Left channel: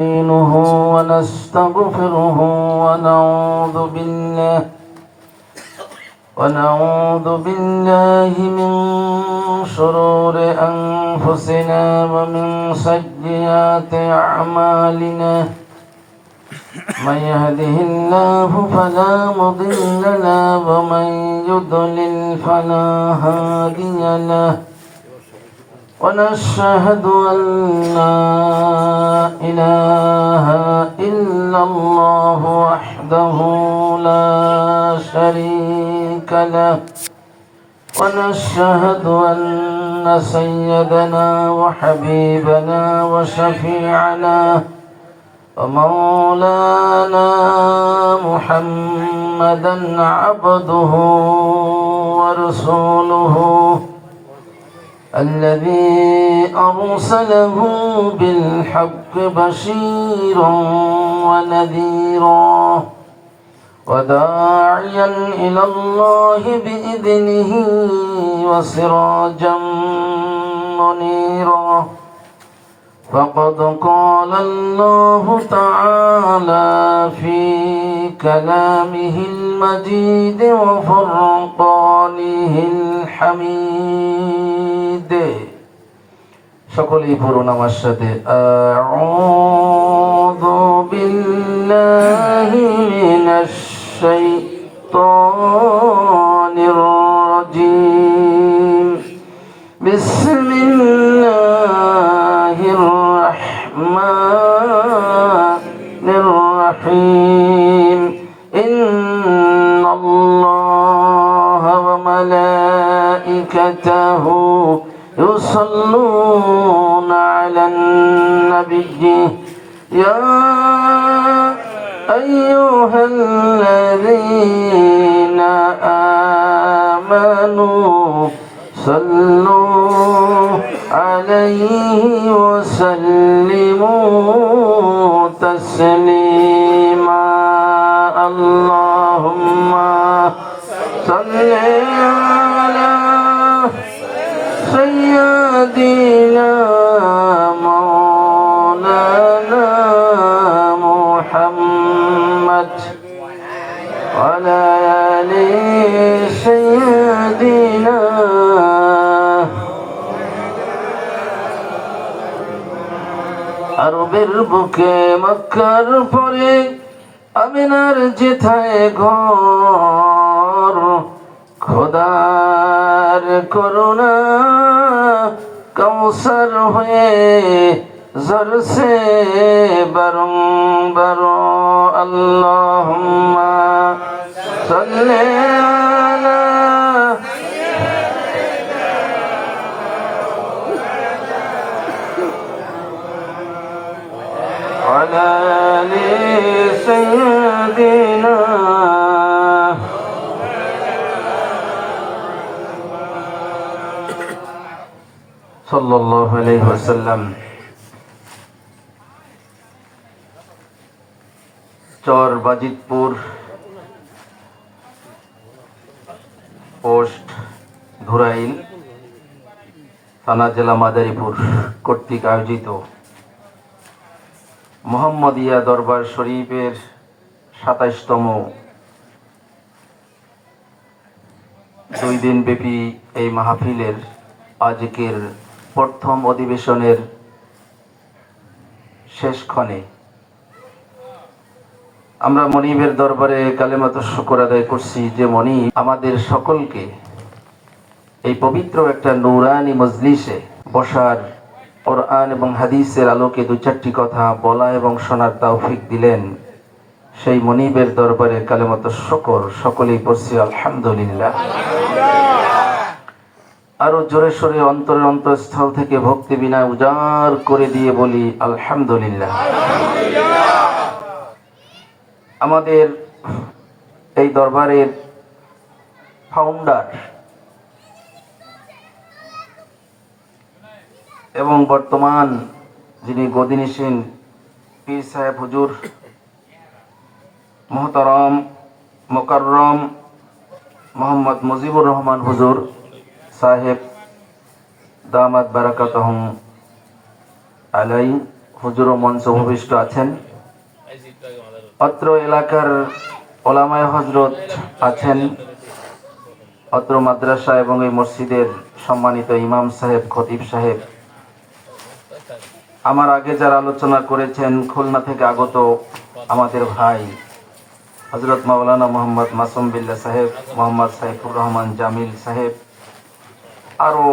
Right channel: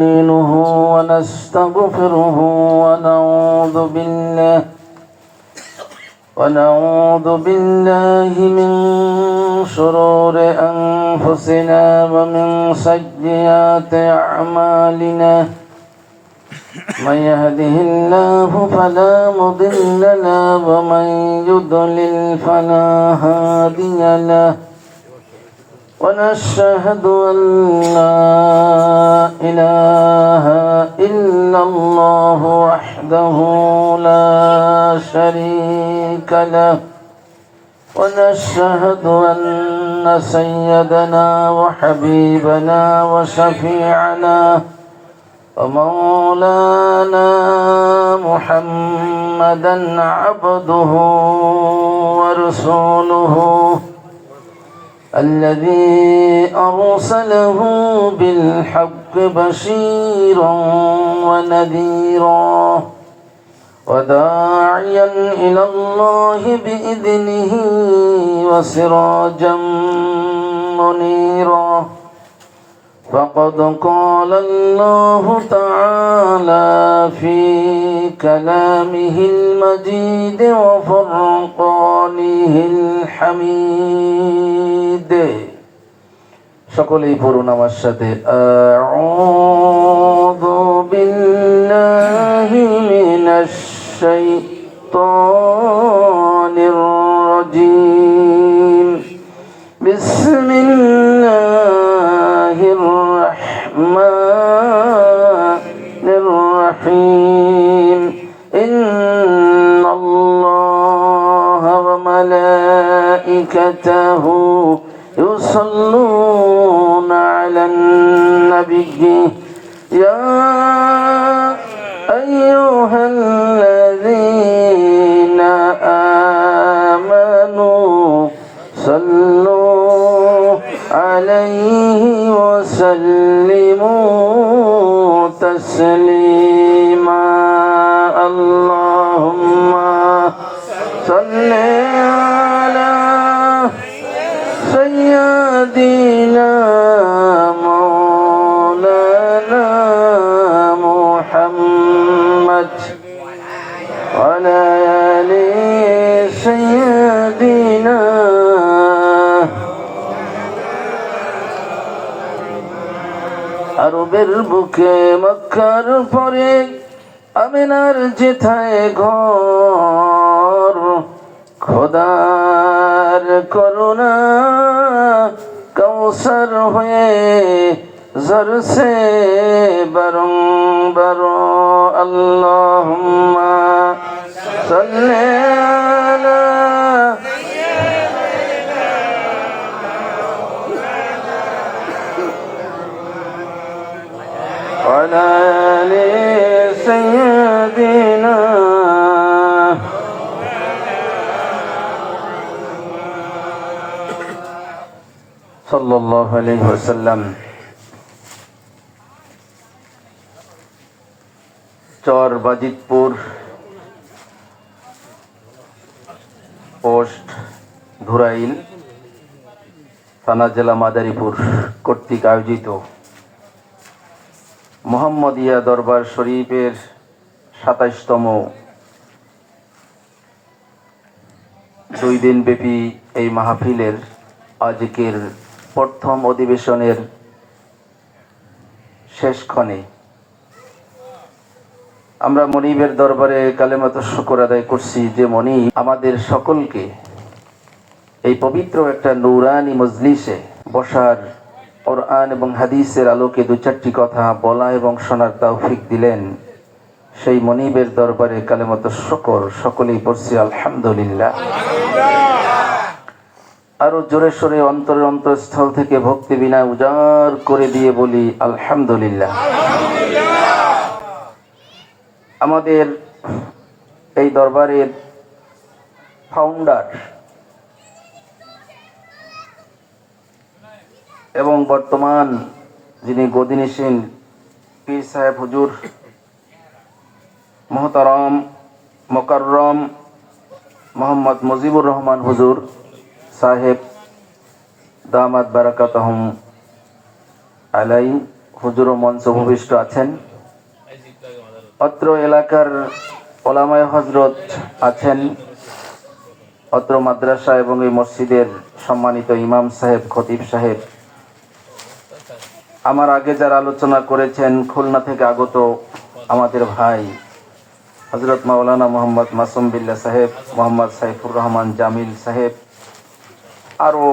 نستعينه ونستغفره ونعوذ بالله من شرور أنفسنا ومن سيئات أعمالنا من يهده الله فلا مضل له ومن يضلل فلا هادي له ونشهد أن لا إله إلا الله وحده لا شريك له ونشهد أن سيدنا وحبيبنا وشفيعنا ومولانا محمدا عبده ورسوله الذي أرسله بالحق بشيرا ونذيرا وداعيا إلى الله بإذنه وسراجا منيرا فقد قال الله تعالى في كلامه المجيد وفرقانه الحميد সকলেই পড়ুন আমার সাথে আউযু বিল্লাহি মিনাশ শাইতানির রাজীম বিসমিল্লাহির রাহমানির রহিম ইন্নাল্লাহা ওয়া মালাইকাতাহু يصلون على النبي يا أيها الذين آمنوا صلوا عليه وسلموا تسليما اللهم صل على سيدنا مولانا محمد وعلى آل سيدنا আরবের বুকে মক্কার পরে আমিনার যেথায় ঘর খোদার করুণা কৌসর হয়ে জরসে বারংবার আল্লাহুম্মা সাল্লি আলা ওয়ালা আলি সাইয়্যিদিনা সাল্লাল্লাহু আলাইহি ওয়াসাল্লাম। চর বাজিতপুর পোস্ট ধুরাইল থানা জেলা মাদারীপুর কর্তৃক আয়োজিত মুহাম্মদিয়া দরবার শরীফের ২৭তম ২ দিন ব্যাপী এই মাহফিলের আজকের প্রথম অধিবেশনের শেষক্ষণে আমরা মনিবের দরবারে কালেমাতুশ শুকর আদায় করছি যে মনিব আমাদের সকলকে এই পবিত্র একটা নূরানি মজলিসে বসার কোরআন এবং হাদিসের আলোকে দু চারটি কথা বলা এবং শোনার তৌফিক দিলেন। সেই মনিবের দরবারে কালেমাতুশ শুকর সকলেই পড়ছি আলহামদুলিল্লাহ। আরো জোরে সোরে অন্তরের অন্তঃস্থল থেকে ভক্তি বিনা উজাড় করে দিয়ে বলি আলহামদুলিল্লাহ। আমাদের এই দরবারের ফাউন্ডার এবং বর্তমান যিনি গদিনিসীন পীর সাহেব হুজুর মোহতারাম মোকাররম মোহাম্মদ মুজিবুর রহমান হুজুর সাহেব দামাত বারাকাতুহুম আলাই হুজুর ও মঞ্চ ভূমিষ্ঠ আছেন, অত্র এলাকার ওলামায়ে হযরত আছেন, অত্র মাদ্রাসা এবং এই মসজিদের সম্মানিত ইমাম সাহেব, খতিব সাহেব, আমার আগে যারা আলোচনা করেছেন, খুলনা থেকে আগত আমাদের ভাই হযরত মাওলানা মোহাম্মদ মাসুম বিল্লাহ সাহেব, মোহাম্মদ সাইফুর রহমান জামিল সাহেব, আরো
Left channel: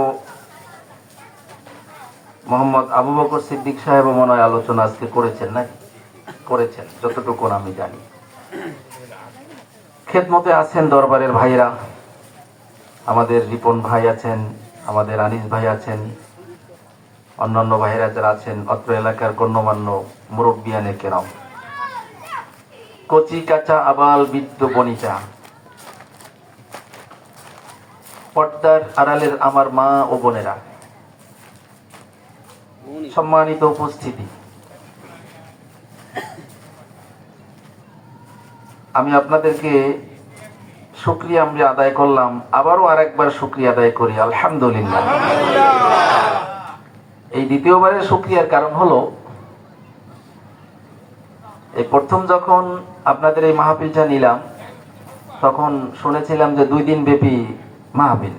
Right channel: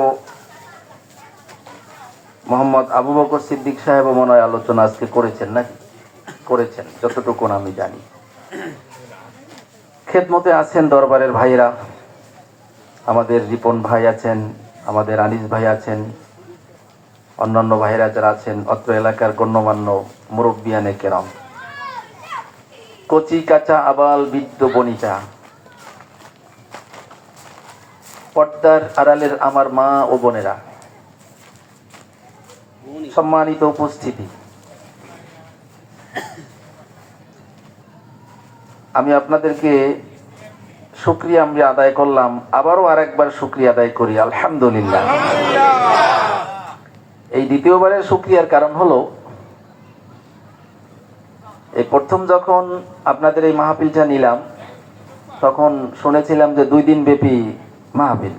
মোহাম্মদ আবু বকর সিদ্দিক সাহেব মনে হয় আলোচনা আজকে করেছেন, নাকি করেছেন যতটুকু আমি জানি। খেদমতে আছেন দরবারের ভাইরা, আমাদের রিপন ভাই আছেন, আমাদের আনিস ভাই আছেন, অন্যান্য ভাইরা যারা আছেন, অত্র এলাকার গণ্যমান্য মুরব্বিয়ানে কেরাম, কচি কাঁচা আবাল বৃদ্ধ বনিতা, পর্দার আড়ালের আমার মা ও বোনেরা, সম্মানিত উপস্থিতি, আমি আপনাদেরকে শুকরিয়া আমরা আদায় করলাম, আবারও আরেকবার শুকরিয়া আদায় করি আলহামদুলিল্লাহ। এই দ্বিতীয়বারের শুকরিয়ার কারণ হলো, এই প্রথম যখন আপনাদের এই মাহফিলটা নিলাম তখন শুনেছিলাম যে 2 দিন ব্যাপী মাহফিল,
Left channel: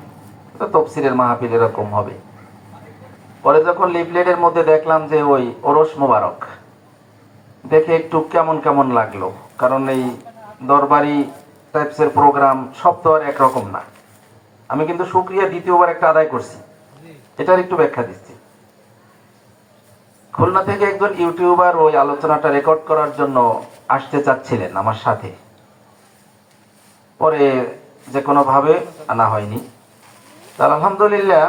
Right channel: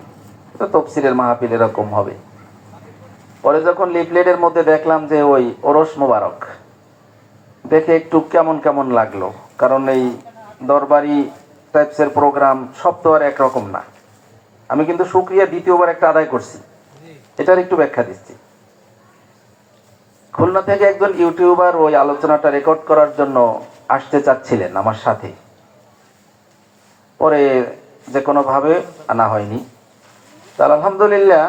তাফসীরের মাহফিল এরকম হবে। পরে যখন লিফলেটের মধ্যে দেখলাম যে ওই ওরস মোবারক, দেখে একটু কেমন কেমন লাগলো, কারণ এই দরবারি টাইপসের প্রোগ্রাম সব তো আর একরকম না। আমি কিন্তু শুকরিয়া দ্বিতীয়বার একটা আদায় করছি, এটার একটু ব্যাখ্যা দিচ্ছি। খুলনা থেকে একজন ইউটিউবার ওই আলোচনাটা রেকর্ড করার জন্য আসতে চাচ্ছিলেন আমার সাথে, পরে যে কোনো ভাবে আনা হয়নি। আলহামদুলিল্লাহ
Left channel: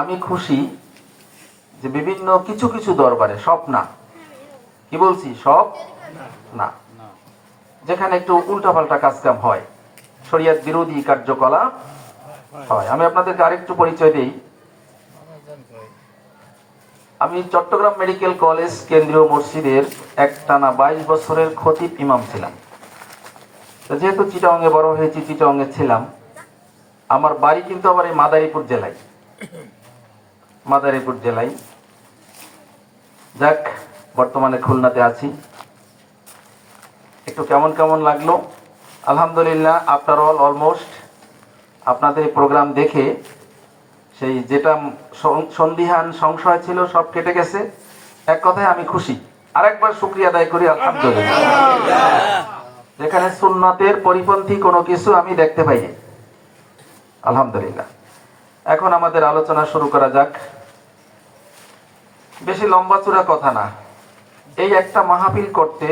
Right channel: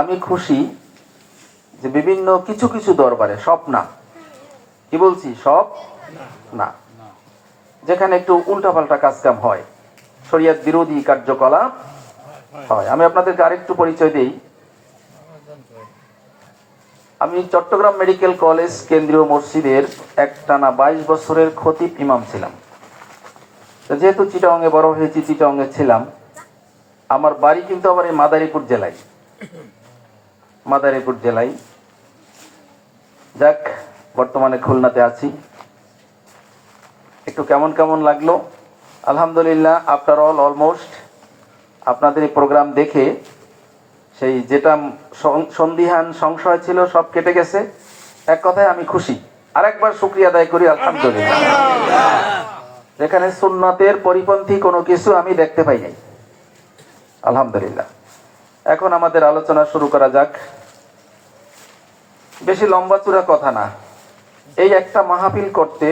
আমি খুশি যে বিভিন্ন কিছু কিছু দরবারে, সব না, কি বলছি, সব না, যেখানে একটু উল্টাপাল্টা কাজকাম হয়, শরীয়ত বিরোধী কার্যকলাপ হয়। আমি আপনাদেরকে আরেকটু পরিচয় দিই। আমি চট্টগ্রাম মেডিকেল কলেজ কেন্দ্রীয় মসজিদের একটানা 22 বছরের খতিব ইমাম ছিলাম। যেহেতু চিটাগংয়ে বড় হয়েছি, চিটাগংয়ে ছিলাম, আমার বাড়ি কিন্তু আমার এই মাদারীপুর জেলায়, মাদারীপুর জেলায়। যাক, বর্তমানে খুলনাতে আছি। একটু কেমন কেমন লাগলো আলহামদুলিল্লাহ। আফটার অল অলমোস্ট আপনাদের প্রোগ্রাম দেখে সেই যেটা সন্দিহান সংশয় ছিল সব কেটে গেছে। এক কথায় আমি খুশি। আরেকবার শুকরিয়া আদায় করি আলহামদুলিল্লাহ। যেখানে সুন্নাতের পরিপন্থী কোনো কিছু আমি দেখতে পাই নাই, আলহামদুলিল্লাহ। এখন আমাদের আলোচনা শুরু করা যাক। বেশি লম্বা চূড়া কথা না, এই একটা মাহফিল করতে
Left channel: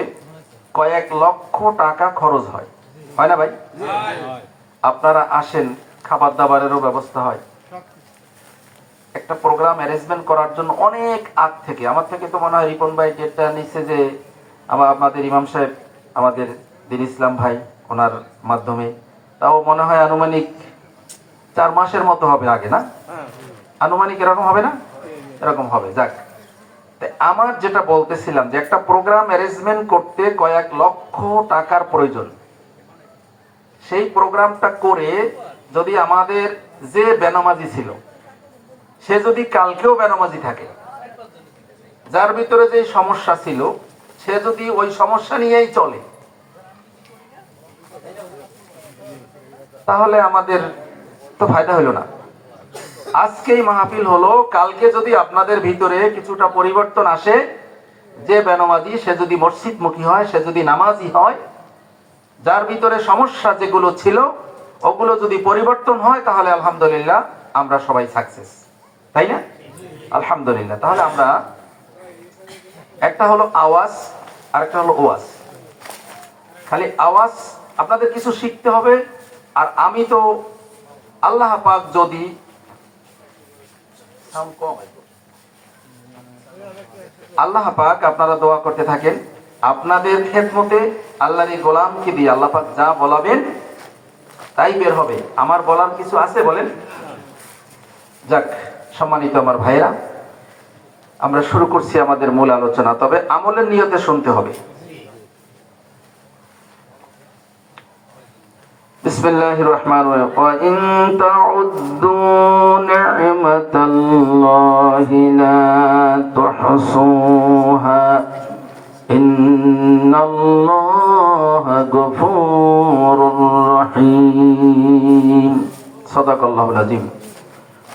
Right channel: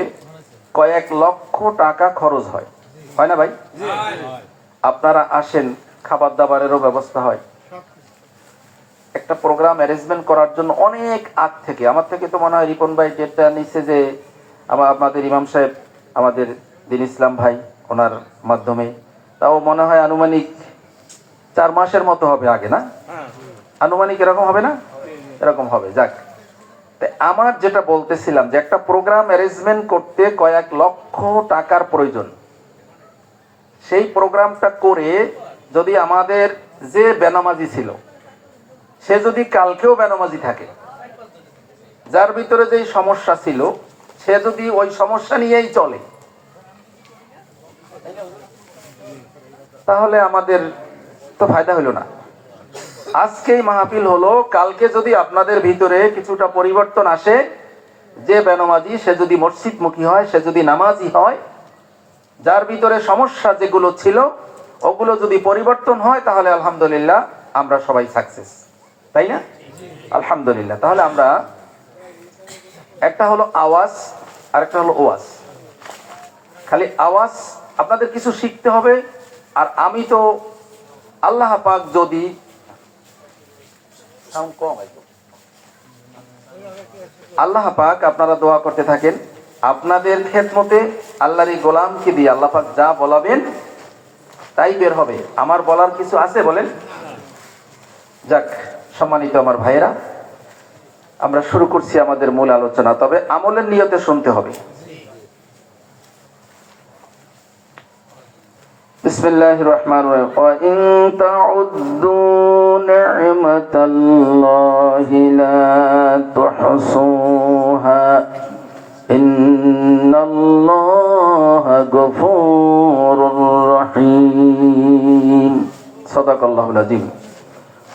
কয়েক লক্ষ টাকা খরচ হয়, হয় না ভাই? আপনারা আসেন, খাবার দাবারেরও ব্যবস্থা হয়। একটা প্রোগ্রাম অ্যারেঞ্জমেন্ট করার জন্য অনেক আগ থেকে, আমার থেকে তো মনে হয় রিপন ভাই যেটা নিচ্ছে, যে আমাদের ইমাম সাহেব, আমাদের দিন ইসলাম ভাই, ওনার মাধ্যমে, তাও মনে হয় আনুমানিক 4 মাসের মতো হবে আগে, না আনুমানিক এরকম হবে না? এরকম হবে। যাক, আমার যেটা বলতেছিলাম যে একটা প্রোগ্রাম অ্যারেঞ্জমেন্ট করতে কয়েক লক্ষ টাকার প্রয়োজন। সেই প্রোগ্রামটা করে যদি আমাদের যে বেনামাজি ছিল সে যদি কালকেও বেনামাজি থাকে, যার ভিতরে যে সমস্যা ছিল সে যদি ওই সমস্যা নিয়েই চলে, তাহলে আমাদের তো ফায়দা হলো না। আজকেই মাহফিল হলো, কালকে যদি আপনাদের ভিতরে কিছুটা পরিবর্তন আসে, যে বেনামাজি সে যদি মসজিদমুখী হয়, সে যদি নামাজি হয়, যার ভিতরে সমস্যা যেগুলো ছিল ওগুলো যদি পরিবর্তন হয়, তাহলে আলহামদুলিল্লাহ আমরা সবাই সাকসেস, তাই না? আলহামদুলিল্লাহ। তাহলে আমরা, একটা হলো আওয়াজ আর একটা হলো ওয়াজ। খালি আওয়াজ আপনাদের কিছু শিখতে হবে। আর আমি তো আল্লাহ পাক যদি আল্লাহ পাক, আপনারা দোয়া করতে থাকেন, আপনাদের খেদমতে আল্লাহর গোলামকে দিয়ে আল্লাহ পাক যা বলাবেন তাই বের হবে। আমার বলার কিছু আছে বলেন? যাক, সম্মানিত আমার ভাইরা, আমরা শুরু করছি আমাদের মূল আলোচনা। তবে আমলের নিয়তে শুনতে হবে। বিসমিল্লাহির রহমানির রহিম। ওয়া ইন তাউদ্দু নি'মাতাল্লাহি লা তুহসুহা ইন্নাল্লাহা গফুরুর রহিম। সাদাকাল্লাহুল আযীম।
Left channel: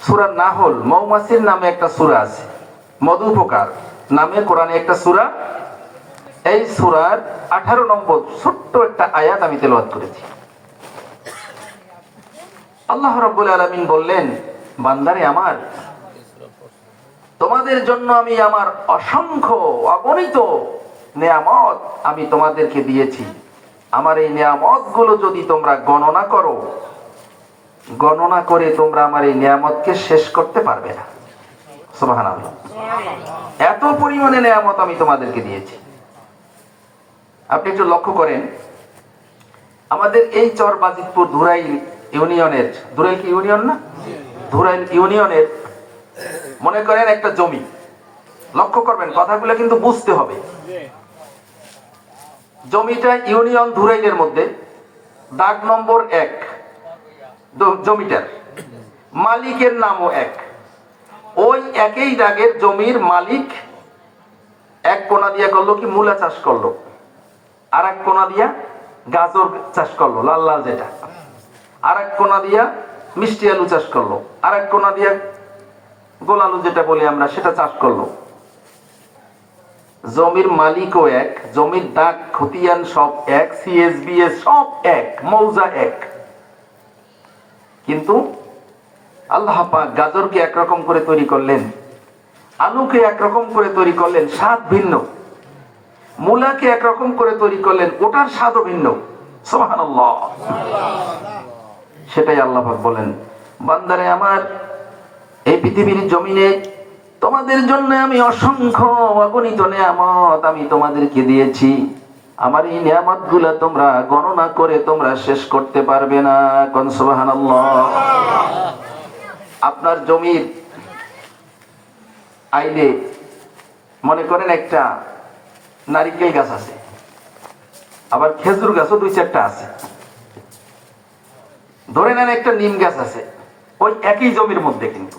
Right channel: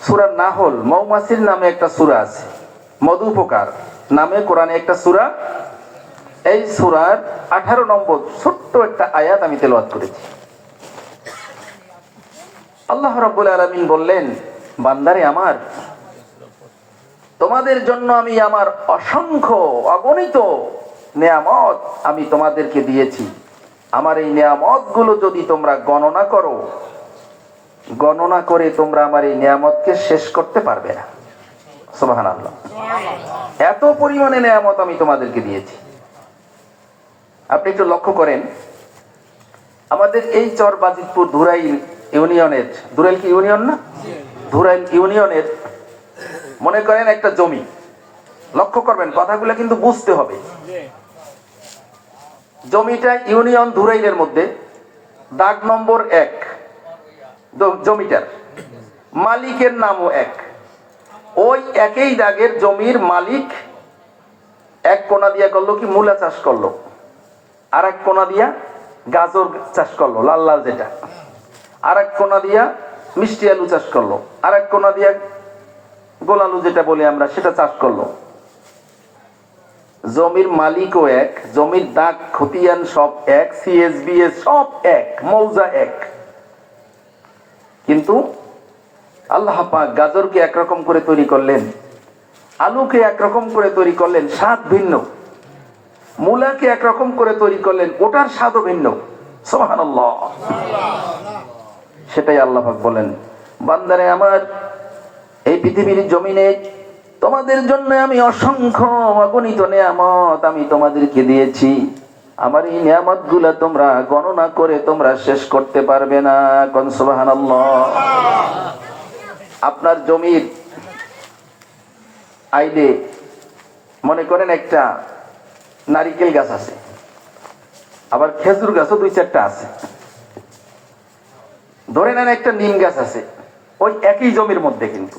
সূরা নাহল, মৌমাছির নামে একটা সূরা আছে, মধু পোকার নামে কোরআনে একটা সূরা। এই সূরার 18 নম্বর ছোট্ট একটা আয়াত আমি তেলাওয়াত করেছি। আল্লাহ রাব্বুল আলামিন বললেন, বান্দারে আমার, তোমাদের জন্য আমি আমার অসংখ্য অগণিত নেয়ামত আমি তোমাদেরকে দিয়েছি। আমার এই নেয়ামত গুলো যদি তোমরা গণনা করো, গণনা করে তোমরা আমার এই নেয়ামতকে শেষ করতে পারবে না। সুবহানাল্লাহ। এত পরিমাণে নেয়ামত আমি তোমাদেরকে দিয়েছি। আপনি একটু লক্ষ্য করেন, আমাদের এই চরবাজিতপুর ধুরাইল ইউনিয়নের, ধুরাইল কি ইউনিয়ন না? ধুরাইল ইউনিয়নের মনে করেন একটা জমি। লক্ষ্য করবেন, কথাগুলো কিন্তু বুঝতে হবে। জমিটা ইউনিয়ন ধুরাইলের মধ্যে, দাগ নম্বর 1। জমিটার মালিকের নামও 1। ওই একই দাগের জমির মালিক এক কোনা দিয়া করলো কি মূলা চাষ করলো, আর এক কোনা দিয়া গাজর চাষ করলো, লাল লাল যেটা, আর এক কোনা দিয়া মিষ্টি আলু চাষ করলো, আর এক কোনা দিয়া গোল আলু যেটা বলি আমরা সেটা চাষ করলো। জমির মালিকও 1, জমির দাগ খতিয়ান সব 1, সিএসবিএস সব 1, মৌজা 1। কিন্তু আল্লাহ পাক গাজরকে একরকম করে তৈরি করলেন, আলুকে একরকম করে তৈরি করলেন, স্বাদ ভিন্ন। মূলাকে একরকম করে তৈরি করলেন, ওটার স্বাদও ভিন্ন। সুবহানাল্লাহ। সেটাই আল্লাহ পাক বলেন, বান্দারে আমার, এই পৃথিবীর জমিনে তোমাদের জন্য আমি অসংখ্য অগণিত নেয়ামত আমি তোমাদেরকে দিয়েছি। আমার এই নিয়ামত গুলা তোমরা গণনা করে তোমরা শেষ করতে পারবে না। কোন সুবহানাল্লাহ। আপনার জমির আইলে মনে করেন একটা নারিকেল গাছ আছে, আবার খেজুর গাছও 2-4টা আছে। ধরে নেন একটা নিম গাছ আছে, ওই একই জমির মধ্যে, কিন্তু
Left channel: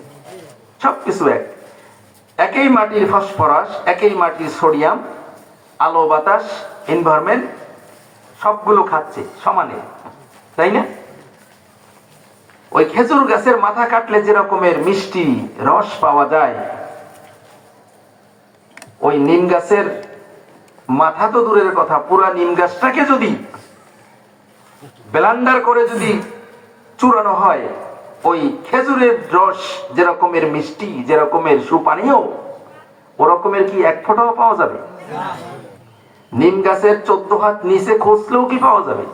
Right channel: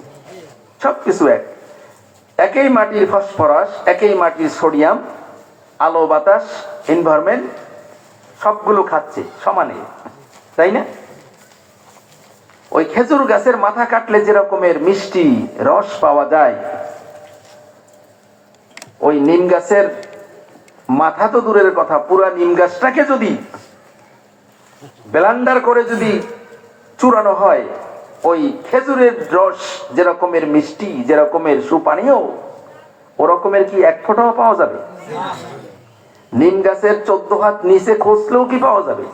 সবকিছু একই মাটির ফসফরাস, একই মাটির সোডিয়াম, আলো বাতাস এনভায়রনমেন্ট সবগুলো খাচ্ছে সমানে, তাই না? ওই খেজুর গাছের মাথা কাটলে যে রকমের মিষ্টি রস পাওয়া যায়, ওই নিম গাছের মাথা তো দূরের কথা, পুরা নিম গাছটাকে যদি ব্লেন্ডার করে যদি চূড়ানো হয়, ওই খেজুরের রস যে রকমের মিষ্টি, যে রকমের সুপানীয়, ওরকমের কি এক ফোঁটাও পাওয়া যাবে? নিম গাছের 14 হাত নিচে খুঁজলেও কি পাওয়া যাবে?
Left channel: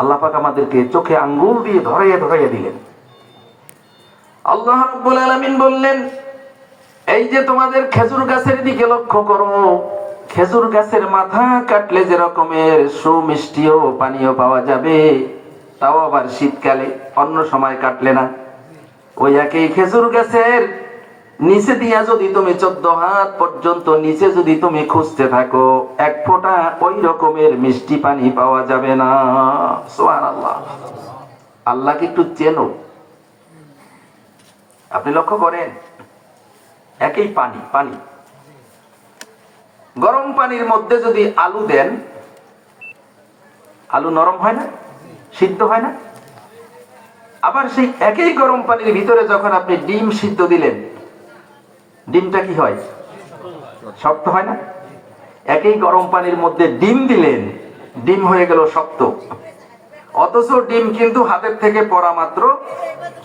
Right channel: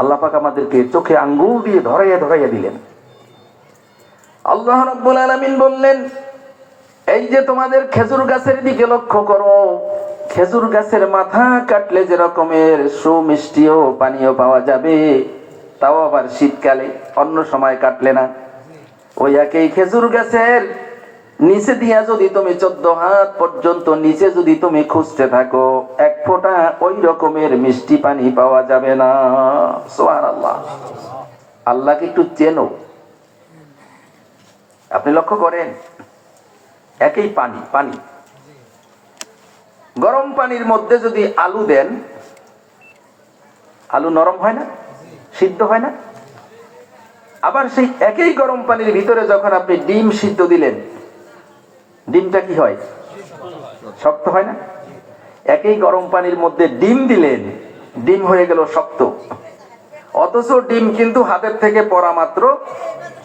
আল্লাহ পাক আমাদেরকে চোখে আঙ্গুল দিয়ে ধরাইয়া ধরাইয়া দিলেন। আল্লাহ রাব্বুল আলামিন বললেন, এই যে তোমাদের খেজুর গাছের দিকে লক্ষ্য করো, খেজুর গাছের মাথা কাটলে যে রকমের সুমিষ্টিও পানীয় পাওয়া যাবে, তাও আবার শীতকালে, অন্য সময় কাটলে না। ওই একই খেজুর গাছের নিচে দিয়া যদি তুমি 14 হাত পর্যন্ত নিচে যদি তুমি খুঁজতে থাকো, এক ফোঁটা ওই রকমের মিষ্টি পানি পাওয়া যাবে না। সুবহানাল্লাহ। আল্লাহকে একটু চেনো। আপনি লক্ষ্য করেন, একই পানি, পানি গরম পানির মধ্যে যদি আলু দেন, আলু নরম হয় না, সিদ্ধ হয় না? আবার সেই একই গরম পানির ভিতরে যখন আপনি ডিম সিদ্ধ দিলেন, ডিমটা কি হয়? শক্ত হয় না? একই গরম পানির মধ্যে ডিম দিলেন, ডিম হয়ে গেল শক্ত। অথচ ডিম কিন্তু হাতের থেকে পড়া মাত্র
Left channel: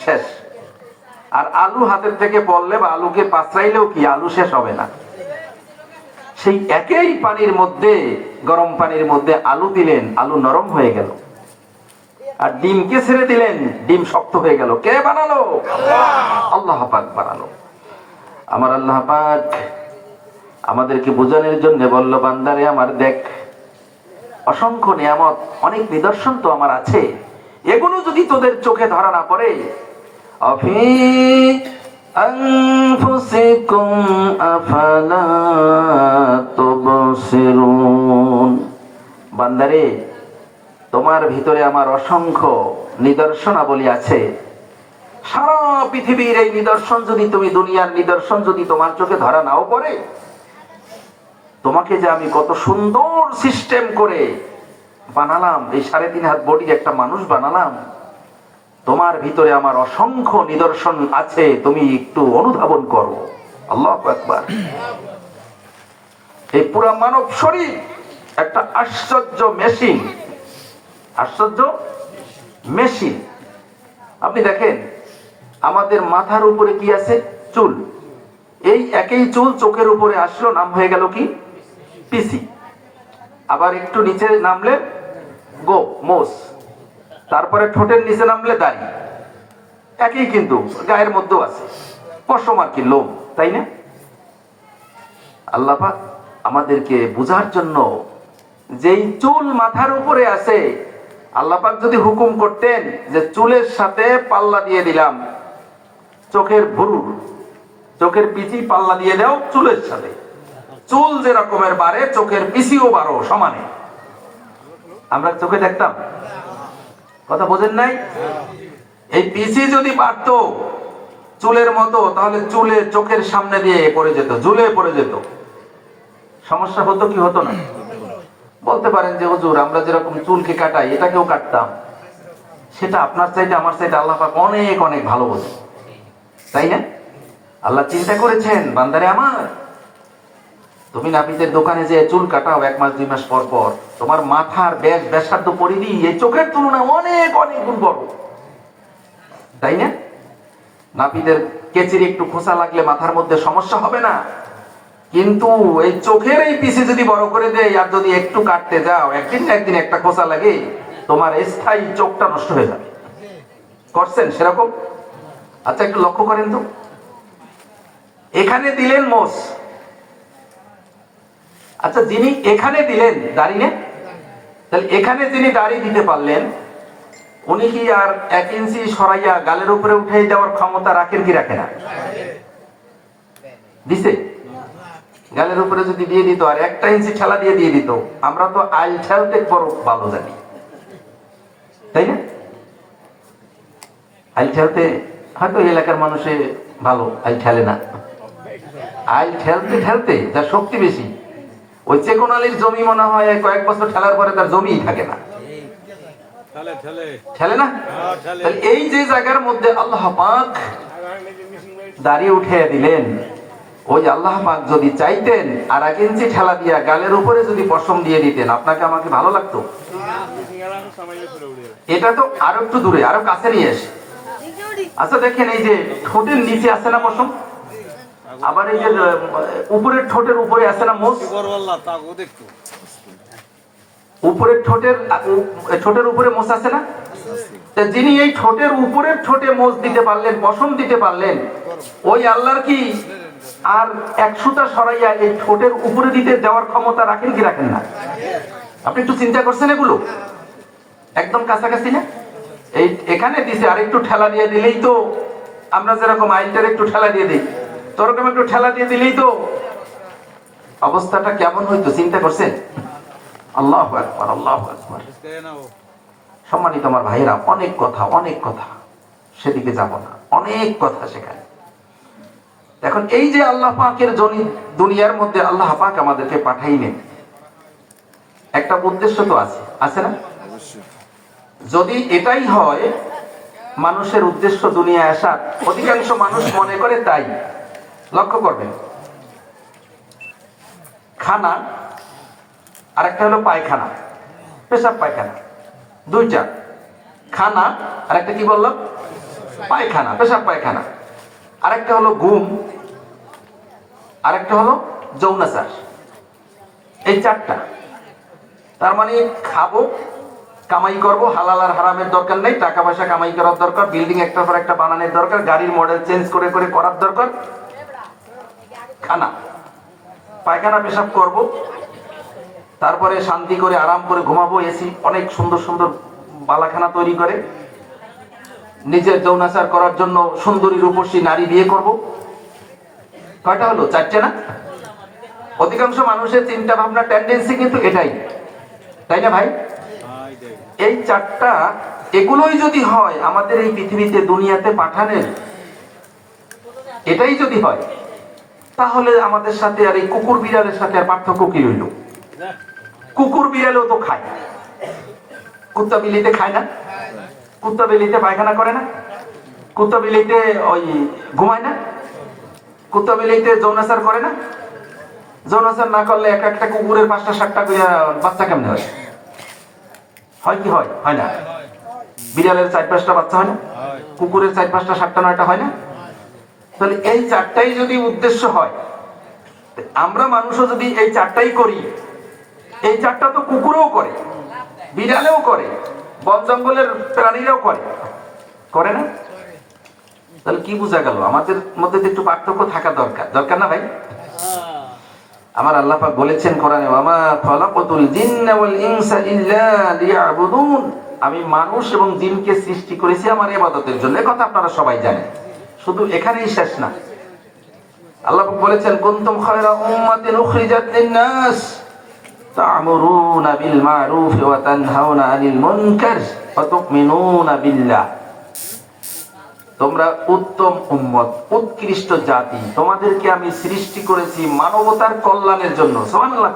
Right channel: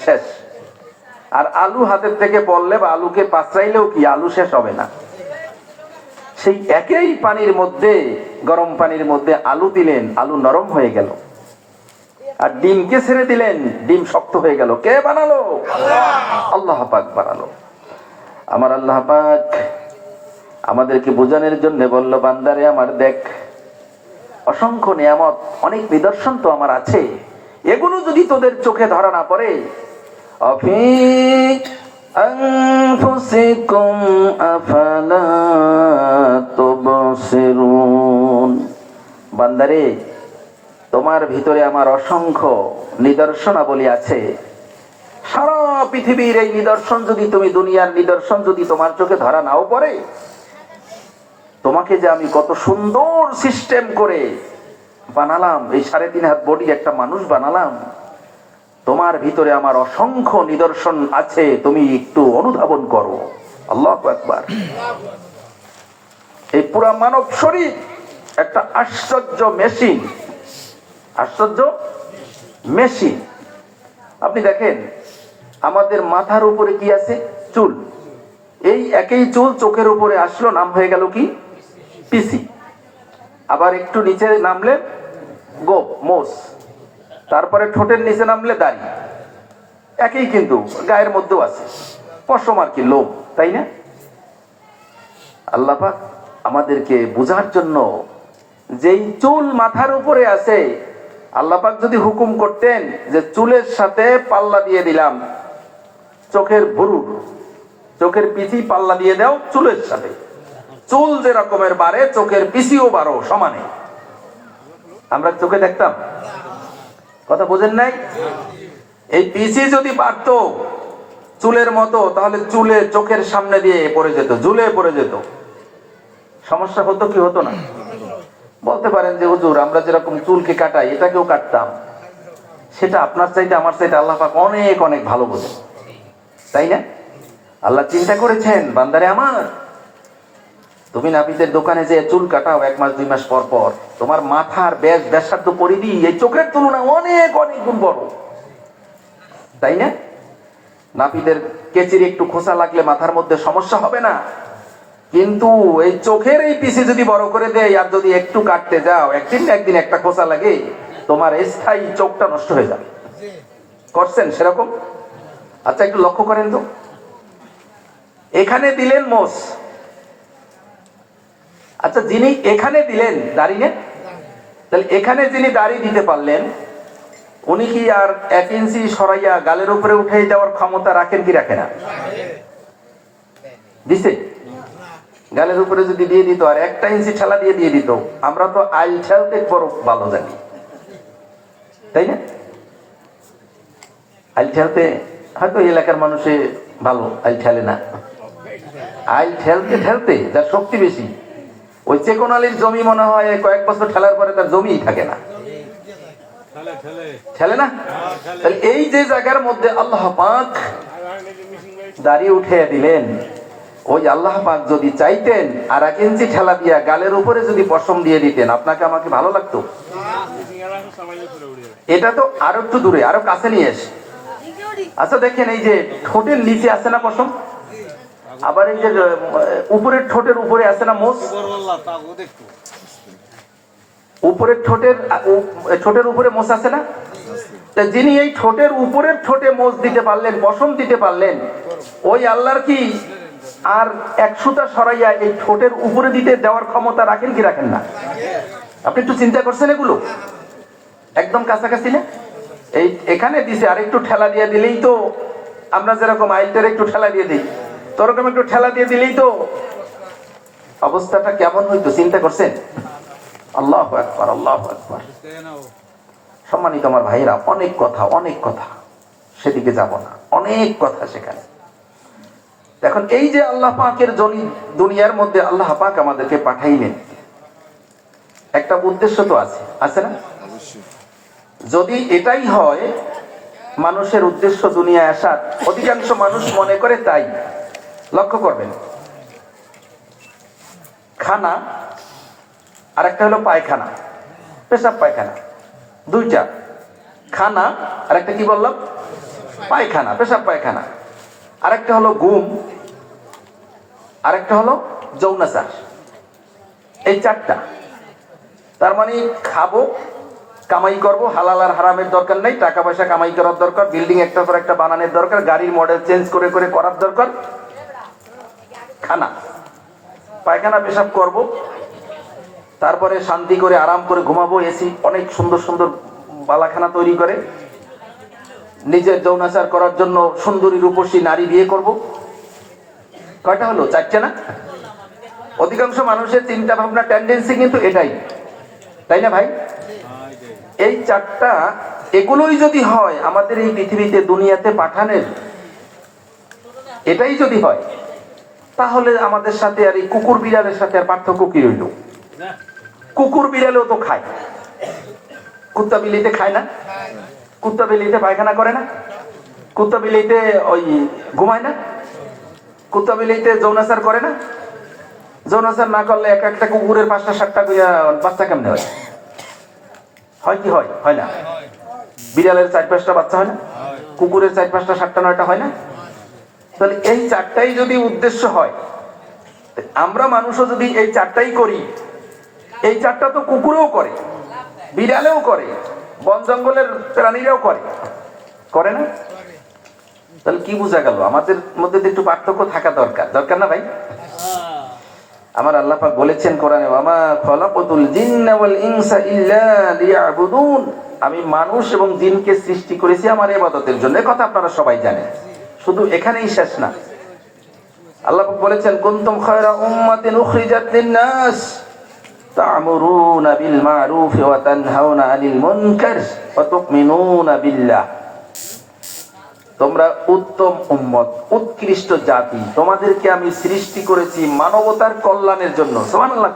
শেষ। আর আলু হাতের থেকে পড়লে বা আলুকে পাঁচড়াইলেও কি আলু শেষ হবে না। সেই একই পানির মধ্যে, গরম পানির মধ্যে আলু দিলেন, আলু নরম হয়ে গেল। আর ডিমকে ছেড়ে দিলেন, ডিম শক্ত হয়ে গেল। কে বানালো? আল্লাহ পাক বানালো। আমার আল্লাহ পাক আমাদেরকে বোঝানোর জন্য বলল, বান্দারে আমার দেখ, অসংখ্য নিয়ামত, অনেক নিদর্শন তো আমার আছে, এগুলো যদি তোদের চোখে ধরা না পড়ে, আফি আনফুসিকুম আফালা তুবসিরুন, বান্দারে তোমার ভিতরে আমার অসংখ্য নিদর্শনাবলী আছে। সারা পৃথিবীর এই নিদর্শন যদি তুমি, দুনিয়ার নিদর্শন যদি তোমার চোখে ধরা নাও পড়ে, তোমাকে যে আমি কত সুন্দর সিস্টেম করে বানালাম, এই 3.5 হাত বডি একটা মানুষ বানালাম, তোমার ভিতরে আমার অসংখ্য নিদর্শন আছে, তুমি একটু অনুধাবন করো। আল্লাহু আকবার। এই পুরা মানব শরীর একটা আশ্চর্য মেশিন, আশ্চর্য মেশিন। আপনি দেখেন আমাদের মাথার উপরে কি আছে? চুল। এই একই চুল চোখের উপরে আসলো, নাম হয়ে গেল কি? পিসি। আবার একটু নিচে নামলে গোপ, মোষ। তারপরে ঠোঁটের নিচে নামলে দাড়ি। একই, কিন্তু গায়ের মধ্যেও আছে পশম আর কি, লোম, তাই না? আল্লাহ পাক আমাদেরকে বোঝার জন্য, যেই চুল মাথার উপরে আছে, আল্লাহ পাক যদি হুকুম করতেন যে চুলের সাথে পাল্লা দিয়ে দিলাম, চোখের ভুরু, চোখের পিছি পাল্লা দিয়ে দাও চুলের সাথে, চুল যে রকমের বাড়ে চোখের পিছিও বাড়ো সমানে, আমরা চোখে দেখতাম? কথা বোঝেন নাই? এই পিছি যদি বাড়তো চুলের মতো, তাহলে চুলে চোখের সামনে দিয়ে পড়ে যেত, ঝুলে পড়ে যেত। সমস্যা হতো কি হতো না? বলতে পারেন যে হুজুর, আমরা যেরকম চুলকে কাটাই এটাকেও কাটতাম। সেটা আপনার চাইতে আমার চাইতে আল্লাহ পাক অনেক অনেক ভালো বোঝে, তাই না? আল্লাহ চিন্তা করেছেন, বান্দারে আমার, তুমি নাপিতের দোকানে যে চুল কাটাও 1 মাস 2 মাস পর পর, তোমার মাথার ব্যাসার্ধ পরিধি এই চোখের তুলনায় অনেক অনেক গুণ বড়, তাই না? নাপিতের কেচির একটু খোসা লাগলে মাথার মধ্যে সমস্যা হবে না, কিন্তু এই চোখের এই পিছে যদি বড় করে দেয় আর যদি একটু কাটতে যাও, একদিন না একদিন একটা খোসা লাগে, তোমার স্থায়ী চোখটা নষ্ট হয়ে যাবে। করছেন সেরকম? আচ্ছা একটু লক্ষ্য করেন তো, এখানে দিলেন মোষ, আচ্ছা যিনি এখানে দিলেন দাড়ি, না? তাহলে এখানে যিনি দাড়ি দিতে পারলেন, উনি কি আর 1 ইঞ্চি সরাইয়া গালের উপরে উঠে যাওয়ার ক্ষমতা রাখেন কি রাখেন না? দিছে? গালের উপরে যদি দিয়ে দিত আর 1টা ইঞ্চি ঠেলা দিয়ে দিত, আমরা তো আইল ঠেলতে বড় ভালো জানি, তাই না? আইল ঠেলতে হয়তো এলাকার মানুষে ভালো, আইল ঠেলে না। আইল ঠেলতে ঠেলতে যার শক্তি বেশি, ওই চেকোনালির জমি মনে হয় কয়েক বছর ঠেলার পরে তার জমিই থাকে না, ঠেলে না? এই যে জায়গার মধ্যে আল্লাহ পাক দাঁড়িয়ে উঠে দিলেন, ওই আল্লাহ পাক যদি চাইতেন আর 1 ইঞ্চি ঠেলা দিয়া গালের উপরে যদি পশম দিয়ে দিতেন, আপনাকে আমাকে ভালো লাগতো? এটা তো আরো একটু দূরে, আরো কাছে নিয়ে আসে। আচ্ছা দেখেন, এই যে ঠোঁটের নিচে আছে না পশম, আবার এই যে উপরের ঠোঁটের উপরে আছে না মোষ, উপরের ঠোঁটের উপরে মোষ আছে না? যিনি এই ঠোঁটের উপরের ঠোঁটে মোষ দিতে পারলেন, পশম দিতে পারলেন, ওই আল্লাহর কি আর 100টা সরাইয়া এই ঠোঁটের উপরে দিতে যাওয়ার ক্ষমতা রাখেন কি রাখেন না? আপনি একটু চিন্তা করছেন এগুলো? একদম কাছাকাছি না? এই এখানে দিছে, আর একটু ঠেলা দিয়ে দিলেই তো, আমরা যেরকম আইলটার একটু ঠেলা দিয়ে দিই, তোরকম একটু ঠেলা দিয়ে দিলেই তো অবস্থাটা কেমন হইতো, চিন্তা করছেন? আল্লাহু আকবার, আল্লাহু আকবার। সম্মানিত আমার ভাইরা, অনেক কথা, সেদিকে যাব না, অনেক কথা সেখানে। এখন এই যে আল্লাহ পাকের দুনিয়ার মধ্যে আল্লাহ পাক আমাদেরকে পাঠাইলেন, একটা উদ্দেশ্য তো আছে না? যদি এটাই হয় মানুষের উদ্দেশ্য দুনিয়ায় আসার, অধিকাংশ মানুষ মনে করে তাই। লক্ষ্য করবেন, খানা আর একটা হলো পায়খানা, পেশাব পায়খানা, 2টা। খানা আর একটা কি বললাম? পায়খানা, পেশাব পায়খানা। আর একটা হলো ঘুম, আর একটা হলো যৌনাচার। এই 4টা। তার মানে খাবো, কামাই করবো, হালাল আর হারামের দরকার নেই, টাকা পয়সা কামাই করার দরকার, বিল্ডিং একটার পর একটা বানানোর দরকার, গাড়ির মডেল চেঞ্জ করে করে করার দরকার। খানা, পায়খানা পেশাব করব, তারপরে শান্তি করে আরাম করে ঘুমাবো, এসি অনেক সুন্দর সুন্দর বালাখানা তৈরি করে, নিজের যৌনাচার করার জন্য সুন্দরী রূপসী নারী বিয়ে করব। কয়টা হলো? 4টে না? অধিকাংশ মানুষের চিন্তা ভাবনা, টেন্ডেন্সি কিন্তু এটাই, তাই না ভাই? এই চারটা, এগুলোই যদি হয় আমাদের এই পৃথিবীতে দুনিয়াতে পাঠানোর, এটাই যদি হয়, তাহলে আমাদের সাথে আর এই কুকুর বিড়ালের সাথে আর পার্থক্য কি হইল? কুকুর বিড়ালও তো খায়, কুত্তা বিলিতে খায় না? কুত্তা বিলিতে পায়খানা করে না? কুত্তা বিলিতে ওই ঘুমায় না? কুত্তা বিলিতে যৌনাচার করে না? যৌনাচার না করলে এক একটা কুকুরের 5টা 7টা বাচ্চা কেমনে হয়? হয় কি হয়? হয় না? বিড়ালের 4-5টা বাচ্চা হয় না? কুকুরের 4-5টা 7টা 9টা হয় না? তাহলে এই চারটাই যদি উদ্দেশ্য হয়, আমরা মানুষও যদি এই চারটাই করি, এই চারটা তো কুকুরও করে, বিড়ালেও করে, বন জঙ্গলের প্রাণীরাও করে, করে না? তাহলে কি বোঝা গেল? আমাদের মধ্যে একটু পার্থক্য থাকা দরকার, দরকার না ভাই? আমার আল্লাহ পাক বলেছেন কোরআনে, ওয়ামা খালাকাতুল জিন্না ওয়াল ইনসা ইল্লা লিয়াবুদুন, আমি মানুষ এবং জিনকে সৃষ্টি করেছি আমার ইবাদতের জন্য। এই কথা আপনারা সবাই জানেন, শুধু এখানেই শেষ না। আল্লাহ পাক বলেছেন, কুনতুম খায়রা উম্মাতিন উখরিজাত লিন-নাস তা'মুরুনা বিল মা'রুফি ওয়া তানহাউনা আনিল মুনকার ওয়া তু'মিনুনা বিল্লাহ, তোমরা উত্তম উম্মত, উৎকৃষ্ট জাতি, তোমাদেরকে আমি সৃষ্টি করেছি মানবতার কল্যাণের জন্য। সুবহানাল্লাহ।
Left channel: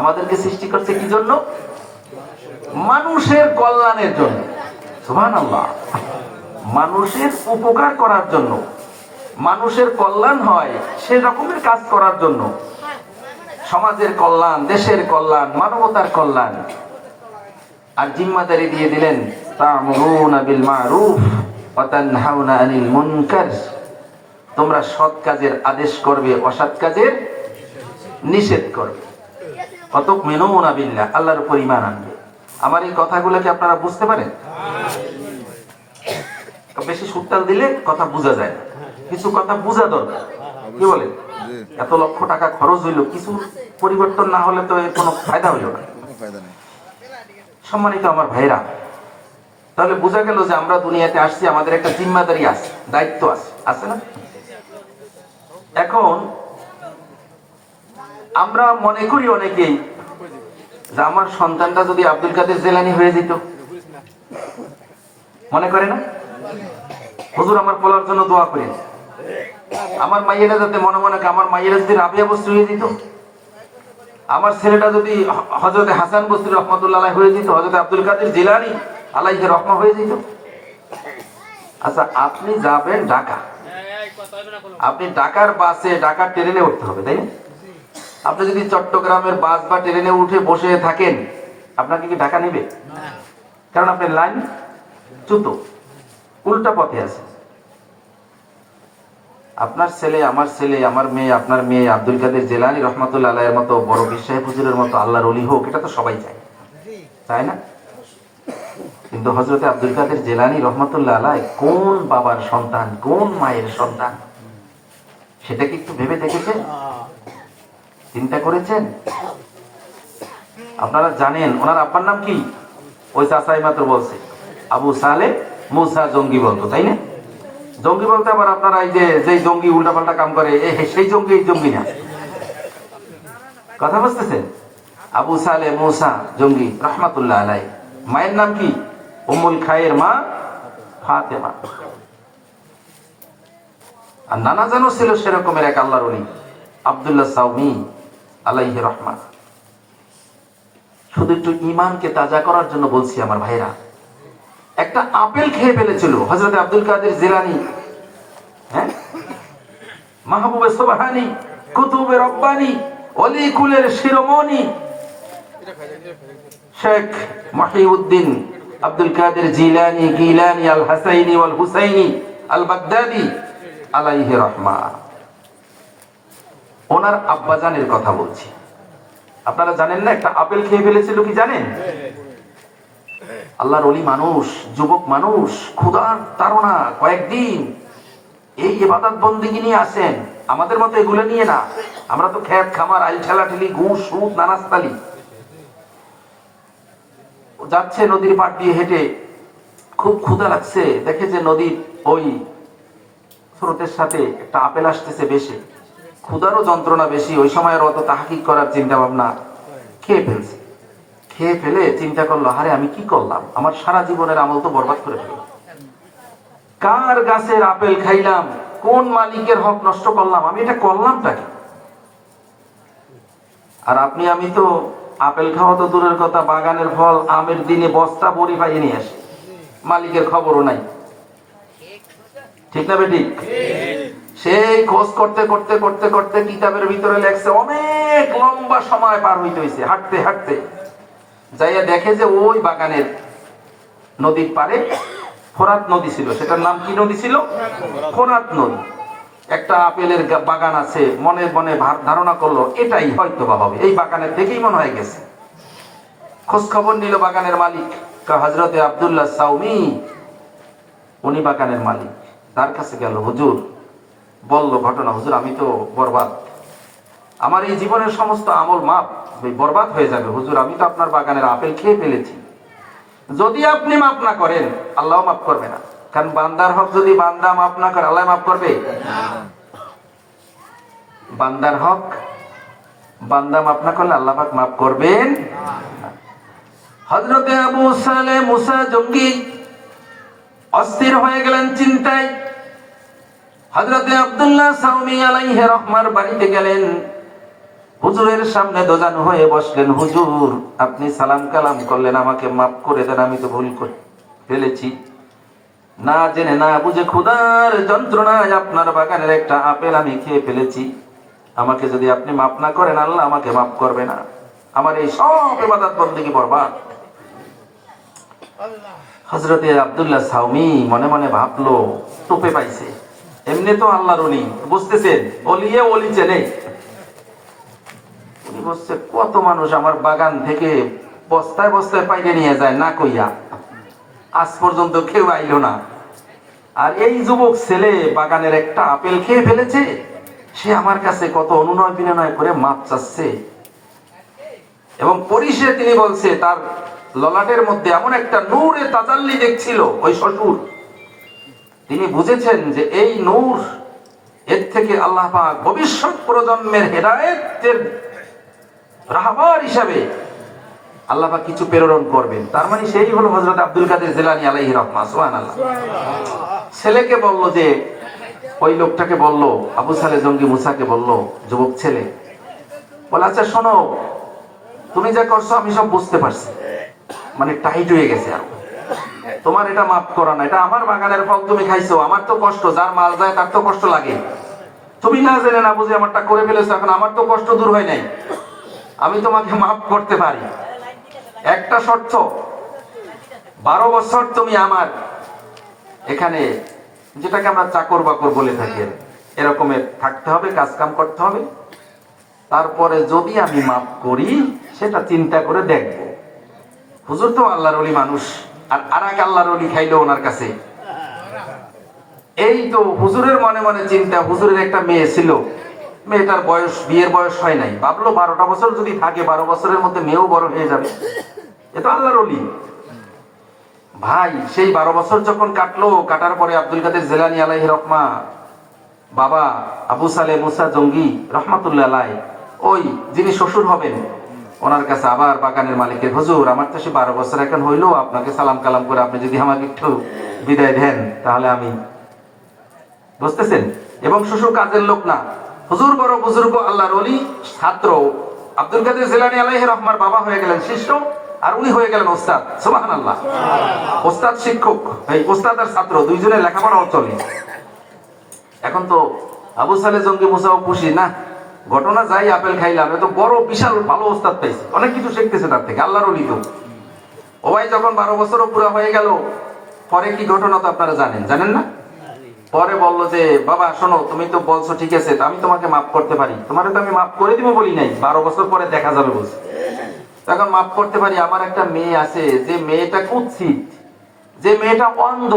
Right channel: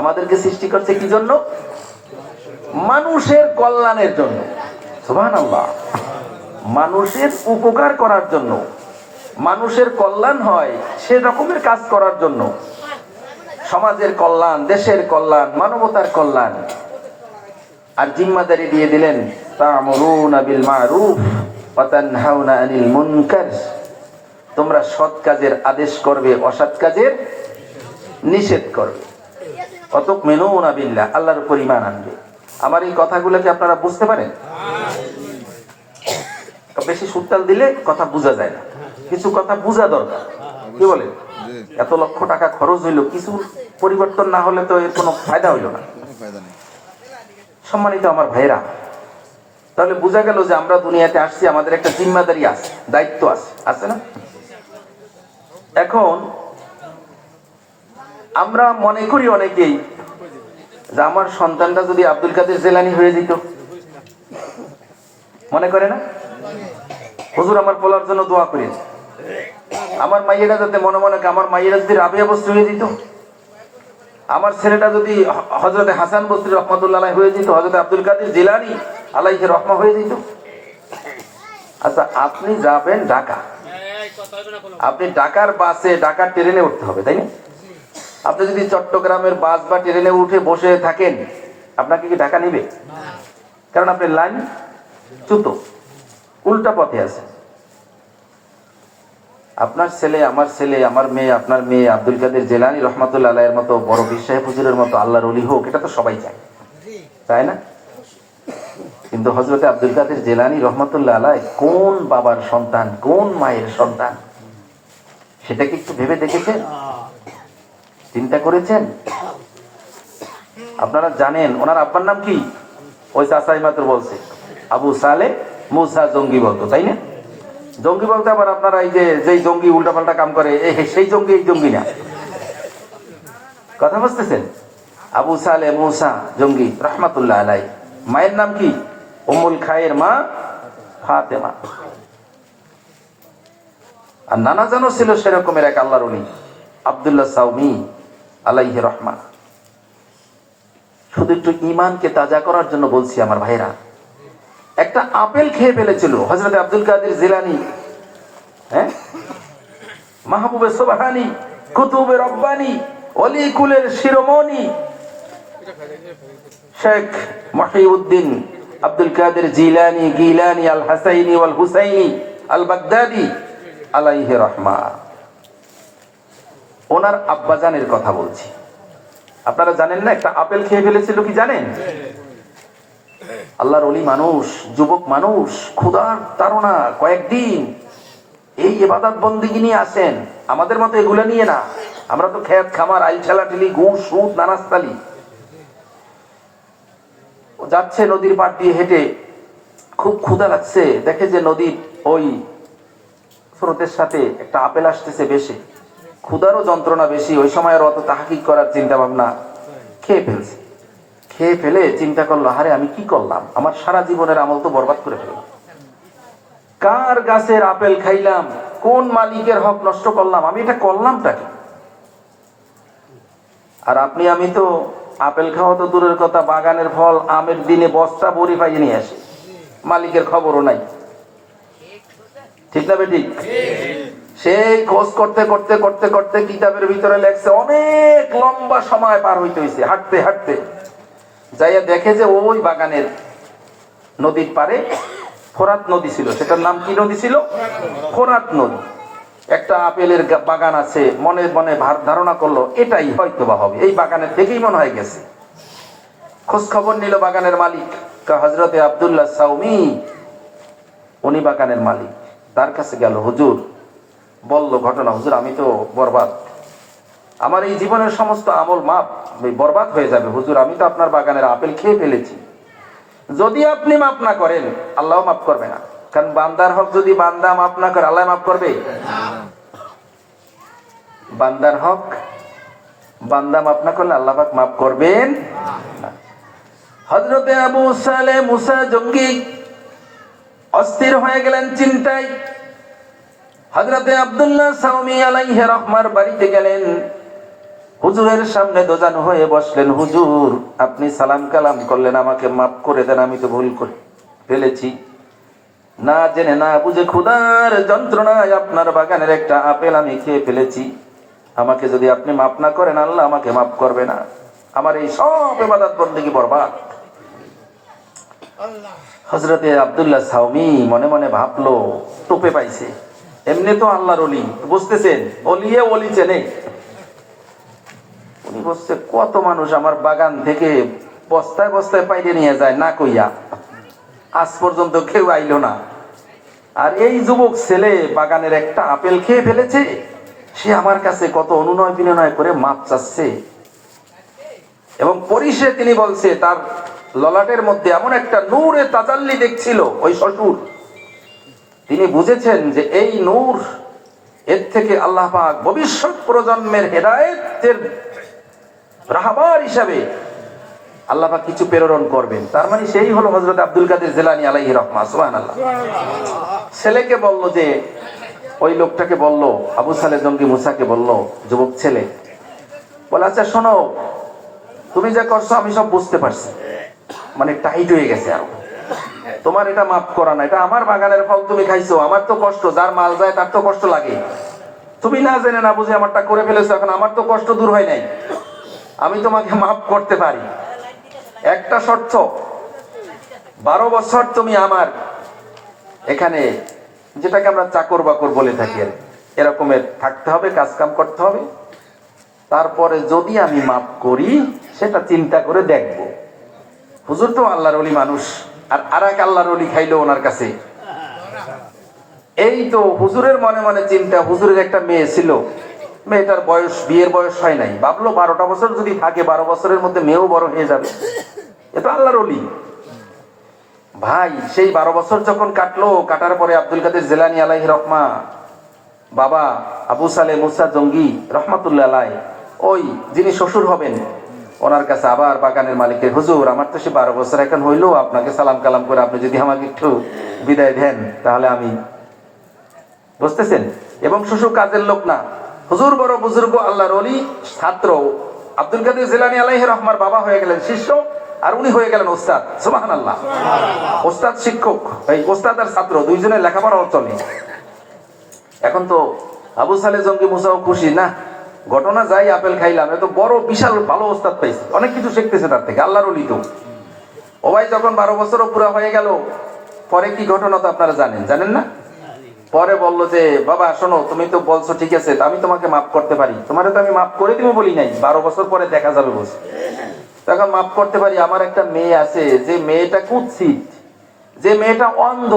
আমাদেরকে সৃষ্টি করছে কি জন্য? মানুষের কল্যাণের জন্য। সুবহানাল্লাহ। মানুষের উপকার করার জন্য, মানুষের কল্যাণ হয় সে রকমের কাজ করার জন্য, সমাজের কল্যাণ, দেশের কল্যাণ, মানবতার কল্যাণ। আর জিম্মাদারি দিয়ে দিলেন, তা'মুরুনা বিল মা'রুফ ওয়া তানহাউনা আনিল মুনকার, তোমরা সৎ কাজের আদেশ করবে, অসৎ কাজের নিষেধ করবে। ওয়া তু'মিনুনা বিল্লাহ, আল্লাহর উপর ঈমান আনবে। আমার এই কথাগুলো কি আপনারা বুঝতে পারেন? বেশি সুতাল দিলে কথা বোঝা যায় না, কিছু কথা বোঝা দরকার। কি বলেন? এত লক্ষ টাকা খরচ হইলো, কিছু পরিবর্তন না হলে তো এর কোনো ফায়দা হইল না। সম্মানিত আমার ভাইরা, তাহলে বোঝা গেল যে আমরা দুনিয়াতে আসছি, আমাদের একটা জিম্মাদারি আছে, দায়িত্ব আছে, আছে না? এখন আমরা মনে করি অনেকেই যে আমার সন্তানটা যদি আব্দুল কাদের জিলানী হয়ে যেত, মনে করে না? হুজুর আমার পোলার জন্য দোয়া করেন, আমার মাইয়েরা যাতে মনে মনে, আমার মাইয়েরা যদি রাবিয়া বস্ত্র হয়ে যেত, আমার ছেলেটা যদি হযরত হাসান বসরি রাহমাতুল্লাহ আলাইহি হয়ে যেত, হযরত আব্দুল কাদের জিলানী আলাইহি রাহমাহ হয়ে যেত। আচ্ছা, আপনি যাবেন ঢাকা, আপনি ঢাকার বাসে, ঢাকার ট্রেনে উঠতে হবে, তাই না? আপনি যদি চট্টগ্রামের বাস বা ট্রেনে উঠে বসে থাকেন, আপনাকে কি ঢাকা নিবে? কারণ আপনি লাইন চ্যুত, উল্টা পথে আছে। আপনার ছেলে, আমার ছেলে, আমার মেয়ে, আপনার মেয়ে আব্দুল কাদের জিলানী রাহমাতুল্লাহ আলাইহির মতো বড় বিশ্বাস হুজুরের মতো আল্লাহর ওলি হোক, এটা তো সবাই চায়, তাই না? কিন্তু হযরত আব্দুল কাদের জিলানী রাহমাতুল্লাহ আলাইহি কোন বাবার সন্তান, কোন মায়ের সন্তান, সেটা কি একটু ভেবে দেখেছেন? চিন্তা করেছেন? আপনারা জানেন ওনার আব্বার নাম কি? ওই চাচাই মাত্র বলছে, আবু সালে মুসা জঙ্গি বলতো, তাই না? জঙ্গি বলতে আবার আপনারা এই যে জঙ্গি উল্টাপাল্টা কাম করে, সেই জঙ্গি, এই জঙ্গি না, কথা বুঝতেছেন? আবু সালে মুসা জঙ্গি রাহমাতুল্লাহ আলাইহি। মায়ের নাম কি? উম্মুল খায়ের মা ফাতেমা। আর নানা জানো ছিল সেরকমের এক আল্লাহর ওলি, আব্দুল্লাহ সাউমি আলাইহি রহমান। শুধু একটু ঈমানকে তাজা করার জন্য বলছি আমার ভাইরা, একটা আপেল খেয়ে ফেলেছিল হযরত আব্দুল কাদের জিলানী, হ্যাঁ, মাহবুবে সুবহানী, কুতুবে রব্বানী, ওলি কুলের শিরোমণি শেখ মুহিউদ্দিন আব্দুল কাদের জিলানী, গিলানী, আল হাসাইনি ওয়াল হুসাইনি আল বাগদাদি আলাইহি রহমান। ওনার আব্বাজানের কথা বলছি। আপনারা জানেন না একটা আপেল খেয়ে ফেলেছিল, কি জানেন? আল্লাহর ওলি মানুষ, যুবক মানুষ, ক্ষুধার তাড়না, কয়েকদিন এই ইবাদত বন্দেগী নিয়ে আসেন, আমাদের মতো এগুলো নিয়ে না। আমরা তো খেত খামার, আইল ঠেলাঠেলি, ঘুষ, সুদ, নারাজতালি। যাচ্ছে নদীর পাড় দিয়ে হেঁটে, খুব ক্ষুধা লাগছে, দেখে যে নদীর ওই স্রোতের সাথে একটা আপেল আসতেছে বেশি, ক্ষুধারও যন্ত্রণা বেশি, ওই সময় অত তাহকিক করার চিন্তা ভাবনা, খেয়ে ফেলছে। খেয়ে ফেলে চিন্তা করলো, আরে আমি কি করলাম, আমার সারা জীবনের আমল তো বরবাদ করে ফেললাম। কার গাছের আপেল খাইলাম, কোন মালিকের হক নষ্ট করলাম, আমি এটা করলামটা কি? আর আপনি আমি তো আপেল খাওয়া তো দূরের কথা, বাগানের ফল আমের দিনে বস্তা ভরি পাইয়ে নিয়ে আসে, মালিকের খবরও নাই। ঠিক না বেঠিক? সেই খোঁজ করতে করতে করতে করতে কিতাবের ভিতরে লেখছে অনেক লম্বা সময় পার হইতে হয়েছে, হাঁটতে হাঁটতে যাইয়া দেখে যে ওই বাগানের নদীর পারে ফোরাত নদী ছিল। সেটার নাম কি নদী ছিল? ফোরাত নদী। একটা আপেলের বাগান আছে, মনে মনে ধারণা করলো এটাই হয়তো বা হবে, এই বাগানের দেখেই মনে হয় গেছে। খোঁজ খবর নিল বাগানের মালিক, হযরতে আব্দুল্লাহ সাউমি, উনি বাগানের মালিক। তার কাছে গেল, হুজুর বলল ঘটনা, হুজুর আমি তো বরবাদ, আমার এই জীবনের সমস্ত আমল মাপ বরবাদ হয়ে যাবে হুজুর, আমি তো আপনার বাগানের আপেল খেয়ে ফেলেছি, যদি আপনি মাফ না করেন আল্লাহ মাফ করবে না। কারণ বান্দার হক যদি বান্দা মাফ না করে আল্লাহ মাফ করবে? বান্দার হক বান্দা মাফ না করলে আল্লাহ পাক মাফ করবেন। হযরতে আবু সালেহ মুসা জঙ্গি অস্থির হয়ে গেলেন চিন্তায়। হযরতে আব্দুল্লাহ সাউমি আলাইহি রাহমার বাড়িতে গেলেন, হুজুরের সামনে দোজান হয়ে বসলেন। হুজুর আপনি সালাম কালাম করলেন, আমাকে মাফ করে দেন, আমি তো ভুল করে ফেলেছি, না জেনে না বুঝে ক্ষুধার যন্ত্রণায় আপনার বাগানের একটা আপেল আমি খেয়ে ফেলেছি, আমাকে যদি আপনি মাফ না করেন আল্লাহ আমাকে মাফ করবে না, আমার এই সব ইবাদত বন্দেগী বরবাদ। হযরতে আব্দুল্লাহ সাউমি মনে মনে ভাবলো টোপে পাইছে, এমনি তো আল্লাহর ওলি, বুঝতেছেন ওলিয়ে ওলি চেনে। উনি বলছে কত মানুষ আমার বাগান থেকে বস্তায় বস্তায় পাইরে নিয়ে যায় না কইয়া, আজ পর্যন্ত কেউ আইলো না, আর এই যুবক ছেলে বাগানের একটা আপেল খেয়ে ফেলেছে, সে আমার কাছে কত অনুনয় বিনয় করে মাপ চাচ্ছে। এবং পরিশে তিনি বলছে তার ললাটের মধ্যে এমন একটা নূরে তাজাল্লি দেখছিল ওই শ্বশুর, তিনি বুঝেছেন যে এই নূর, এর থেকে আল্লাহ পাক ভবিষ্যৎ প্রজন্মের হেদায়েতের রাহবার হিসাবে আল্লাহ পাক কিছু প্রেরণ করবেন। তার মানে সেই হলো হযরত আব্দুল কাদের জিলানী আলাইহি রাহমাহ। সুবহানাল্লাহ। ছেলেকে বলল, যে ওই লোকটাকে বলল, আবু সালেহ জঙ্গি মুসাকে বলল, যুবক ছেলে বলে, আচ্ছা শোনো, তুমি যা করছো আমি সব বুঝতে পারছি, মানে টাইট হয়ে গেছে, তোমার এটা মাফ করা না, এটা আমার বাগানের ফল তুমি খাইছো, আমার তো কষ্ট, যার মাল যায় তার তো কষ্ট লাগে, তুমি না জেনে না বুঝে আমারটা করে ফেলেছো, এখন আমার তো কষ্ট দূর হয় নাই, আমি তোমাকে মাফ করতে পারি, একটা শর্ত, 12 বছর তুমি আমার এখানে, যেটাকে আমরা চাকর বাকর বলে থাকি, এরকমের থাকতে হবে, কাজ কাম করতে হবে, তারপরে যদি আমি মাফ করি সেটা চিন্তা করে দেখবো। হুজুর তো আল্লাহর ওলি মানুষ, আর এক আল্লাহর ওলি খাইলো ওনার কাছে। এই তো হুজুরের মনে মনে চিন্তা, হুজুরের একটা মেয়ে ছিল, মেয়েটার বয়স, বিয়ের বয়স হয় নাই, ভাবলো 12টা বছর যদি থাকে, 12 বছরের মধ্যে মেয়েও বড় হয়ে যাবে, এ তো আল্লাহর ওলি। ভাই সেই 12 বছর যখন কাটলো, কাটার পরে আব্দুল কাদের জিলানী আলাইহি রাহমাহ বাবা আবু সালেহ মুসা জঙ্গি রহমাতুল্লাহ আলাইহি, ওই যিনি শ্বশুর হবেন, ওনার কাছে আবার বাগানের মালিকের, হুজুর আমার তো সে 12 বছর এখন হইলো, আপনাকে সালাম কালাম করে আপনি যদি আমাকে একটু বিদায় দেন তাহলে আমি, বুঝতেছেন, এবং শ্বশুর কাজের লোক না, হুজুর বড় বুজুর্গ আল্লাহর ওলি, ছাত্র, আব্দুল কাদের জিলানী আলাইহি রাহমার বাবা হয়ে গেলেন শিষ্য, আর উনি হয়ে গেলেন ওস্তাদ। সুবহানাল্লাহ। ওস্তাদ শিক্ষক, এই ওস্তাদ আর ছাত্র দুইজনের লেখাপড়াও চলে। এখন তো আবু সালেহ জঙ্গি মুসাও খুশি না, ঘটনা যাই আপেল খাইলাম, এত বড় বিশাল ভালো ওস্তাদ পাইছে, অনেক কিছু শিখতেছে তার থেকে, আল্লাহর ওলি তো। ও ভাই যখন 12 বছরও পুরা হয়ে গেল, পরে কি ঘটনা তো আপনারা জানেন না? পরে বললো যে বাবা শোনো, তুমি তো বলছো ঠিক আছে, আমি তোমাকে মাফ করতে পারি, তোমারে তো আমি মাফ করে দিব বলি নাই, 12 বছর পরে দেখা যাবে বলছে, তখন মাফ করতে পারি। আমার একটা মেয়ে আছে, যে মেয়েটা কুৎসিত, যে মেয়েটা অন্ধ,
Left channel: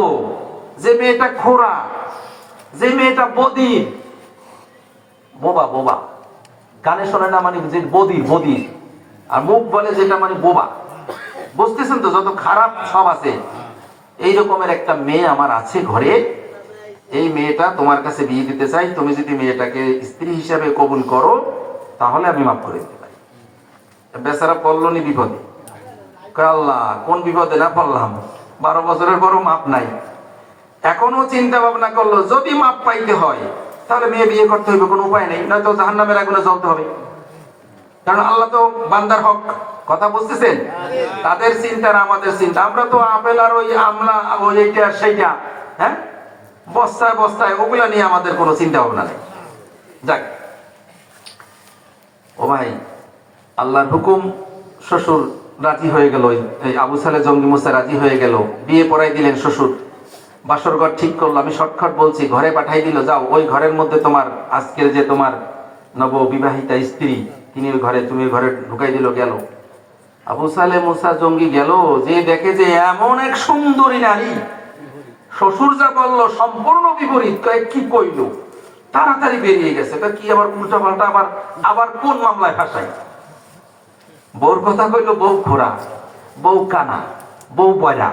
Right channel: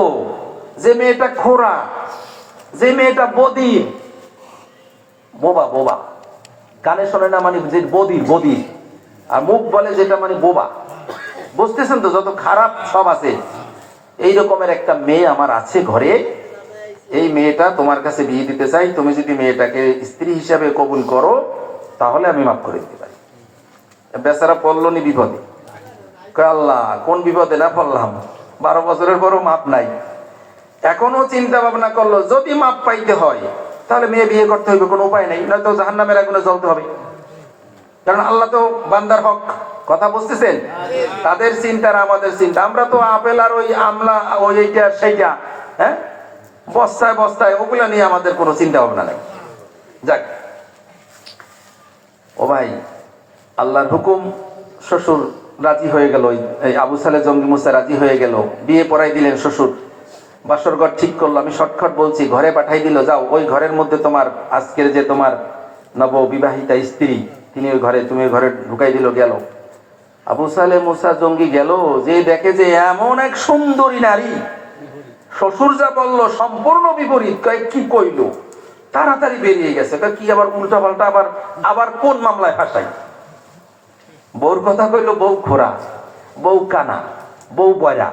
যে মেয়েটা খোরা, যে মেয়েটা বদির, বোবা, বোবা কানে শোনে না, মানে যে বদির, আর মুখ বলে যেটা, মানে বোবা, বুঝতেছেন তো, যত খারাপ সব আছে, এই রকমের একটা মেয়ে আমার আছে ঘরে, এই মেয়েটা তোমার কাছে বিয়ে দিতে চাই, তুমি যদি মেয়েটাকে স্ত্রী হিসাবে কবুল করো তাহলে আমি মাফ করে দিতে পারি। বেচারা পড়লো নি বিপদে, আল্লাহ কোন বিপদে না পড়লাম, 12 বছরের পরও মাপ নাই। এখনো চিন্তা ভাবনা করলো যদি মাপ পাইতে হয় তাহলে মেয়ে বিয়ে করতে হবে, কোনো উপায় নেই, নয়তো জাহান্নামের আগুনে জ্বলতে হবে। কারণ আল্লাহ তো বান্দার হক, কথা বুঝতেছেন? তাদের চিন্তা আর আমাদের চিন্তা। আমরা তো আপেল আর ওই আমলা ওই এইটা সেইটা, হ্যাঁ, বস্তায় বস্তায় ওগুলা নিয়ে আমাদের কোনো চিন্তা ভাবনা নেই। যাক ও ভাই, আল্লাহর হুকুম, শ্বশুর রাজি হয়ে গেল, এই আবু সালে জঙ্গি মুসা রাজি হয়ে গেল, বিয়ে পড়াই দিলেন শ্বশুর, বাসর ঘর ঠিক করলো। আমি শর্টকাট বলছি, ঘরে পাঠাই দিল, যাও ওই ঘরের মধ্যে তোমার আজকের যে তোমার নববিবাহিতা স্ত্রী, তিনি ওই ঘরে, তুমি ওই ঘরে ঢুকাই দিল। গেল আবু সালে মুসা জঙ্গি, গেল যে দেখে যে এমন এক সুন্দরী নারী, শ্বশুর যা বললো সম্পূর্ণ বিপরীত, কি কইল, তাড়াতাড়ি বেরিয়ে গেছে। কি আবার উল্টা পাল্টা, আবার আবার কোন মামলায় ফাঁসাই। বউর কথা কইলো, বউ ফোরা, বউ কানা, বউ বয়রা।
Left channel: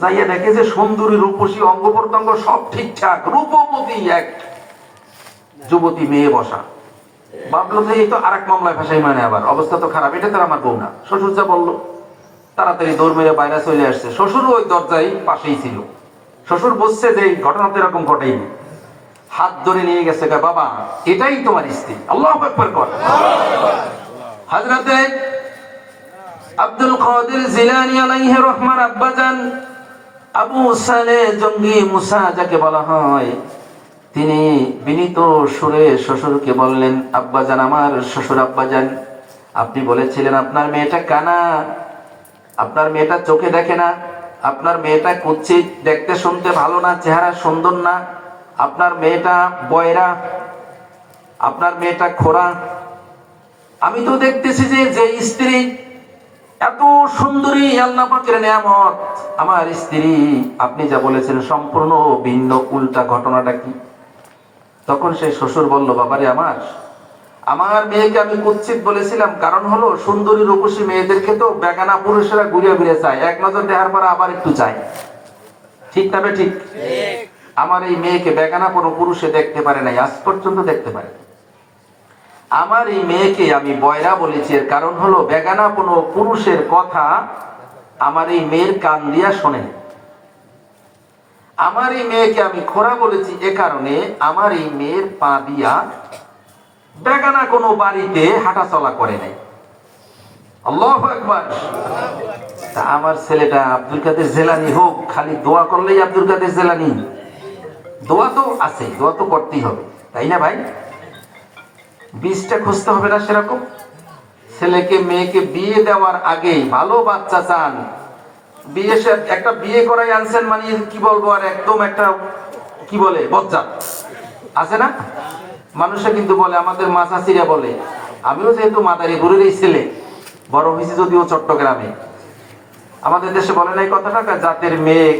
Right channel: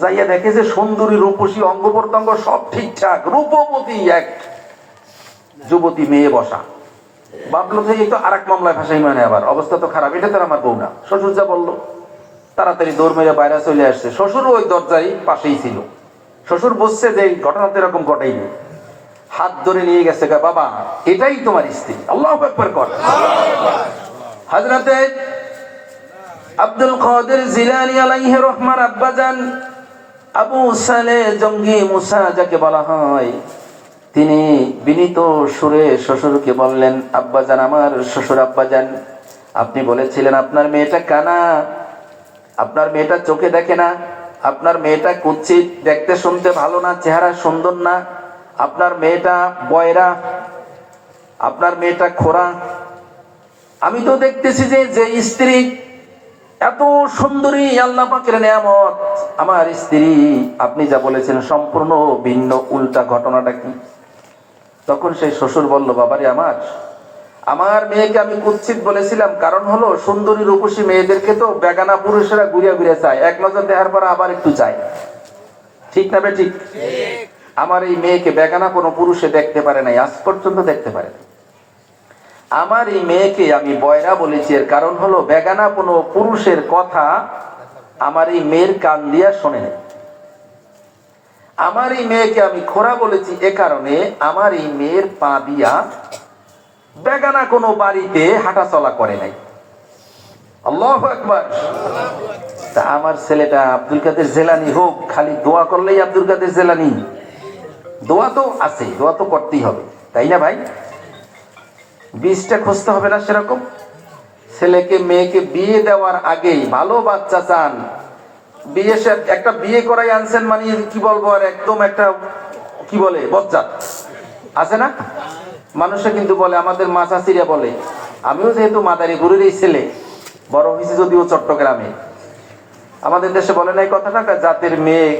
যাইয়া দেখে যে সুন্দরী, রূপসী, অঙ্গ প্রত্যঙ্গ সব ঠিকঠাক, রূপবতী এক যুবতী মেয়ে বসা। ভাবলো যে এই তো আর এক মামলায় ফাঁসাই, মানে আবার অবস্থা তো খারাপ, এটা তো আমার বউ না। শ্বশুর যা বললো তাড়াতাড়ি দৌড় মেরে বাইরে চলে আসছে। শ্বশুর ওই দরজায় পাশেই ছিল। শ্বশুর বুঝছে যে ঘটনা তো এরকম ঘটেইনি, হাত ধরে নিয়ে গেছে, বাবা এটাই তোমার স্ত্রী। আল্লাহু আকবার কর। হযরতে আব্দুল কাদের জিলানী আলাইহি রহমান আব্বাজান আবু সালে জঙ্গি মুসা যাকে বলা হয়, তিনি বিনীত সুরে শ্বশুরকে বললেন, আব্বাজান, আমার শ্বশুর আব্বাজান, আপনি বলেছিলেন আপনার মেয়েটা কানা, আপনার মেয়েটা চোখে দেখে না, আপনার মেয়েটা কুৎসিত, দেখতে শুনতে ভালো না, চেহারা সুন্দর না, আপনার মেয়েটা বয়রা, আপনার মেয়েটা খোরা। আমি তো দেখতেছি যে যে স্ত্রী এত সুন্দরী, আল্লাহ পাকের নিয়ামত, আমার স্ত্রী, আপনি যা বলেছেন সম্পূর্ণ ভিন্ন, উল্টা। ঘটনাটা কি? তখন সেই শ্বশুর বলল, বাবারে আমার, আমার মেয়েকে আমি কুৎসিত বলেছিলাম, কারণ হলো সুন্দরী রূপসী মেয়েদেরকে তো বেগানা পুরুষেরা ঘুরিয়া ঘুরিয়ে চায়, এক নজর দেখার পর আবার একটু চায়, ঠিক না? ঠিক। আমার এই মেয়েকে বেগানা কোনো পুরুষে দেখতে পারে নাই, আজ পর্যন্ত দেখতে পারে। আমার এই মেয়েকে আমি বয়রা বলেছি, এর কারণ হলো বেগানা কোনো পুরুষের কথা আমার এই মেয়ের কান দিয়া শোনে না। আমার এই মেয়েকে আমি খোরা বলেছি এ কারণে, আমার এই মেয়ের পা দিয়া বেগানা কোনো বাড়িতে হাঁটা চলা করে নাই। আল্লাহু আকবার। তা আমার ছেলেটা আব্দুল কাদের জিলানী হোক, খালি দোয়া করলেই আব্দুল কাদের জিলানী? দোয়া তো আছে, দোয়া তো করতেই হবে, তাই না ভাই? বীজটা খুঁজতে হবে না সেরকম? ছেলেকে মেয়েকে বিয়ে দেওয়ার আগেই ভালো বাচ্চা চান, বিয়ে একটা বিয়ে করাই আনছেন, মানে কি বলবো, আর একদম একটা কি বলে বজ্জা আছে না? মানুষে কিন্তু বলে, আমাদের মাছাচিরা বলে, আমিও যেহেতু মাদারি গুরুর এই ছেলে, বড় হয়েছি যদিও চট্টগ্রামে, আমাদের দেশে বলে নাই কথাটা, জাতের মেয়ে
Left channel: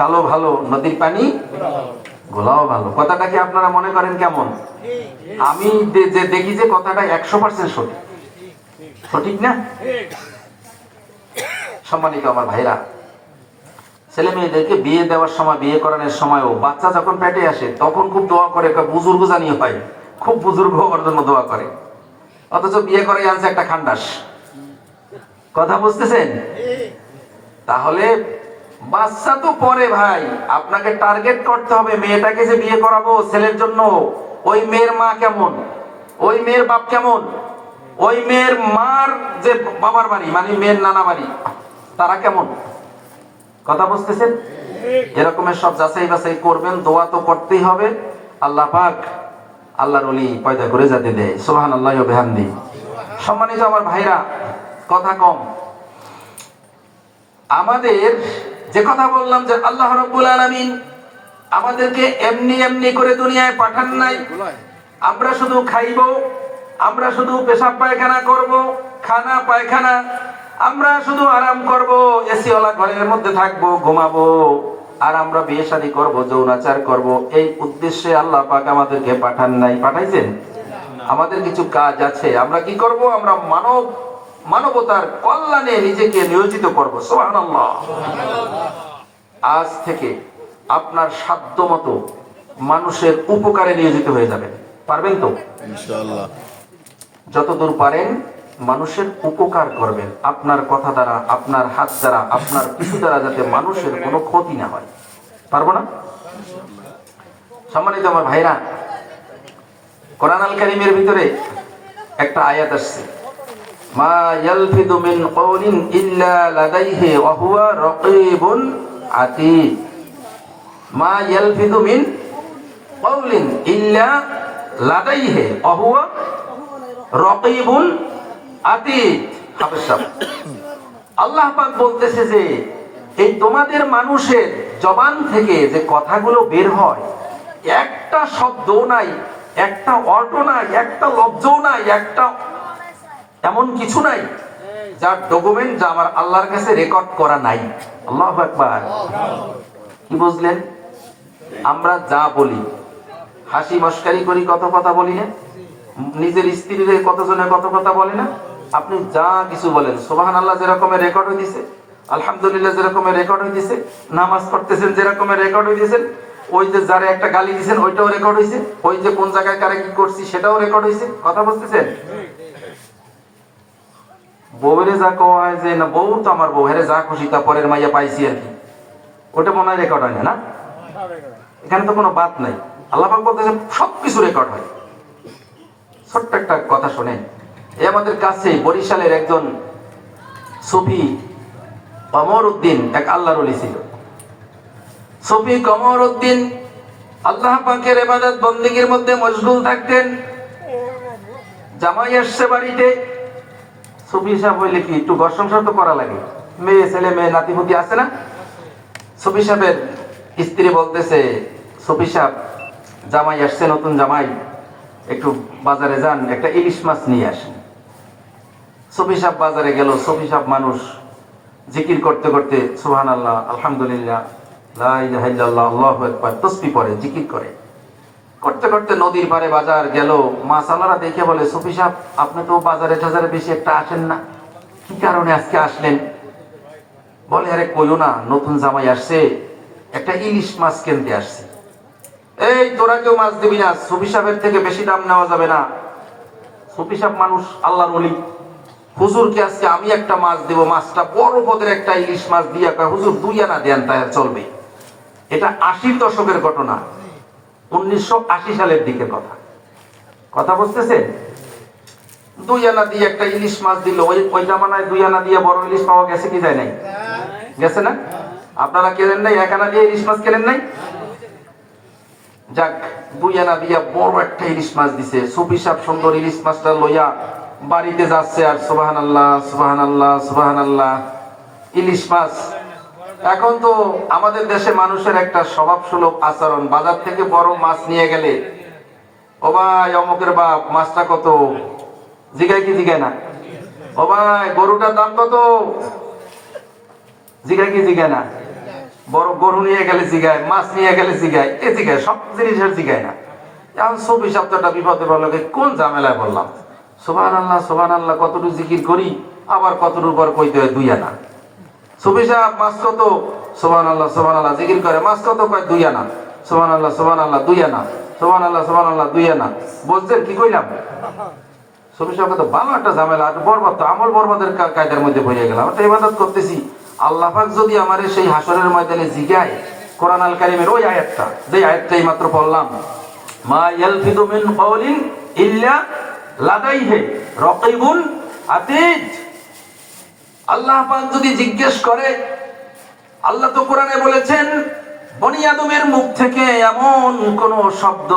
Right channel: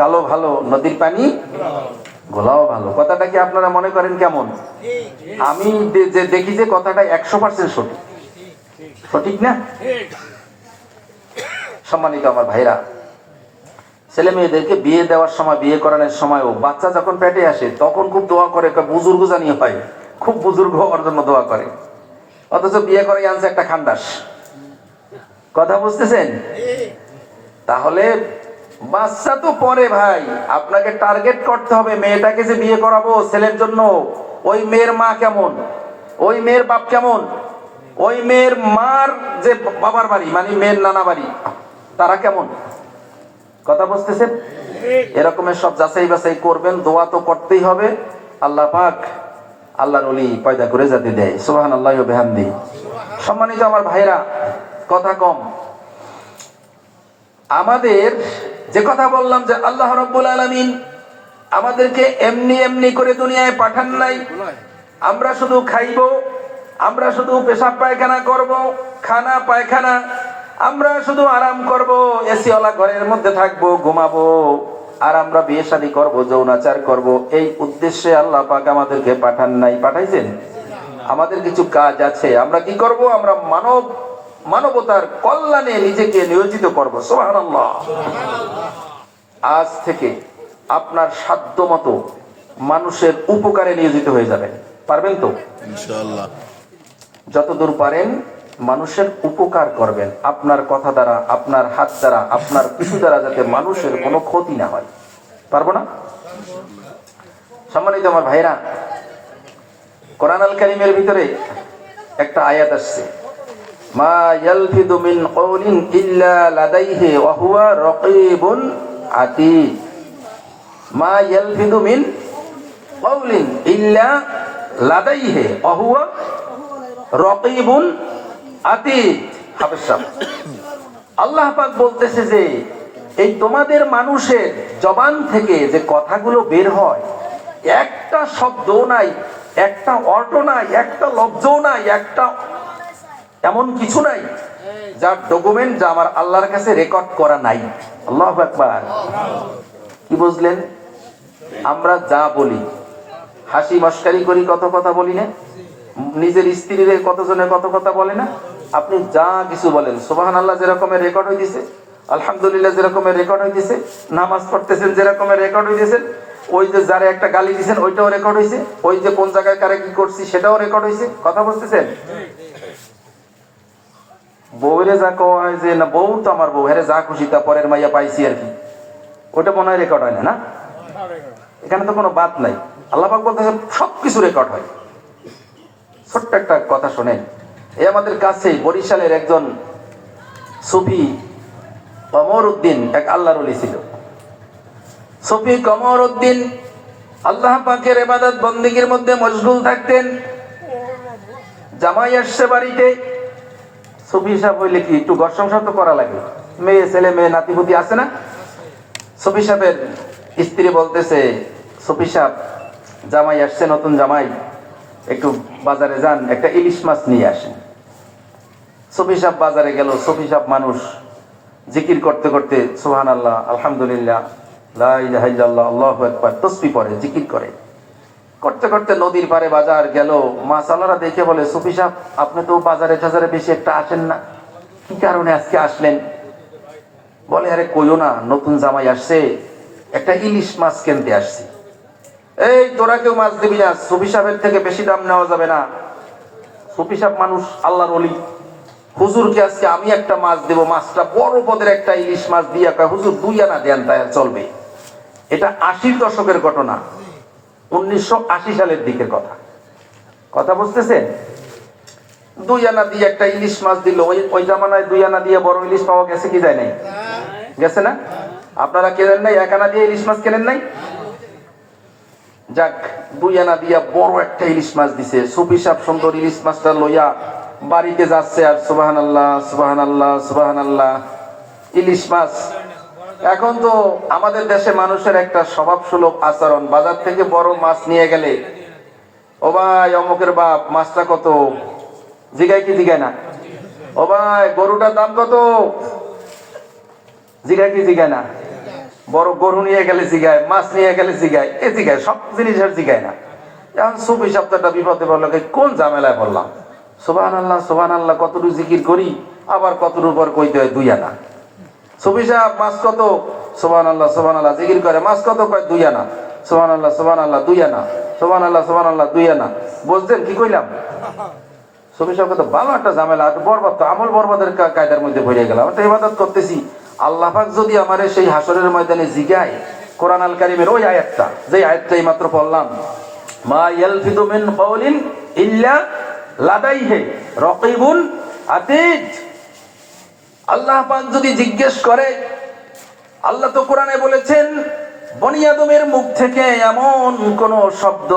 কালো ভালো, নদীর পানি গোলাও ভালো। কথাটা কি আপনারা মনে করেন কেমন? আমি যে দেখি যে কথাটা 100% সঠিক, সঠিক না? সম্মানিত আমার ভাইরা, ছেলে মেয়েদেরকে বিয়ে দেওয়ার সময়, বিয়ে করানোর সময়, ও বাচ্চা যখন পেটে আসে তখন খুব দোয়া করে, বুজুর্গ জানিয়ে হয়, খুব বুজুর্গ হওয়ার জন্য দোয়া করে, অথচ বিয়ে করে আনছে একটা খান্ডাস। কথা বুঝতেছেন? তাহলে বাচ্চা তো পরে ভাই, আপনাকে টার্গেট করতে হবে মেয়েটাকে যে বিয়ে করাবো ছেলের জন্য, ওই মেয়ের মা কেমন, ওই মেয়ের বাপ কেমন, ওই মেয়ের মার যে বাবার বাড়ি মানে মেয়ের নানা বাড়ি, তারা কেমন। কথা বুঝতেছেন? এরকমের সব যাচাই বাছাই করবেন, দোয়া তো করতেই হবে। আল্লাহ পাক আল্লাহর ওলি পয়দা করে যাতে দেয়। সুবহানাল্লাহি ওয়া বিহামদিহি। সম্মানিত আমার ভাইরা, কথা কম, আমাদের যে কথা বললাম যে আল্লাহ রাব্বুল আলামিন আমাদেরকে এমনি এমনি করে দুনিয়ায় পাঠান নাই। আমরা শুধু খাইবো, আমরা শুধু পেশাব পায়খানা করব, খানা পায়খানা, আমরা শুধু আরাম করব, এসি ওয়ালা ঘরের মধ্যে থাকবো, ঘুমাবো, আর আমরা বিয়ে শাদী করব, যৌনাচার করব, এই উদ্দেশ্যে আল্লাহ পাক আমাদেরকে পাঠান নাই। পাঠাইছেন? আমাদের কিছু কাজ আছে, আমরা কি করব? আমরা মানবতার কল্যাণে নিজেকে নিয়োজিত করব। সুবহানাল্লাহ। আজ থেকে আপনার সাধ্য মতো মানুষের উপকারে নিয়োজিত হয়ে যাবেন। পারবেন তো? ইনশাআল্লাহ। যতদূর পারেন মানুষের উপকার করবেন আপনার কথা দ্বারা, আপনার হাত দ্বারা, আপনার কিছু দ্বারা, যাতে মানুষের কোনো ক্ষতি না হয়। পারবো না? সম্মানিত আমার ভাইরা, কোরআন আল কারীমের ভিতরে একটা আয়াত আসছে, মা ইয়ালফিদু মিন কওলিন ইল্লা লাদাইহি ওয়া হুয়া রাকীবুন আতীদ। মা ইয়ালফিদু মিন কওলিন ইল্লা লাদাইহি ওয়া হুয়া রাকীবুন আতীদ। আল্লাহ পাক বলতেছে যে এই তোমাদের মানুষের জবান থেকে যে কথাগুলো বের হয়, একটা শব্দ নাই, একটা অর্থ নাই, একটা লব্ধ নাই, একটা এমন কিছু নাই যার ডকুমেন্ট যা আমার আল্লাহর কাছে রেকর্ড করা নাই। আল্লাহু আকবার। কি বুঝলেন? আমরা যা বলি, হাসি মশকারি করি, কত কথা বলি না, নিজের স্ত্রীর কতজনের কত কথা বলে না, আপনি যা কিছু বলেন, সুবহানাল্লাহ যেরকমের রেকর্ড হইতেছে, আলহামদুলিল্লাহ যেরকমের রেকর্ড হইতেছে, নামাজ পড়তেছেন যেরকমের রেকর্ড হইতেছে, ওই যে যারা একটা গালি দিয়েছেন ওইটাও রেকর্ড হয়েছে, ওই যে কোন জায়গায় কারে কি করছি সেটাও রেকর্ড হয়েছে। কথা বুঝতেছেন? বউরে যা কয় যে না বউ তো আমার বউ, হ্যাঁ যা খুশি তা পরের মাইয়া পাইছি আর কি, ওটা মনে হয় রেকর্ড হয় না? না, এখানে তো কোনো বাদ নাই। আল্লাহ পাক বলতেছেন সবকিছু রেকর্ড হয়। ছোট্ট একটা কথা শোনেন, এই আমাদের কাছে বরিশালের একজন সুফি কমর উদ্দিন এক আল্লাহর ওলি ছিল। সুফি কমর উদ্দিন আল্লাহ পাকের ইবাদত বন্দেগীর মধ্যে মশগুল থাকতেন। জামাই আসছে বাড়িতে, সুফি সাহেব হইলে কি একটু ঘর সংসার তো করা লাগে, মেয়ে ছেলে মেয়ে নাতিপুতি আছে না। সুফি সাহেবের স্ত্রী বলতেছে, সুফি সাহেব জামাই আসছে, নতুন জামাই, একটু বাজারে যান, একটা ইলিশ মাছ নিয়ে আসেন। সুফি সাহেব বাজারে গেল। সুফি সাহেব মানুষ, জিকির করতে করতে সুবহানাল্লাহ, আলহামদুলিল্লাহ, লা ইলাহা ইল্লাল্লাহ, আল্লাহু আকবার তাসবিহ করে, জিকির করে। করতে করতে নদীর পাড়ে বাজার গেল। মাছওয়ালারা দেখে বলে, সুফি সাহেব আপনি তো বাজারে টাজারে বেশি একটা আসেন না, কি কারণে আজকে আসলেন? বলে, আরে কইও না, নতুন জামাই আসছে, একটা ইলিশ মাছ কিনতে আসছি। এই তোরা কেউ মাছ দিবি না, সুফি সাহেবের থেকে বেশি দাম নেওয়া যাবে না। সুফি সাহেব মানুষ, আল্লাহর ওলি, হুজুরকে আজকে আমি একটা মাছ দেব, মাছটা বড় পদের একটা ইলিশ মাছ দিয়ে, হুজুর 2 আনা দেন, তাই আর চলবে। এটা 80 দশকের ঘটনা, 1980 সালের দিকের কথা। কথা বুঝতেছেন? 2 আনা দিয়ে একটা ইলিশ মাছ দিল। ওই জামানায় 2 আনা দিয়ে বড় ইলিশ পাওয়া গেছে কি যায় নাই? গেছে না? আপনারা কেনেন নাই? 1 আনা দিয়ে ইলিশ মাছ কেনেন নাই? যাক, 2 আনা দিয়া বড় একটা ইলিশ মাছ দিছে। সুফি সাহেব সুন্দর ইলিশ মাছটা লইয়া বাড়িতে যাচ্ছে, আর সুবহানাল্লাহ সুবহানাল্লাহ সুবহানাল্লাহ, ইলিশ মাছ। এখন তো আমাদের দেশে মানুষের একটা স্বভাবসুলভ আচরণ, বাজার থেকে বড় মাছ নিয়ে গেলে, ও ভাই অমুকের বাপ মাছটা কত, জিগায় কি জিগায় না? ও ভাই গরুটার দাম কত, জিগায় কি জিগায় না? বড় গরু নিয়ে গেলে জিগায়, মাছ নিয়ে গেলে জিগায়, এ জিগায়, সব জিনিসের জিগায় না। এখন সুফি শব্দটা বিপদে পড়লো, কোন ঝামেলায় পড়লাম। সুবহানাল্লাহ সুবহানাল্লাহ কতটুকু জিকির করি, আবার কতটুকু পর কইতে হয় 2 আনা। সুফি সাহেব মাছ কত, সুবহানাল্লাহ সুবহানাল্লাহ জিকির করে, মাছ কত, কয় 2 আনা। সুবহানাল্লাহ সুবহানাল্লাহ 2 আনা, সুবহানাল্লাহ সুবহানাল্লাহ 2 আনা। বুঝছেন কি কইলাম? সুফি সাহেব তো ভালো একটা ঝামেলা, বরবাদ, তো আমল বরবাদের কায়দার মধ্যে পড়ে গেলাম। একটা ইবাদত করতেছি, আল্লাহ পাক যদি আমারে সেই হাসরের ময়দানে জিগায়, কোরআন আল কারীমের ওই আয়াতটা, যে আয়াতটাই মাত্র পড়লাম, মা ইয়ালফিদু মিন কওলিন ইল্লা লাদাইহি রাকীবুন আতীদ। আল্লাহ পাক যদি জিজ্ঞেস করে, আল্লাহ তো কোরআনে বলেছেন, বনি আদমের মুখ থেকে এমন কোন শব্দ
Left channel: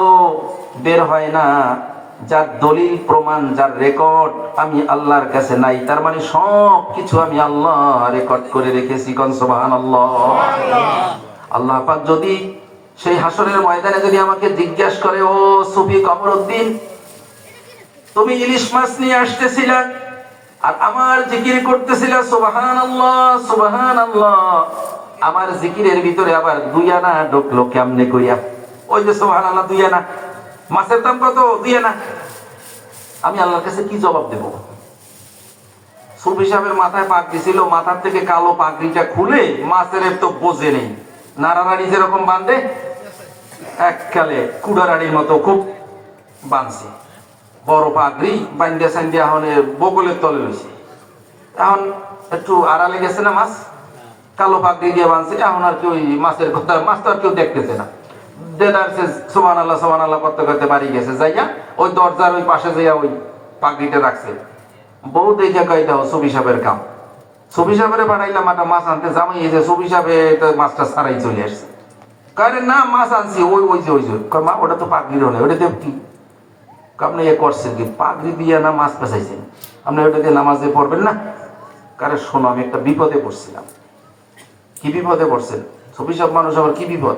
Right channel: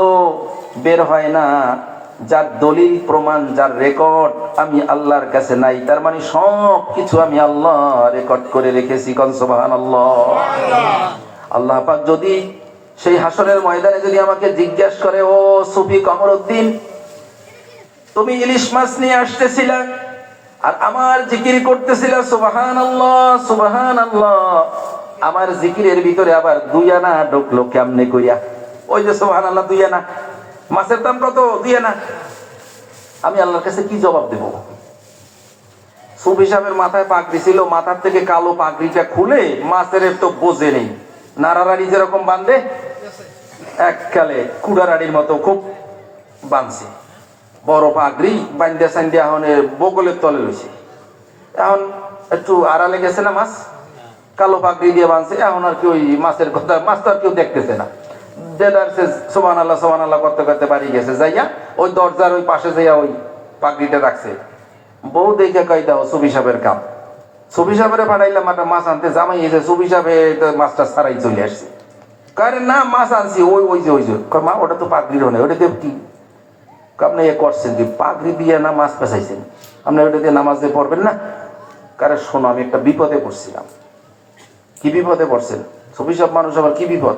বের হয় না যার দলিল প্রমাণ, যার রেকর্ড আমি আল্লাহর কাছে নাই। তার মানে সব কিছু আমি আল্লাহ রেকর্ড করে রেখেছি। কোন সুবহানাল্লাহ। আল্লাহ পাক যদি সেই হাসরের ময়দানে যদি আমাকে জিজ্ঞাসা করে, ও সুফি কমর উদ্দিন, তুমি ইলিশ মাছ নিয়ে আসতেছিলা আর আমার জিকির করতেছিলা, সুবহানাল্লাহ সুবহানাল্লাহ, আমার জিকিরের ভিতরে আবার 2 আনা ঢুকলো কেমনে কইয়া? ওই যে সুবহানাল্লাহ 2 আনা, মাছের দাম কত? 2 আনা। আমি আল্লাহর কাছে কি জবাব দেব? সুফি সাহেবের মাথায় পাগড়ি ছিল, মাথার থেকে কালো পাগড়িটা খুলে মাছের তো বোঝে নেই, নাড়ারাড়ি যেরকম বাঁধে, এককালে কুড়ারাড়ির মতো খুব বাঁধছে। বড় পাগড়ি বান্ডিয়া সান্ডিয়া এখন বগলের তলে রয়েছে। এখন একটু আড়ালে গেছে না মাছ, কালো পাগড়ি দিয়ে বাঁধছে। এখন আর কি ওই মাছের কথা, মাছ তো আর কেউ দেখতেছে না। সুবহানাল্লাহ সুবহানাল্লাহ করতে করতে বাড়ি গেছে, যাইয়া ওই দরজার ওই পাশে যাইয়া ওই পাগড়িটা রাখছে। বউ দেখে কয় দাও সুবি সাহেবের কাম। সুবি সাহেবের পাঠাইলাম একটা মাছ আনতে, জামাই এসে সুবি সাহেব মাছটা ছাড়াই চলে আসছে। কারে না মাছ আনছি, ওই ওই যে ওই যে মা ওটা তো পাগড়ি হয়, ওটা দিয়ে কি আপনি এ করছেন কি, পাগড়ি দিয়ে না মাছ পেঁচাইছেন, আপনি ওটা দিয়ে নামাজ দিয়ে পড়বেন না। কারে শোনো, আমি একটা বিপদে পড়ছিলাম। কি বিপদে পড়ছেন? সুবি সাহেব মানুষ আবার কি বিপদ?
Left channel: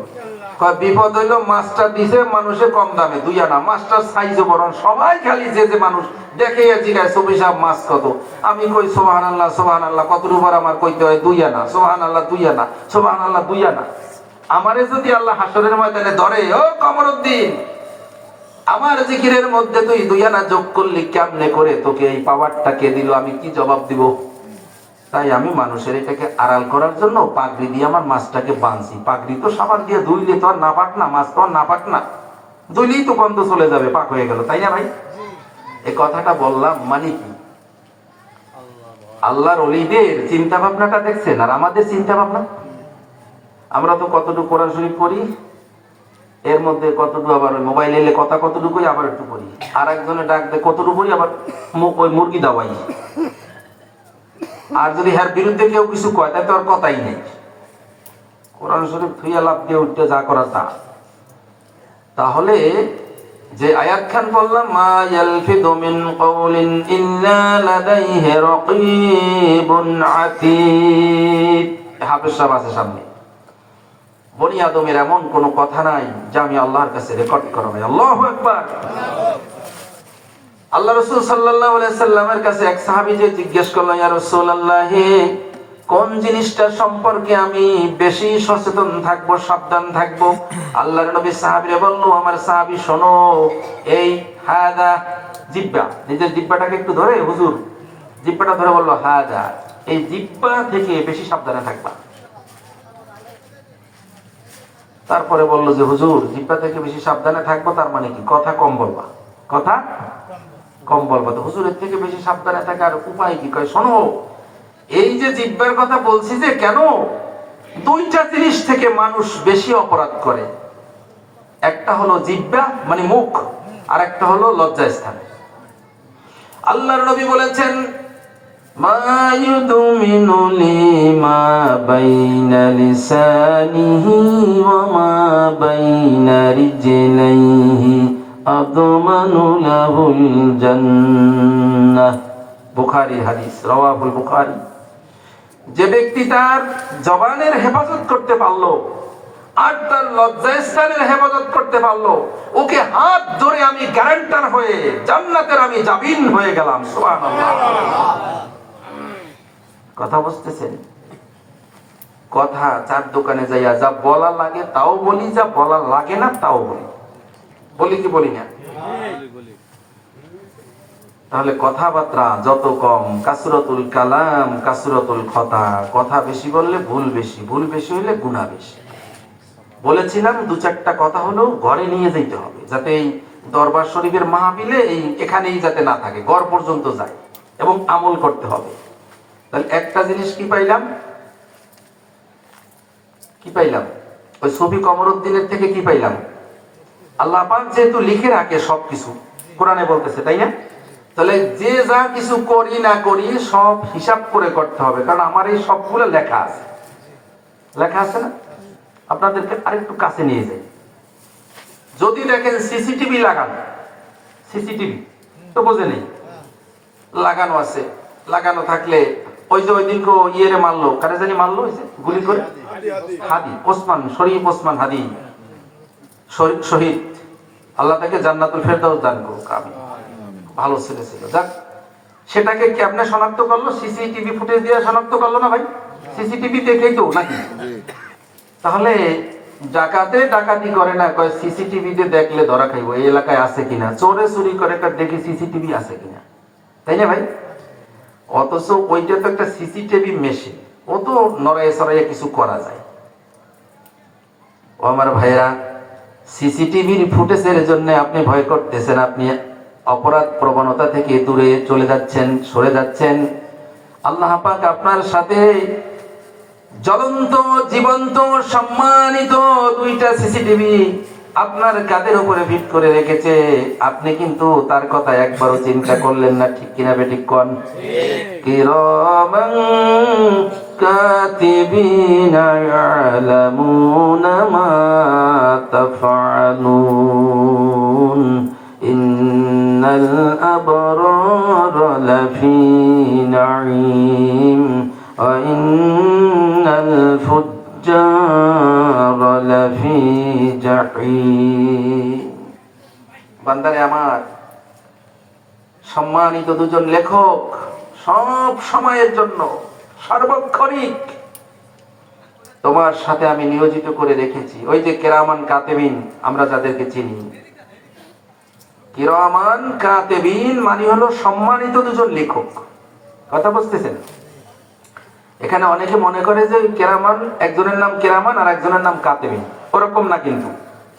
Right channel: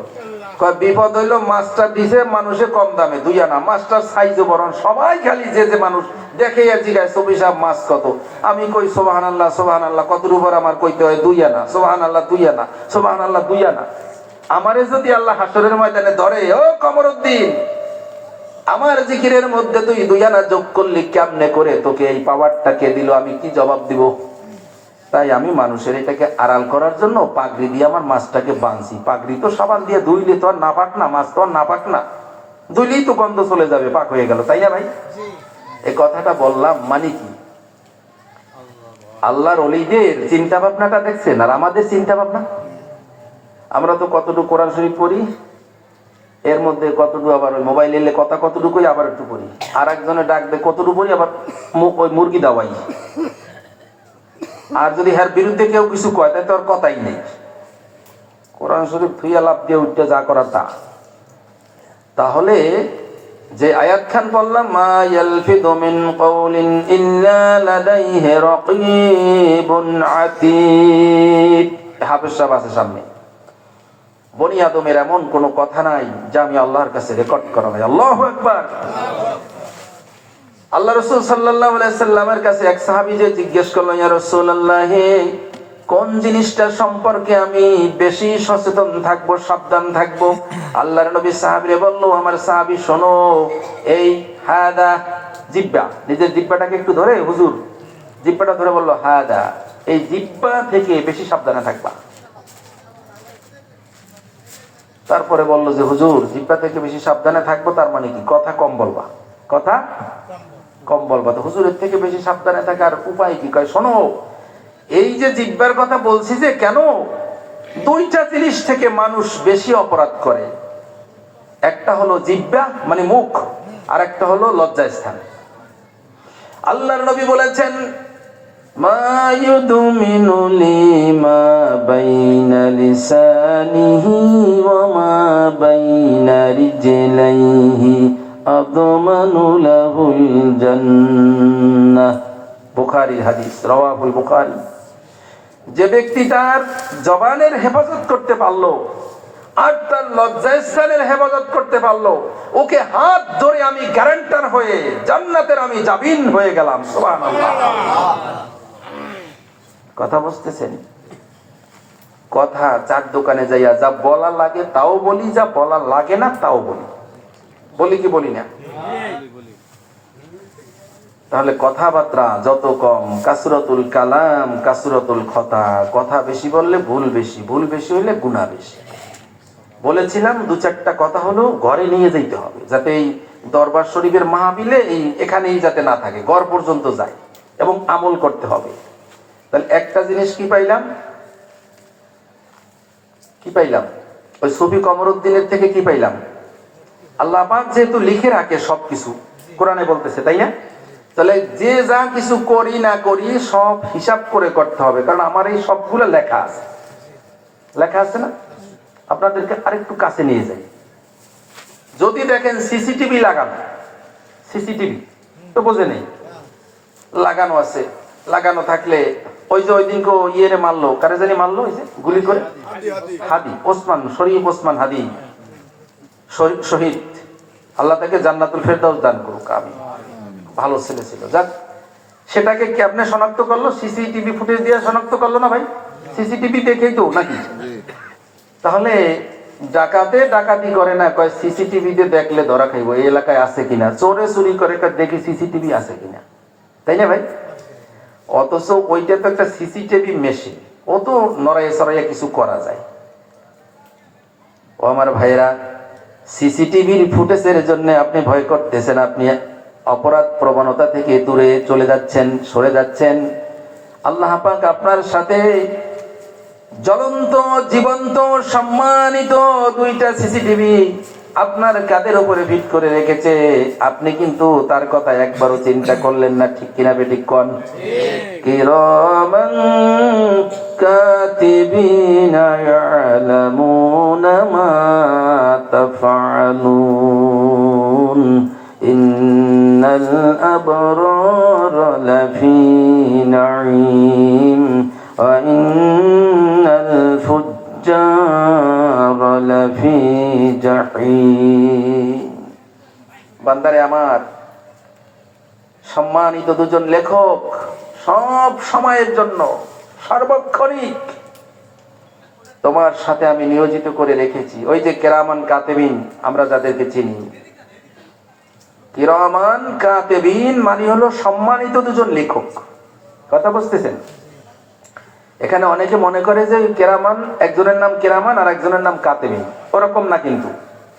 বিপদ হইলো মাছটা দিছে মানুষে কম দামে 2 আনা, মাছটার সাইজও বরং সবাই খালি যে মানুষ দেখে জিগায় সুবি সাহেব মাছ কত। আমি কই সুবহানাল্লাহ সুবহানাল্লাহ, কত রূপার আমার কইতে হয় 2 আনা, সুবহানাল্লাহ 2 আনা, সুবহানাল্লাহ 2 আনা। আমারে যদি আল্লাহ হাসরের ময়দানে ধরে, ও কমরউদ্দিন আমার জিকিরের মধ্যে তুই 2 আনা যোগ করলি কেমনে করে, তোকে এই পাওয়ারটা কে দিল, আমি কি জবাব দিব? তাই আমি মানুষের এটাকে আড়াল করার জন্য পাগড়ি দিয়ে আমার মাছটাকে বাঁধছি। পাগড়ি তো সাবান দিয়ে ধুইলে তো আর না পাক না, মাছ তো আর না পাক না, ধুইলেই তো গন্ধ চলে যাবে, পাক হয়ে গেল, তাই না ভাই? এই কথাটা বললাম মানে কি, আল্লাহর ওলিদের চিন্তা ভাবনাটা দেখছেন আর আমাদের চিন্তা ভাবনা। আমরা তো কতটুকু কোরআন শরীফ পড়ি, এর মধ্যে কতটুকু আবার মোবাইল এলে কথা কতটুকু আবার একটু পড়ি, আর একজনে ডাক দে কতটুকু পড়ি, আবার ওই মুরগি দাওয়াই। আর যদি এর বিরুদ্ধে কেউ কিছু কয় তাহলে তো আর কথাই নেই। কোরআন শরীফ থুইয়া লাভ দিয়ে উঠতে যা করা তা। তাহলে যে আয়াত খান বললাম, মা ইয়ালফিদু মিন কওলিন ইল্লা লাদাইহি রাকীবুন আতীদ, হাফেজ সাহেব আছে সামনে। বনি আদমের এমন কোন কথা নাই যা আমি আল্লাহর কাছে রেকর্ড করা হয়। আল্লাহু আকবার। আল্লাহ রাসূল সাল্লাল্লাহু আলাইহি সাল্লামের কাছে এক সাহাবী যে জিজ্ঞেস করলো, ইয়া রাসূলুল্লাহ কোন জিনিসটার সম্পর্কে আমি বেশি সচেতন থাকবো, সাবধান থাকবো? আল্লাহর নবী সাহাবীরে বললো, আমার সাহাবী শোনো, এই হাদা জিহ্বা, নিজের জিহ্বাটাকে একটু ধরে, হুজুর জিহ্বাটা ধরে বললো হাদা, এই জিহ্বা থেকে বেশি সাবধানে থাকবা। তারপরে বললো যে হুজুর জিহ্বা থেকে বেশি সাবধানে থাকবো তার মানে কি? কথা কম বলবা, কথা কম বলবা। তো হুজুরের থেকে বেশি সাবধানে থাকার উপায় কি? কয় শোনো, এই যে জিহ্বার কথা বলছি, যে কেন 2টা জিনিস থেকে মানুষ বেশি অপরাধ করে। একটা হলো জিহ্বা মানে মুখ, আর একটা হলো লজ্জাস্থান। আল্লাহর নবী বলেছেন, মা ইউদমিনু লিমা বাইনা লিসানিহি ওয়া মা বাইনা রিজলাইহি আদমানু লাহুল জান্নাহ। বুখারীর হাদিস, রাওয়াহুল বুখারী। যে ব্যক্তি তার জবানের হেফাজত করতে পারলো আর তার লজ্জাস্থানের হেফাজত করতে পারলো, ওকে হাত ধরে আমি গ্যারান্টার হয়ে জান্নাতের আমি জামিন হয়ে গেলাম। সুবহানাল্লাহ। কথা বুঝতেছেন? কথা চার দোকানে যাইয়া যা বলা লাগে তাও বলি, যা বলা লাগে না তাও বলি। বলি কি বলি না? তাহলে কথাবার্তা যত কম, কাসরাতুল কালাম কাসরাতুল খতা, কথা বেশি বললে ভুল বেশি, ভুল বেশি হলে গুনাহ বেশি। বলেছিলাম 2-4টা কথা হলো ঘরে নিয়ে যাইতে হবে, যাতে এই দরবার শরীফের মাহফিলে এই এখানেই যাতে না থাকে, ঘর পর্যন্ত যায়, এবং আমল করতে হবে। তাহলে একটা জিনিস কি পাইলাম? কি পাইলাম? ওই সুফি কমরউদ্দিনের থেকে কি পাইলাম? আল্লাহ পাক যেহেতু লিখে রাখে সবকিছু, কোরআনে বলতেছে, তাই না? তাহলে যে যা কিছু করি না করি সব হিসাব করে করতে হবে, কারণ আমার এই সবগুলো লেখা আছে। লেখা আছে না? আপনাদেরকে আরেকটু কাছে নিয়ে যাই। যদি দেখেন সিসিটিভি লাগানো, সিসিটিভি তো বোঝে নেই, লাগানো আছে, লাগানো থাকলে ওই যে ওই দিন ইয়েরে মারলো, কারে জানি মারলো, ওই যে গুলি করে, হাদি ওসমান, শরীফ ওসমান হাদি শহীদ, আল্লাহ তাকে জান্নাতুল ফেরদাউস দান করুক। আমি ভালো ছেলে ছিল, যাক, সেটাকে কি আপনি শনাক্ত করলো? সিসিটিভি ফুটেজ দিয়ে শনাক্ত করলো না ভাই? সিসিটিভি দেখেই তো নাকি? তাহলে ডাকাতে ডাকাতি করে না, কয় সিসিটিভি দিয়ে দেখলে ধরা খাইবো, এই এলাকায় আছে কিনা। চোরে চুরি করে দেখি সিসিটিভি আছে কিনা, তাই না ভাই? অথচ ওইটা তো একটা সিসিটিভি মেশিন, ও তো নড়াইয়ে সরাইয়ে কিছু করা যায়। ও আমার ভাইরা, সিসিটিভির ফুটেজের জন্য আপনি ভয় করতেছেন, আপনি অপরাধ প্রবণতা থেকে দূরে চলে যাচ্ছেন, সরে যাচ্ছেন। আল্লাহ পাক আপনার সাথে জ্বলন্ত, জীবন্ত, সম্মানিত দুইটা সিসিটিভি আপনার কাঁধের উপরে ভিট করে রেখেছে। আপনি কিন্তু তার কথা একবারও চিন্তা করলেন না, ঠিক কিনা বেঠিক কোন? কিরামান কাতিবিনা ইয়ালামুনা মা তাফআলুন ইন্নাল আবরারা লাফি নাঈম ওয়া ইন্নাল ফুজ্জারা লাফি জাহিম। বান্দারে আমার, সম্মানিত দুজন লেখক সব সময়ের জন্য, সার্বক্ষণিক তোমার সাথে আমি নিয়োজিত করে রেখেছি। ওই যে কিরামান কাতিবিন, আমরা যাদেরকে চিনি, কিরামান কাতিবিন মানে হলো সম্মানিত দুজন লেখক। কথা বুঝতেছেন? এখানে অনেকে মনে করে যে কিরামান, একজনের নাম কিরামান আর একজনের নাম কাতিবিন। ওরকম না, কিন্তু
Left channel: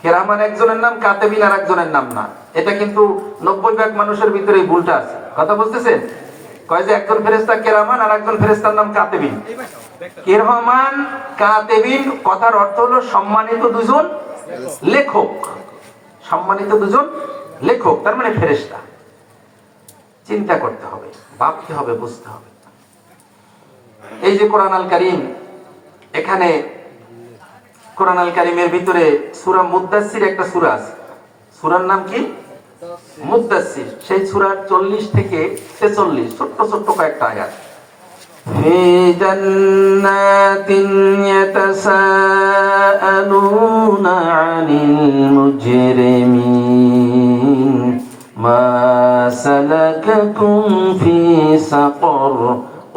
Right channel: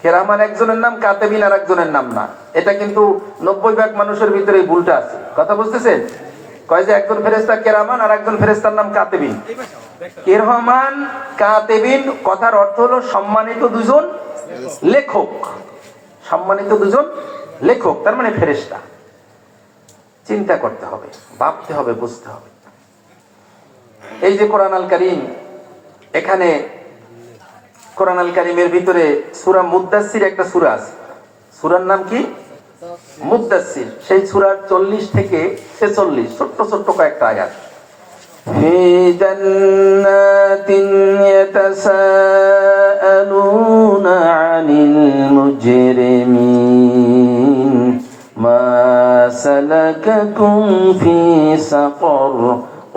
কিরামান একজনের নাম, কাতিবিন আর একজনের নাম না। এটা কিন্তু 90% মানুষের ভিতরে ভুলটা আছে। কথা বুঝতেছেন? কয় যে একজন ফেরেশতা কিরামান আর একজন ফেরেশতার নাম কাতিবিন। কিরামান কাতিবিন কথার অর্থ হলো সম্মানিত দুজন লেখক। সম্মানিত দুজন লেখক তার মানে ফেরেশতা। চিন্তা করতে হবে, ভাবতে হবে, বুঝতে হবে। এই যে কোরআন আল কারীম, এখানে কোরআন আল কারীমের ভিতরে সূরা মুদ্দাসসির একটা সূরা আছে। সূরার নাম কি? মুদ্দাসসির। সেই সূরার 40 থেকে 46 ছোট্ট ছোট্ট কয়েকটা আয়াত। ফি জান্নাতিন ইয়াতাসাআলুনা আনিল মুজরিমিন মা সালাকাকুম ফি সাকর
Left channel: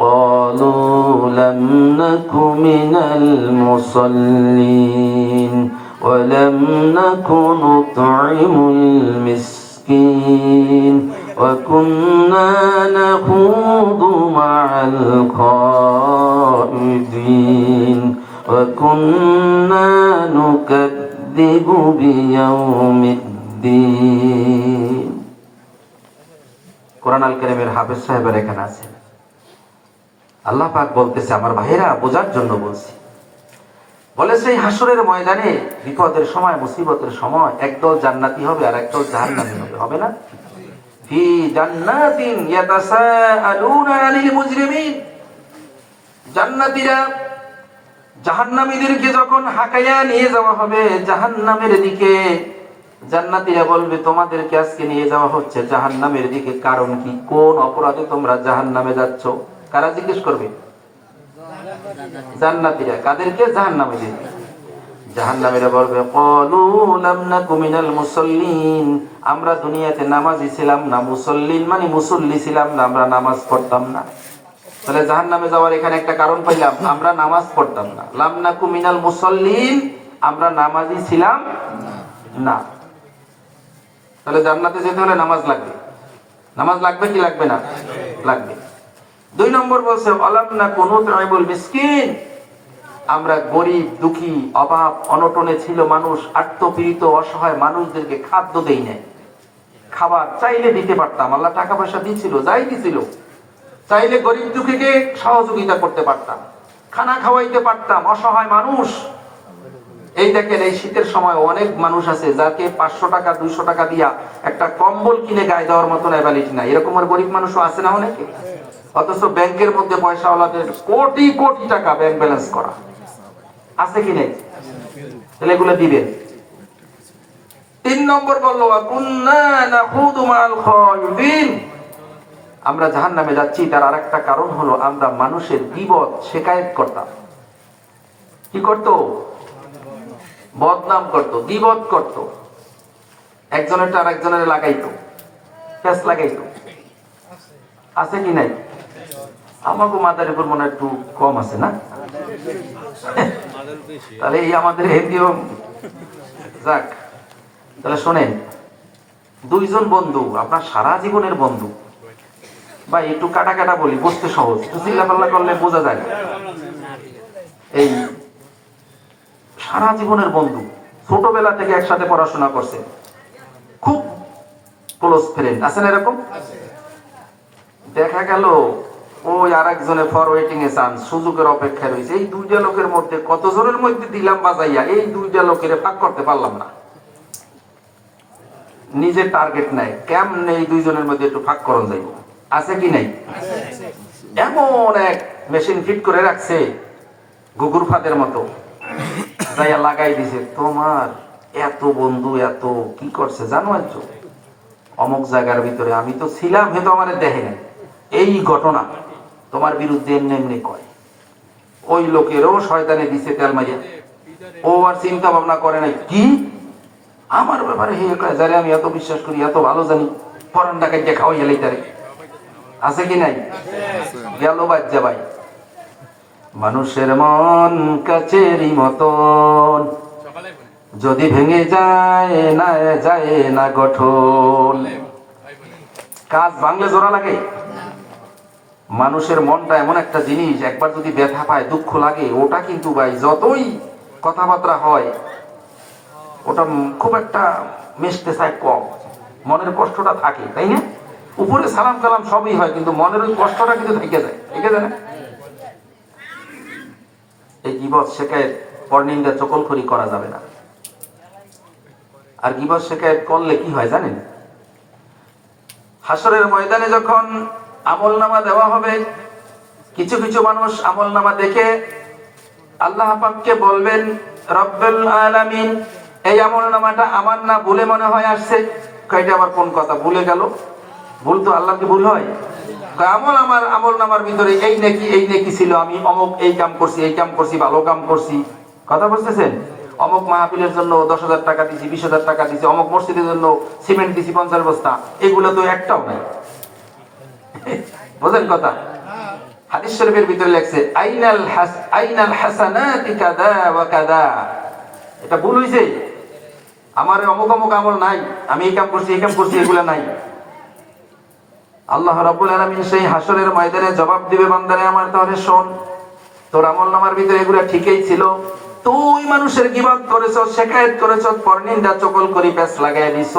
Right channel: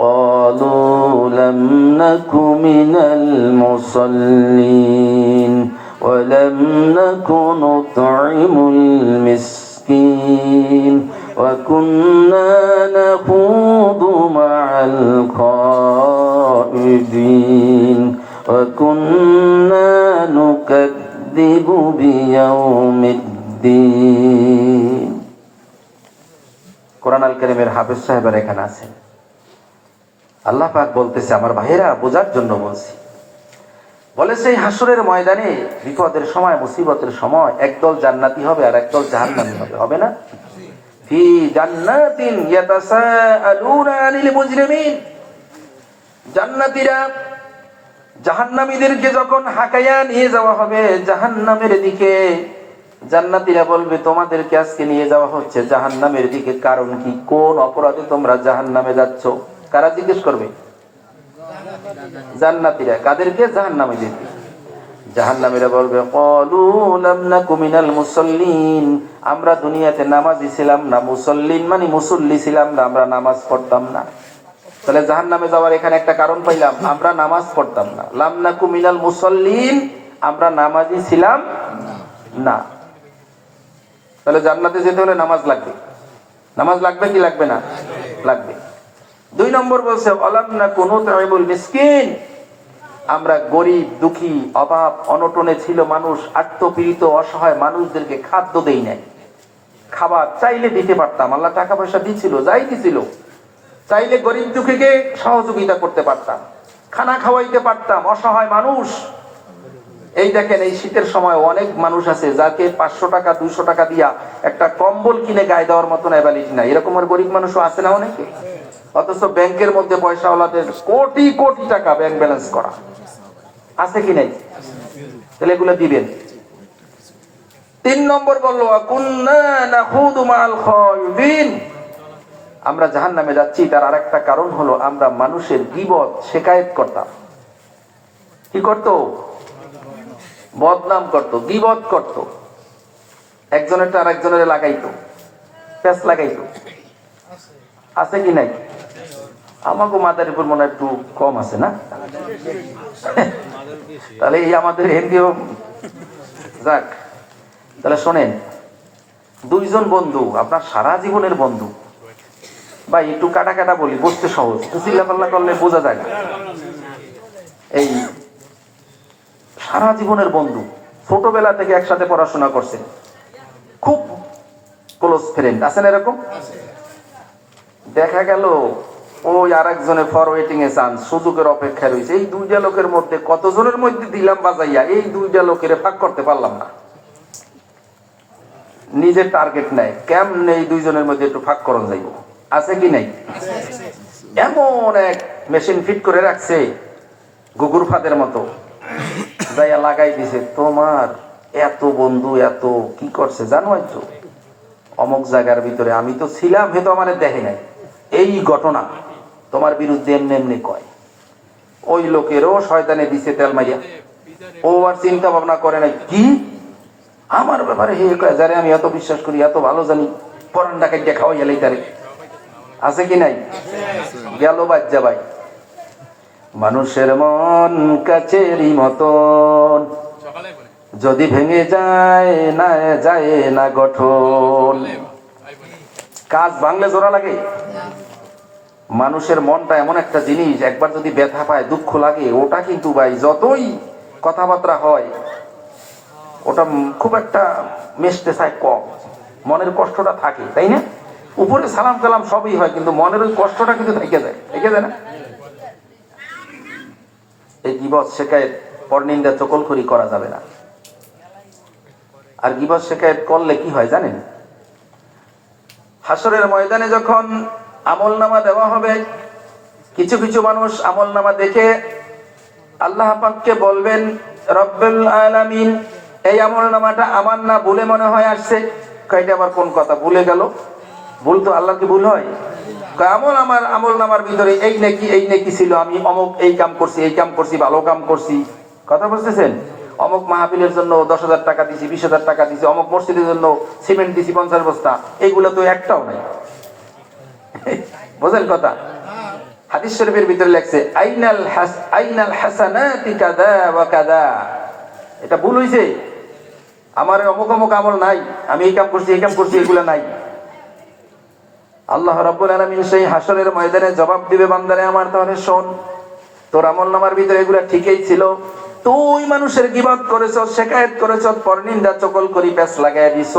قالوا لم نك من المصلين ولم نك نطعم المسكين وكنا نخوض مع الخائضين وكنا نكذب بيوم الدين। কোরআন আল কারীমের হাফেজ সাহেবের এখানে আছেন। আল্লাহ পাক বলতেছে, আমার ভাইরা বোঝার জন্য বলছি, বলে সেই হাসরের ময়দানে বিপদের সময়, মুসিবতের সময় একদল জান্নাতি হবে আর একদল জাহান্নামী হবে, হবে না? ফি জান্নাতিন ইয়াতাসাআলুনা আনিল মুজরিমিন। জান্নাতীরা জাহান্নামীদেরকে যখন হাঁকাইয়া নিয়ে যাওয়া হবে জাহান্নামের দিকে, জান্নাতীরা বলবে, তোমাদেরকে আজকে নিয়ে যাওয়া হচ্ছে জাহান্নামের দিকে, কারণ কি? কোন অপরাধে তোমরা জাহান্নামে যাচ্ছ? কারা জিজ্ঞেস করবে? জান্নাতীরা। কাদেরকে? জাহান্নামীদেরকে। জাহান্নামীরা বলবে, ক্বালু লাম নাকু মিনাল মুসাল্লিন, আমরা দুনিয়াতে নামাজি ছিলাম না। মুসাল্লিন মানে মুসল্লি ছিলাম না, আমরা নামাজ পড়তাম না। তাহলে জাহান্নামে যাওয়ার এখানে একটা কারণ পাইলাম, আমরা নামাজ পড়তাম না। লাম নাকু মিনাল মুসাল্লিন, আমরা নামাজি ছিলাম না। তাহলে জান্নাতে যেতে হলে নামাজ লাগবে। নামাজ লাগবে কি লাগবে না? লাগবে। 2 নম্বর বলছে, আলাম না কোন তাইবুল মিসকিন, আমরা গরিব, দুঃখী, অভাব অনটনে ছিল মানুষ, আত্মপীড়িত অসহায় মানুষদেরকে খাদ্য দেই নাই। খাবার চাইলে দিতে পারতাম, আল্লাহ টাকা পয়সা দিছিল, যাই দিছিল, চাইলে গরিব দুঃখীকে সহযোগিতা করতে পারতাম, খানা খাওয়াইতে পারতাম। অসহায় মানুষ, এই দেখেন এই শীতের সময় অনেক মানুষ আছে যাকে 500 টাকা 200 টাকা দিয়া একটা কম্বল কিনে গায়ে দেওয়ার মতন অ্যাবিলিটি নাই। এরকম আর গরিব মানুষও আছে না অনেকে? অথচ ব্যাংকের মধ্যে পয়সাওয়ালাদের কোটি কোটি টাকা ব্যাংক ব্যালেন্স করা আছে কি নাই? তাহলে এগুলো দিবেন। 3 নম্বর বলল, কুন্না নাখুদু মাল খায়িদিন, আমরা জাহান্নামে যাচ্ছি তার আরেকটা কারণ হলো আমরা মানুষের গীবত শিকায়েত করতাম। কি করত? বদনাম করত, গীবত করত, একজনেরটা আরেকজনের লাগাইতো, পেঁচ লাগাইতো। আছে কি নাই? আমাকে মাদার উপর মনে একটু কম আছে না? তাহলে এই আমাদের হিন্দিও যাক। তাহলে শোনেন, 2 জন বন্ধু, আপনার সারা জীবনের বন্ধু, ভাই একটু কাটা কাটা বলি, বুঝতে সহজ, চিল্লাপাল্লা করলে বোঝা যায়। এই সারা জীবনের বন্ধু, ছোটবেলা থেকে একসাথে পড়াশোনা করছে, খুব ক্লোজ ফ্রেন্ড আছে না এরকম? দেখা গেল ওই আরেকজনের ফরওয়েটিং এ চান্স, সুযোগের অপেক্ষা রয়েছে। এই দুইটা লোকের মধ্যে কতজনের মধ্যে দিলাম বাজাইয়া, এই দুইটা লোকের ফাঁক করতে পারলাম না। নিজের টার্গেট নেয় কেমনে এই দুইজনের মধ্যে একটু ফাঁক করা যাইব, আছে কি নাই? এমন এক মেশিন ফিট করে রাখছে গুগুর ফাঁদের মতো, যাইয়া লাগাই দিছে। তোমার এত বন্ধু এত কি করছে জানবার জন্য অমুক জায়গার ভিতরে আমি তো ছিলাম, হয়তো আমার দেখে নাই, এই ঘটনা তোমার বিরুদ্ধে এমনি এমনি কয়। ওই লোকেরও শয়তানে দিছে তেল মারিয়া, ও আর চিন্তা ভাবনা করে নাই কি আমার ব্যাপারে হে যারে আমি এত বিশ্বাস করি, এত ভালো জানি, পরান্ডাকে দেখা হয়ে গেলে তারে, আছে কি নাই? গেল বাজ্জা ভাই। মানুষের মন কাচেরি মতন, যদি ভেঙে যায় না গঠন। কাজ ভাঙলে জোড়া লাগে। মানুষের মনটা এমন একটা জিনিস, একবার যদি ব্যথা পায়, দুঃখ লাগে, ওটা কিন্তু ভাই যতই কথাবার্তা হয় ওটা খুব একটা মিশতে চায় কম, মনের কষ্টটা থাকে, তাই না? উপরে সালাম কালাম সবই হয়, কিন্তু মনের ওই কষ্টটা কিন্তু থেকে যায় না? এই গীবত শিকায়েত পরনিন্দা চকলখড়ি করা যাবে না। আর গীবত শিকায়েত করলে কি হয় জানেন? হাসরের ময়দানে যখন আমলনামা দেওয়া হবে, কিছু কিছু মানুষ আমলনামা দেখে আল্লাহ পাককে বলবেন, রব্বুল আলামিন এই আমলনামাটা আমার না ভুলে মনে হয় আসছে। কয়টা আবার কোন কথা ভুলে গেল? ভুল তো আল্লাহ কি ভুল হয়? তো আমার আমলনামার ভিতরে এই নেকি ছিল, আমি অমুক এই কাম করছি, ভালো কাম করছি। কথা বুঝতেছেন? অমুক মাহফিলের জন্য 10,000 টাকা দিছি, 20,000 টাকা দিছি, অমুক মসজিদের জন্য সিমেন্ট দিছি 50 বস্তা, এগুলো তো একটাও না। বুঝেন কথা? হাদিস শরীফের ভিতরে লেখছে আইনাল হাসানাতি কাযা ওয়া কাযা। এটা ভুল হইছে, আমার অমুক অমুক আমল নাই, আমি এই কাম করছি এগুলো নাই। আল্লাহ রাব্বুল আলামিন সেই হাসরের ময়দানে জবাব দিবে, বান্দারে আমার, তাহলে শোন, তোর আমলনামার ভিতরে এগুলা ঠিকই ছিল, তুই মানুষের গীবত করেছস, শিকায়েত করেছস, পরনিন্দা চকলখড়ি পেছ লাগায় দিছস,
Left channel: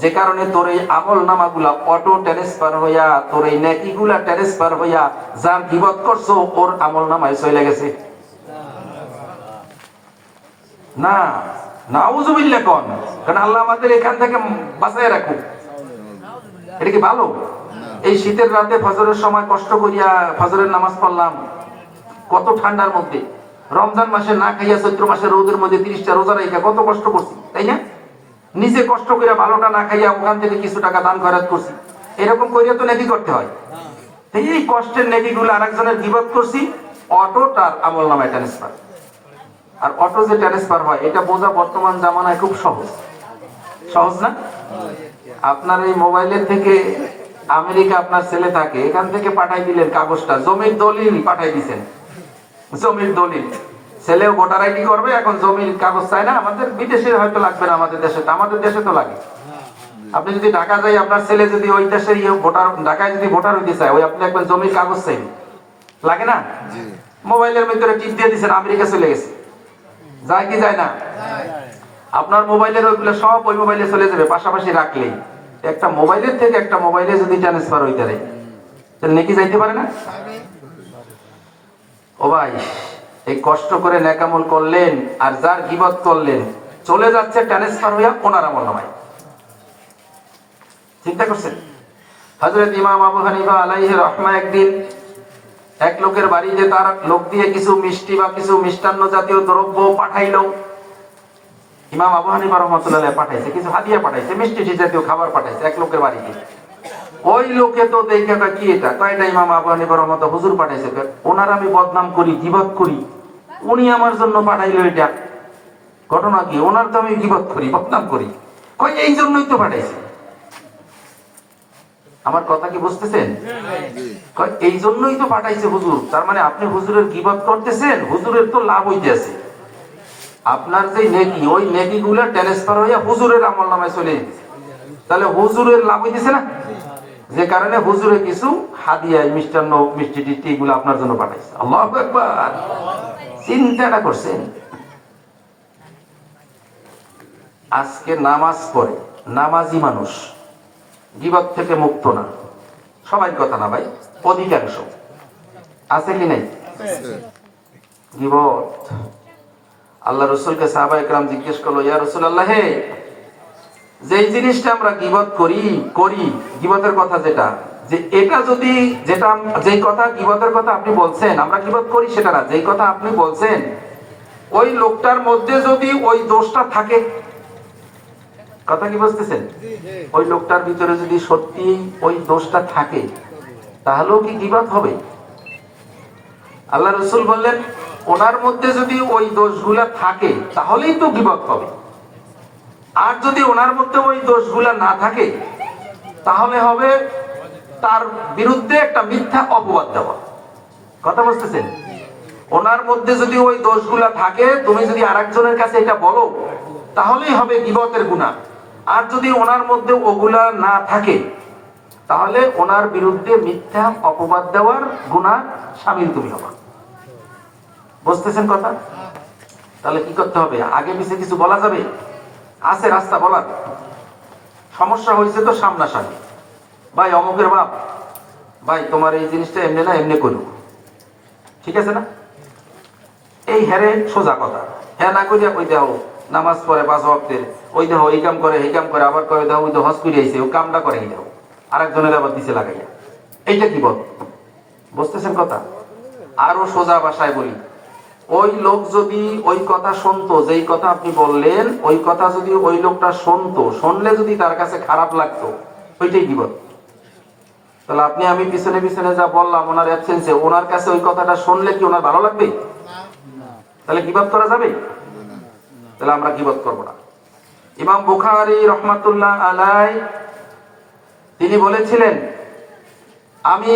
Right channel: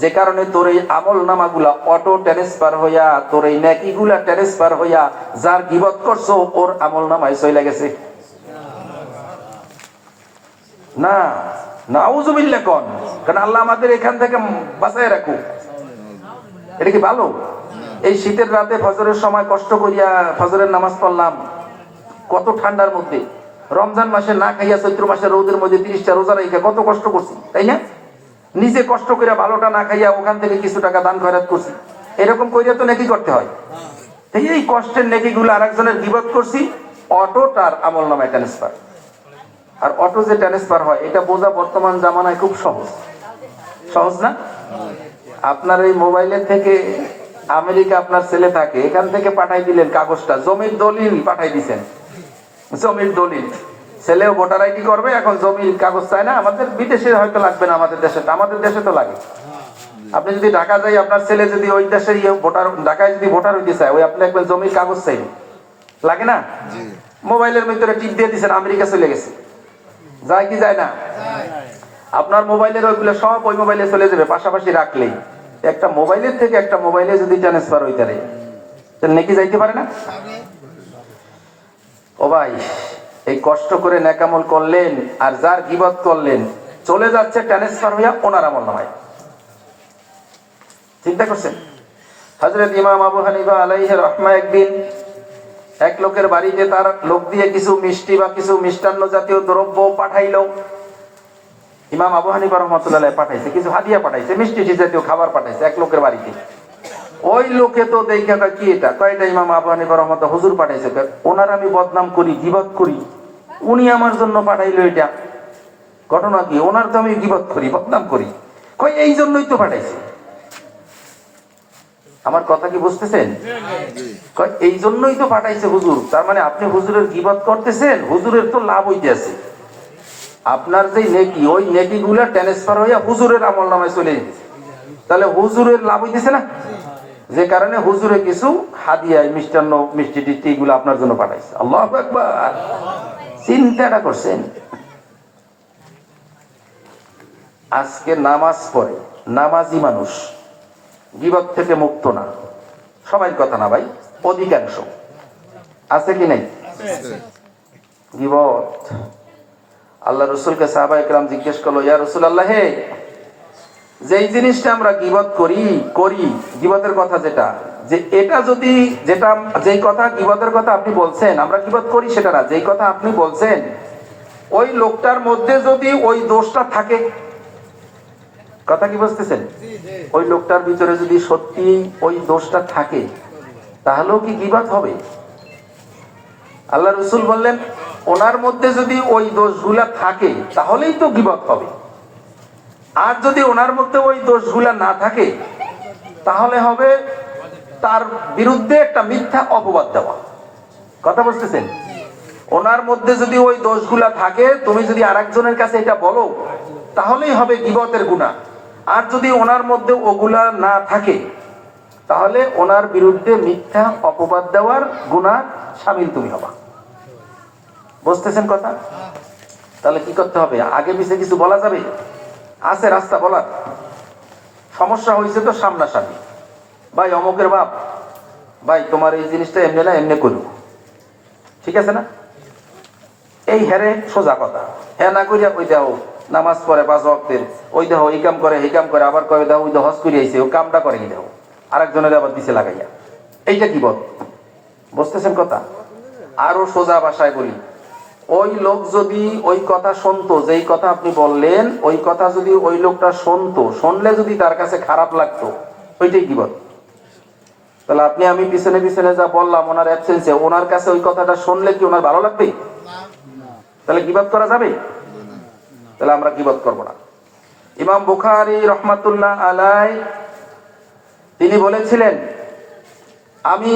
যে কারণে তোর এই আমলনামাগুলা অটো ট্রান্সফার হইয়া, তোর এই নেকিগুলা ট্রান্সফার হইয়া যার গীবত করছো ওর আমলনামায় চলে গেছে। না, নাউযুবিল্লাহ কোন, কারণ আল্লাহ আমাদের এখান থেকে বাঁচায় রাখুক। এটা কি ভালো? এই শীতের রাতে ফজরের সময় কষ্ট করিয়া ফজরের নামাজ পড়লাম, কত ঠান্ডার মধ্যে, রমজান মাসে না খাইয়া চৈত্র মাসে রোদের মধ্যে 30টা রোজা রাখা কত কষ্ট করছি, তাই না? নিজে কষ্ট করে ভালোটা না খাইয়া ওখান থেকে কিছু টাকা দান খয়রাত করছি, এরকম করিয়া তো নেকি করতে হয়। এই কষ্টের নেকিগুলো আরেকজনের গীবত করছি, অটো তার আমলনামায় ট্রান্সফার। আর অটো যে ট্রান্সফার হয় এটা বোঝা বর্তমান জামানায় খুব সহজ না? আপনার এই মোবাইলের থেকে আমেরিকা আপনার ছেলে থাকে, এখান থেকে পাঠাই দিলেন কাগজটা, জমির দলিল পাঠাই দিছেন, জমির দলিল। ছেলেও ভোটার আইডি করবে, এখন জমির কাগজ চাই না। আমাদের বিদেশে হয়তো লাগবে না, আমাদের দেশে তো লাগে। আপনি যদি ঢাকা যাই, আপনার ছেলে যদি ওই দেশের ভোটার, ঢাকায় যদি ভোটার হইতে চায়, ওই আপনি একবার জমির কাগজ চাইবে, লাগে না? মোবাইলের ভিতরে টিপ দিয়ে দিচ্ছেন, আমেরিকা চলে গেছে। যায় কি যায় না? আপনার মোবাইলের ওইগুলো সব ওই মোবাইলে চলে যাবে, পাশাপাশি রাখলেই। একটা মোবাইলের থেকে একটা মোবাইলে যদি ট্রান্সফার হইতে পারে, তাহলে নেকি যাইতে পারে না? ও ভাই, এই কষ্ট করে নেকামল করলেন আর যার গীবত করলেন, চলে যাচ্ছে ট্রান্সফার হইয়া ওনার আমল হয়। চিন্তা করছেন? হযরত ইমাম আবু হানিফা আলাইহি রাহমাহ একদিন এক লোকের বাড়িতে তার লোক দিয়ে কিছু মিষ্টি বা কিছু মিষ্টান্ন জাতীয় দ্রব্য পাঠাইলো। ইমাম আবু হানিফা রাহমাতুল্লাহ আলাইহি পাঠাইছে, কিছু হাদিয়া পাঠাইছে, মিষ্টি জাতীয় খাবার পাঠাইছে এক লোকের বাড়িতে। ওই লোকে তো দেখে কি এটা, তো এটা ইমাম আবু হানিফা রাহমাতুল্লাহ হুজুর পাঠাইছে, ওনার আমি বদনাম করি, গীবত করি, উনি আমার জন্য পাঠাইলো এটা, ঘটনা কি? ওনার তো আমি গীবত করি, বদনাম করি, কই এই জন্যই তো পাঠাইছে। আমার কথা কি বুঝতেছেন? এই জন্যই তো পাঠাইছে হুজুর। তার মানে আপনি হুজুরের গীবত করতেছেন, হুজুরের তো লাভ হইতেছে। আপনার যে নেকি, ওই নেকি গুলা ট্রান্সফার হইয়া হুজুরের আমলনামায় চলে যেতেছে, তাহলে হুজুরের লাভ হইতেছে না? যে কারণে হুজুরে কিছু হাদিয়া, মিষ্টান্ন, মিষ্টি টিষ্টি এগুলো আপনার জন্য পাঠাইছে। আল্লাহু আকবার। চিন্তাটা করছেন? আজকে নামাজ পড়ে নামাজি মানুষ, গীবত থেকে মুক্ত না। সবাই কথা না ভাই, অধিকাংশ আছে কি নাই গীবত। আল্লাহ রসুলকে সাহাবায়ে কেরাম জিজ্ঞেস করলো, ইয়া রাসূলুল্লাহ, হে যেই জিনিসটা আমরা গীবত করি গীবতের কথা যেটা, যে এটা যদি যেটা যেই কথা গীবতের কথা আপনি বলছেন আমরা গীবত করি সেটা না, যেই কথা আপনি বলছেন ওই লোকটার মধ্যে যদি ওই দোষটা থাকে, কথা কি বুঝতেছেন? ওই লোকটার ভিতরে যদি সত্যি ওই দোষটা থাকে তাহলেও কি গীবত হবে? আল্লাহ রাসূল বললেন ওনার মধ্যে যদি ওই দোষগুলা থাকে তাহলেই তো গীবত হবে। আর যদি ওনার মধ্যে ওই দোষগুলা না থাকে তাহলে হবে তার বিরুদ্ধে একটা মিথ্যা অপবাদ দেওয়া। কথা বুঝতেছেন? ওনার মধ্যে যদি ওই দোষগুলা থাকে, তুমি যদি আরেকজনের কাছে এটা বলো তাহলেই হবে গীবতের গুনাহ। আর যদি ওনার মধ্যে ওগুলা না থাকে তাহলে ওনার বিরুদ্ধে মিথ্যা অপবাদ দেওয়ার গুনাহ শামিল তুমি হবে। বুঝতেছেন কথা? তাহলে কি করতে হবে? আগে পিছে কিছু বলা যাবে? আছে রাস্তা বলার? সমস্যা হয়েছে তো সামনাসামনি, ভাই অমুকের বাপ, ভাই তোমার এই জিনিসটা এমনি না এমনি করুন, ঠিক আছে না? এই হেরে সোজা কথা, হ্যাঁ না করিয়া ওই দেহ নামাজ পড়ে 5 ওয়াক্তের, ওই দেহ এই কাম করে এই কাম করে, আবার করে দেহ ওই দেহ হজ করে আইছে, ওই কামটা করে কি দেহ আরেকজনের আবার দিছে লাগাইয়া, এইটা কি বল? বুঝতেছেন কথা? আরো সোজা ভাষায় বলি, ওই লোক যদি ওই কথা শুনতো, যেই কথা আপনি বললেন ওই কথা যদি ওই লোকটা শুনতো, শুনলে যদি তার কাছে খারাপ লাগতো, ওইটাই গীবত। তাহলে আপনি আমি পিছনে পিছনে যা বললাম ওনার অ্যাবসেন্সে, ওনার কাছে ওই কথাটা শুনলে কি ওনার ভালো লাগবে? তাহলে গীবত করা যাবে? তাহলে আমরা গীবত করব না। ইমাম বুখারী রাহমাতুল্লাহ আলাইহি তিনি বলেছিলেন, আমি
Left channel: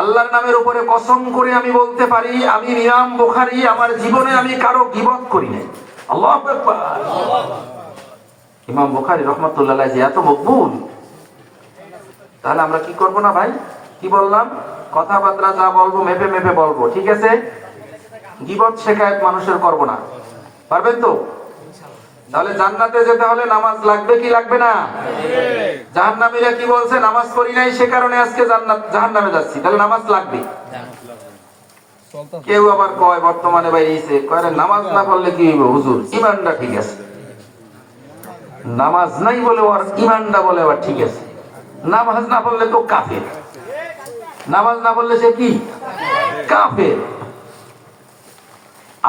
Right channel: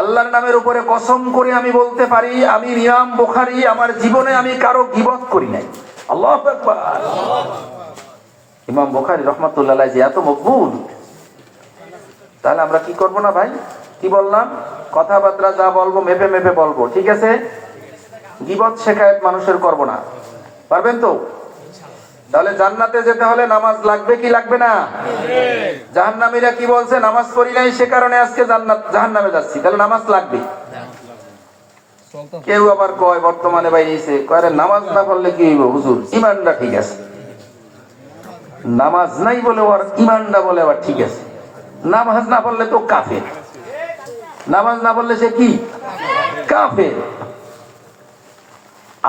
আল্লাহর নামের উপরে কসম করে আমি বলতে পারি, আমি ইমাম বুখারী আমার জীবনে আমি কারো গীবত করি নাই। আল্লাহু আকবার। ইমাম বুখারী রাহমাতুল্লাহ আলাইহি এত মকবুল, তাহলে আমরা কি করব না ভাই? কি বললাম? কথাবার্তা যা বলবো মেপে মেপে বলবো, ঠিক আছে? গীবত শেখায়ত মানুষের করব না। পারবেন তো? তাহলে জান্নাতে যেতে হলে নামাজ লাগবে কি লাগবে না? জাহান্নামীরা কি বলছে? নামাজ পড়ি নাই সে কারণে আজকে জাহান্নামে যাচ্ছি, তাহলে নামাজ লাগবে। কেউ আবার কয় বর্তমানে বাইরেছে, কয় নামাজ না পড়লে কি হইব হুজুর? ঈমানটা ঠিক আছে। নামাজ নাই বলে আর ঈমানটা বলে আবার ঠিক আছে। নামাজ না পড়লে তো কাফের। নামাজ না পড়লে সে কি? কাফের।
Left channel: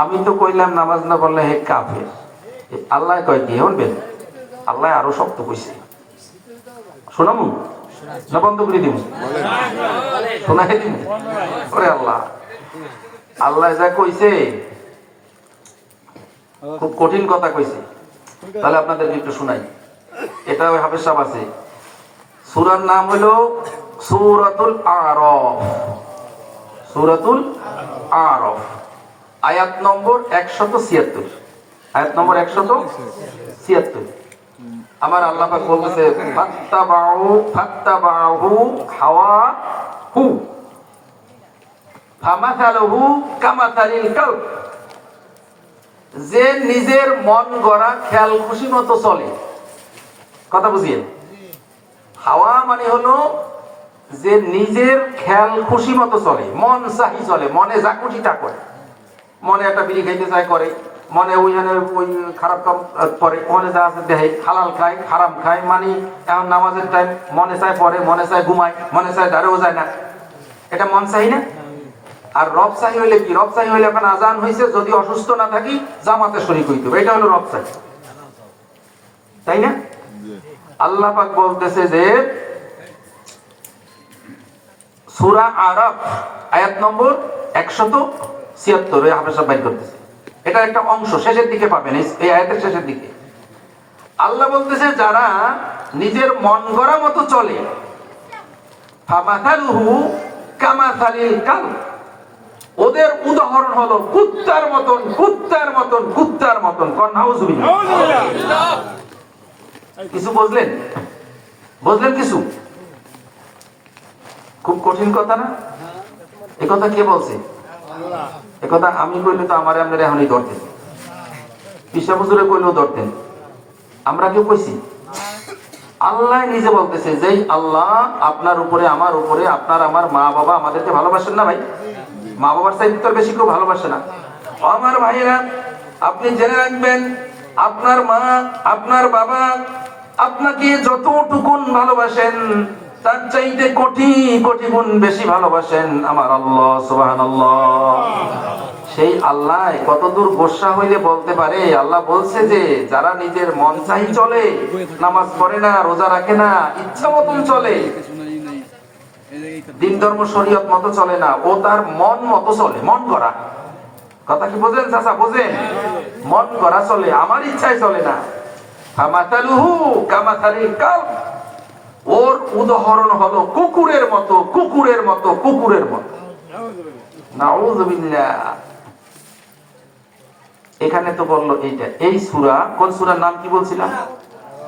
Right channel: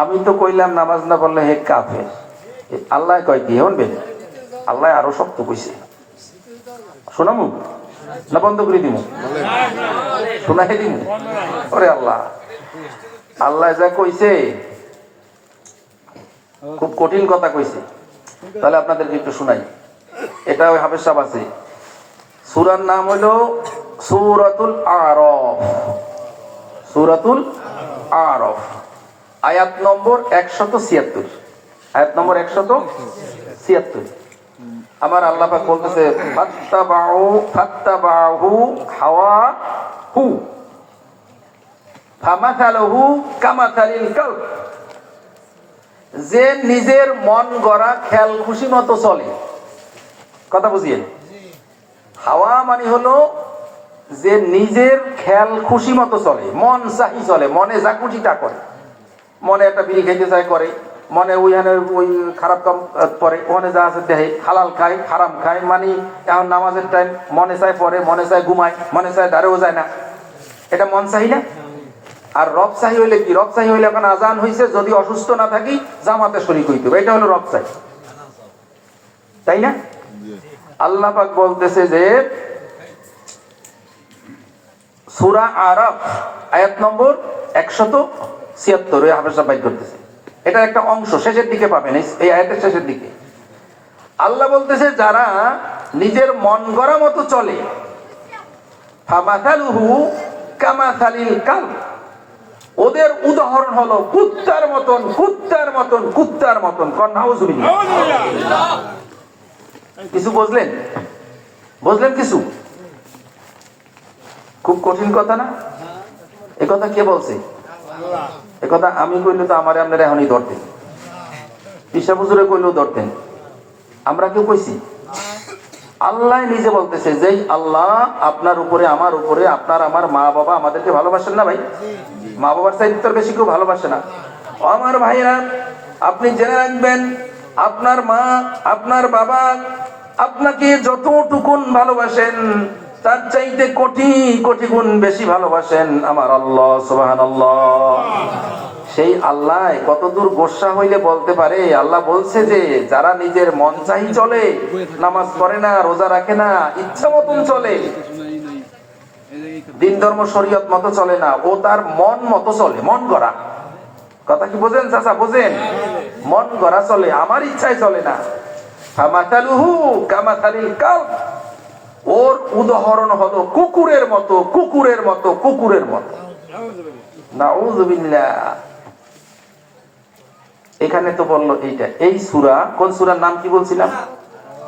আমি তো কইলাম নামাজ না পড়লে হে কাফের। আল্লাহ কয় কি শুনবেন? আল্লাহ আরো শক্ত কইছে, শোনামু না বন্ধ করে দিব? শোনাই দিন। ওরে আল্লাহ, আল্লাহ যা কইছে খুব কঠিন কথা কইছে। তাহলে আপনাদেরকে একটু শোনাই। এটা ওই হাফেজ সাহেব আছে, সূরার নাম হলো সূরাতুল আরাফ। সূরাতুল আরাফ, আয়াত নম্বর 176। আয়াত নম্বর 176। আমার আল্লাহ পাক বলতেছে, ফাত্তাবাহু হাওয়াহু ফামাথালুহু কামাথালিল কালব। যে নিজের মন গড়া খেয়াল খুশি মতো চলে, কথা বুঝিয়েন? হাওয়া মানে হলো যে নিজের খেয়াল খুশি মতো চলে, মন চাহি চলে, মনে যা খুশি তা করে। মনে একটা বিড়ি খাইতে চায় করে, মনে ওই খারাপ কাম করে, মনে যা আছে দেহে, হালাল খায় হারাম খায়, মানে এখন নামাজের টাইম মনে চায় পড়ে, মনে চায় ঘুমায়, মনে চায় দাঁড়েও যায় না, এটা মন চাহি না? আর রব চাহি হইলে কি? রব চাহি হইলে এখন আজান হইছে, যদি অসুস্থ না থাকি জামাতে শরীক হইতে হবে, এটা হলো রব চাহি, তাই না? আল্লাহ পাক বলতেছে যে সূরা আরাফ আয়াত নম্বর 176 হাফেজ বাইর করতেছে। এটা একটা অংশ, শেষের দিকে পাবেন, এই আয়াতের শেষের দিকে আল্লাহ বলতেছে যারা নিজের মন গড়া মতো চলে, ফামাথালুহু কামাথালিল কালব, ওদের উদাহরণ হলো কুত্তার মতন, কুত্তার মতন, কুত্তার মতন। নাউযুবিল্লাহ। কিছু বুঝলেন? বুঝলেন কিছু? খুব কঠিন কথা না? একথা কে বলছে? একথা আমি কইলে তো আমার আপনারা এখনই ধরতেন, পিসা হুজুরে কইলেও ধরতেন, আমরা কেউ কইছি? আল্লাহ নিজে বলতেছে যে আল্লাহ আপনার উপরে, আমার উপরে, আপনার আমার মা বাবা আমাদেরকে ভালোবাসেন না ভাই? মা বাবার চাইতে বেশি কেউ ভালোবাসে না। আমার ভাইরা, আপনি জেনে রাখবেন, আপনার মা, আপনার বাবা আপনাকে যতটুকুন ভালোবাসেন তার চাইতে কোটি কোটি গুণ বেশি ভালোবাসেন আমার আল্লাহ সুবহানাল্লাহ। সেই আল্লাহ কতদূর গোসা হইলে বলতে পারে, আল্লাহ বলছে যে যারা নিজের মন চাই চলে, নামাজ পড়ে না, রোজা রাখে না, ইচ্ছা মতন চলে, দিন ধর্ম শরীয়ত মতো চলে না, ও তার মন মতো চলে, মন গড়া। কথা কি বোঝেন চাচা? বোঝেন? মন গড়া চলে, আমার ইচ্ছায় চলে না। ফামাতালুহু কামাতালিল কালব, ওর উদাহরণ হলো কুকুরের মতো, কুকুরের মতো, কুকুরের মতো। নাউযুবিল্লাহ। এখানে তো বললো এইটা, এই সূরা, কোন সূরার নাম কি বলছিলাম?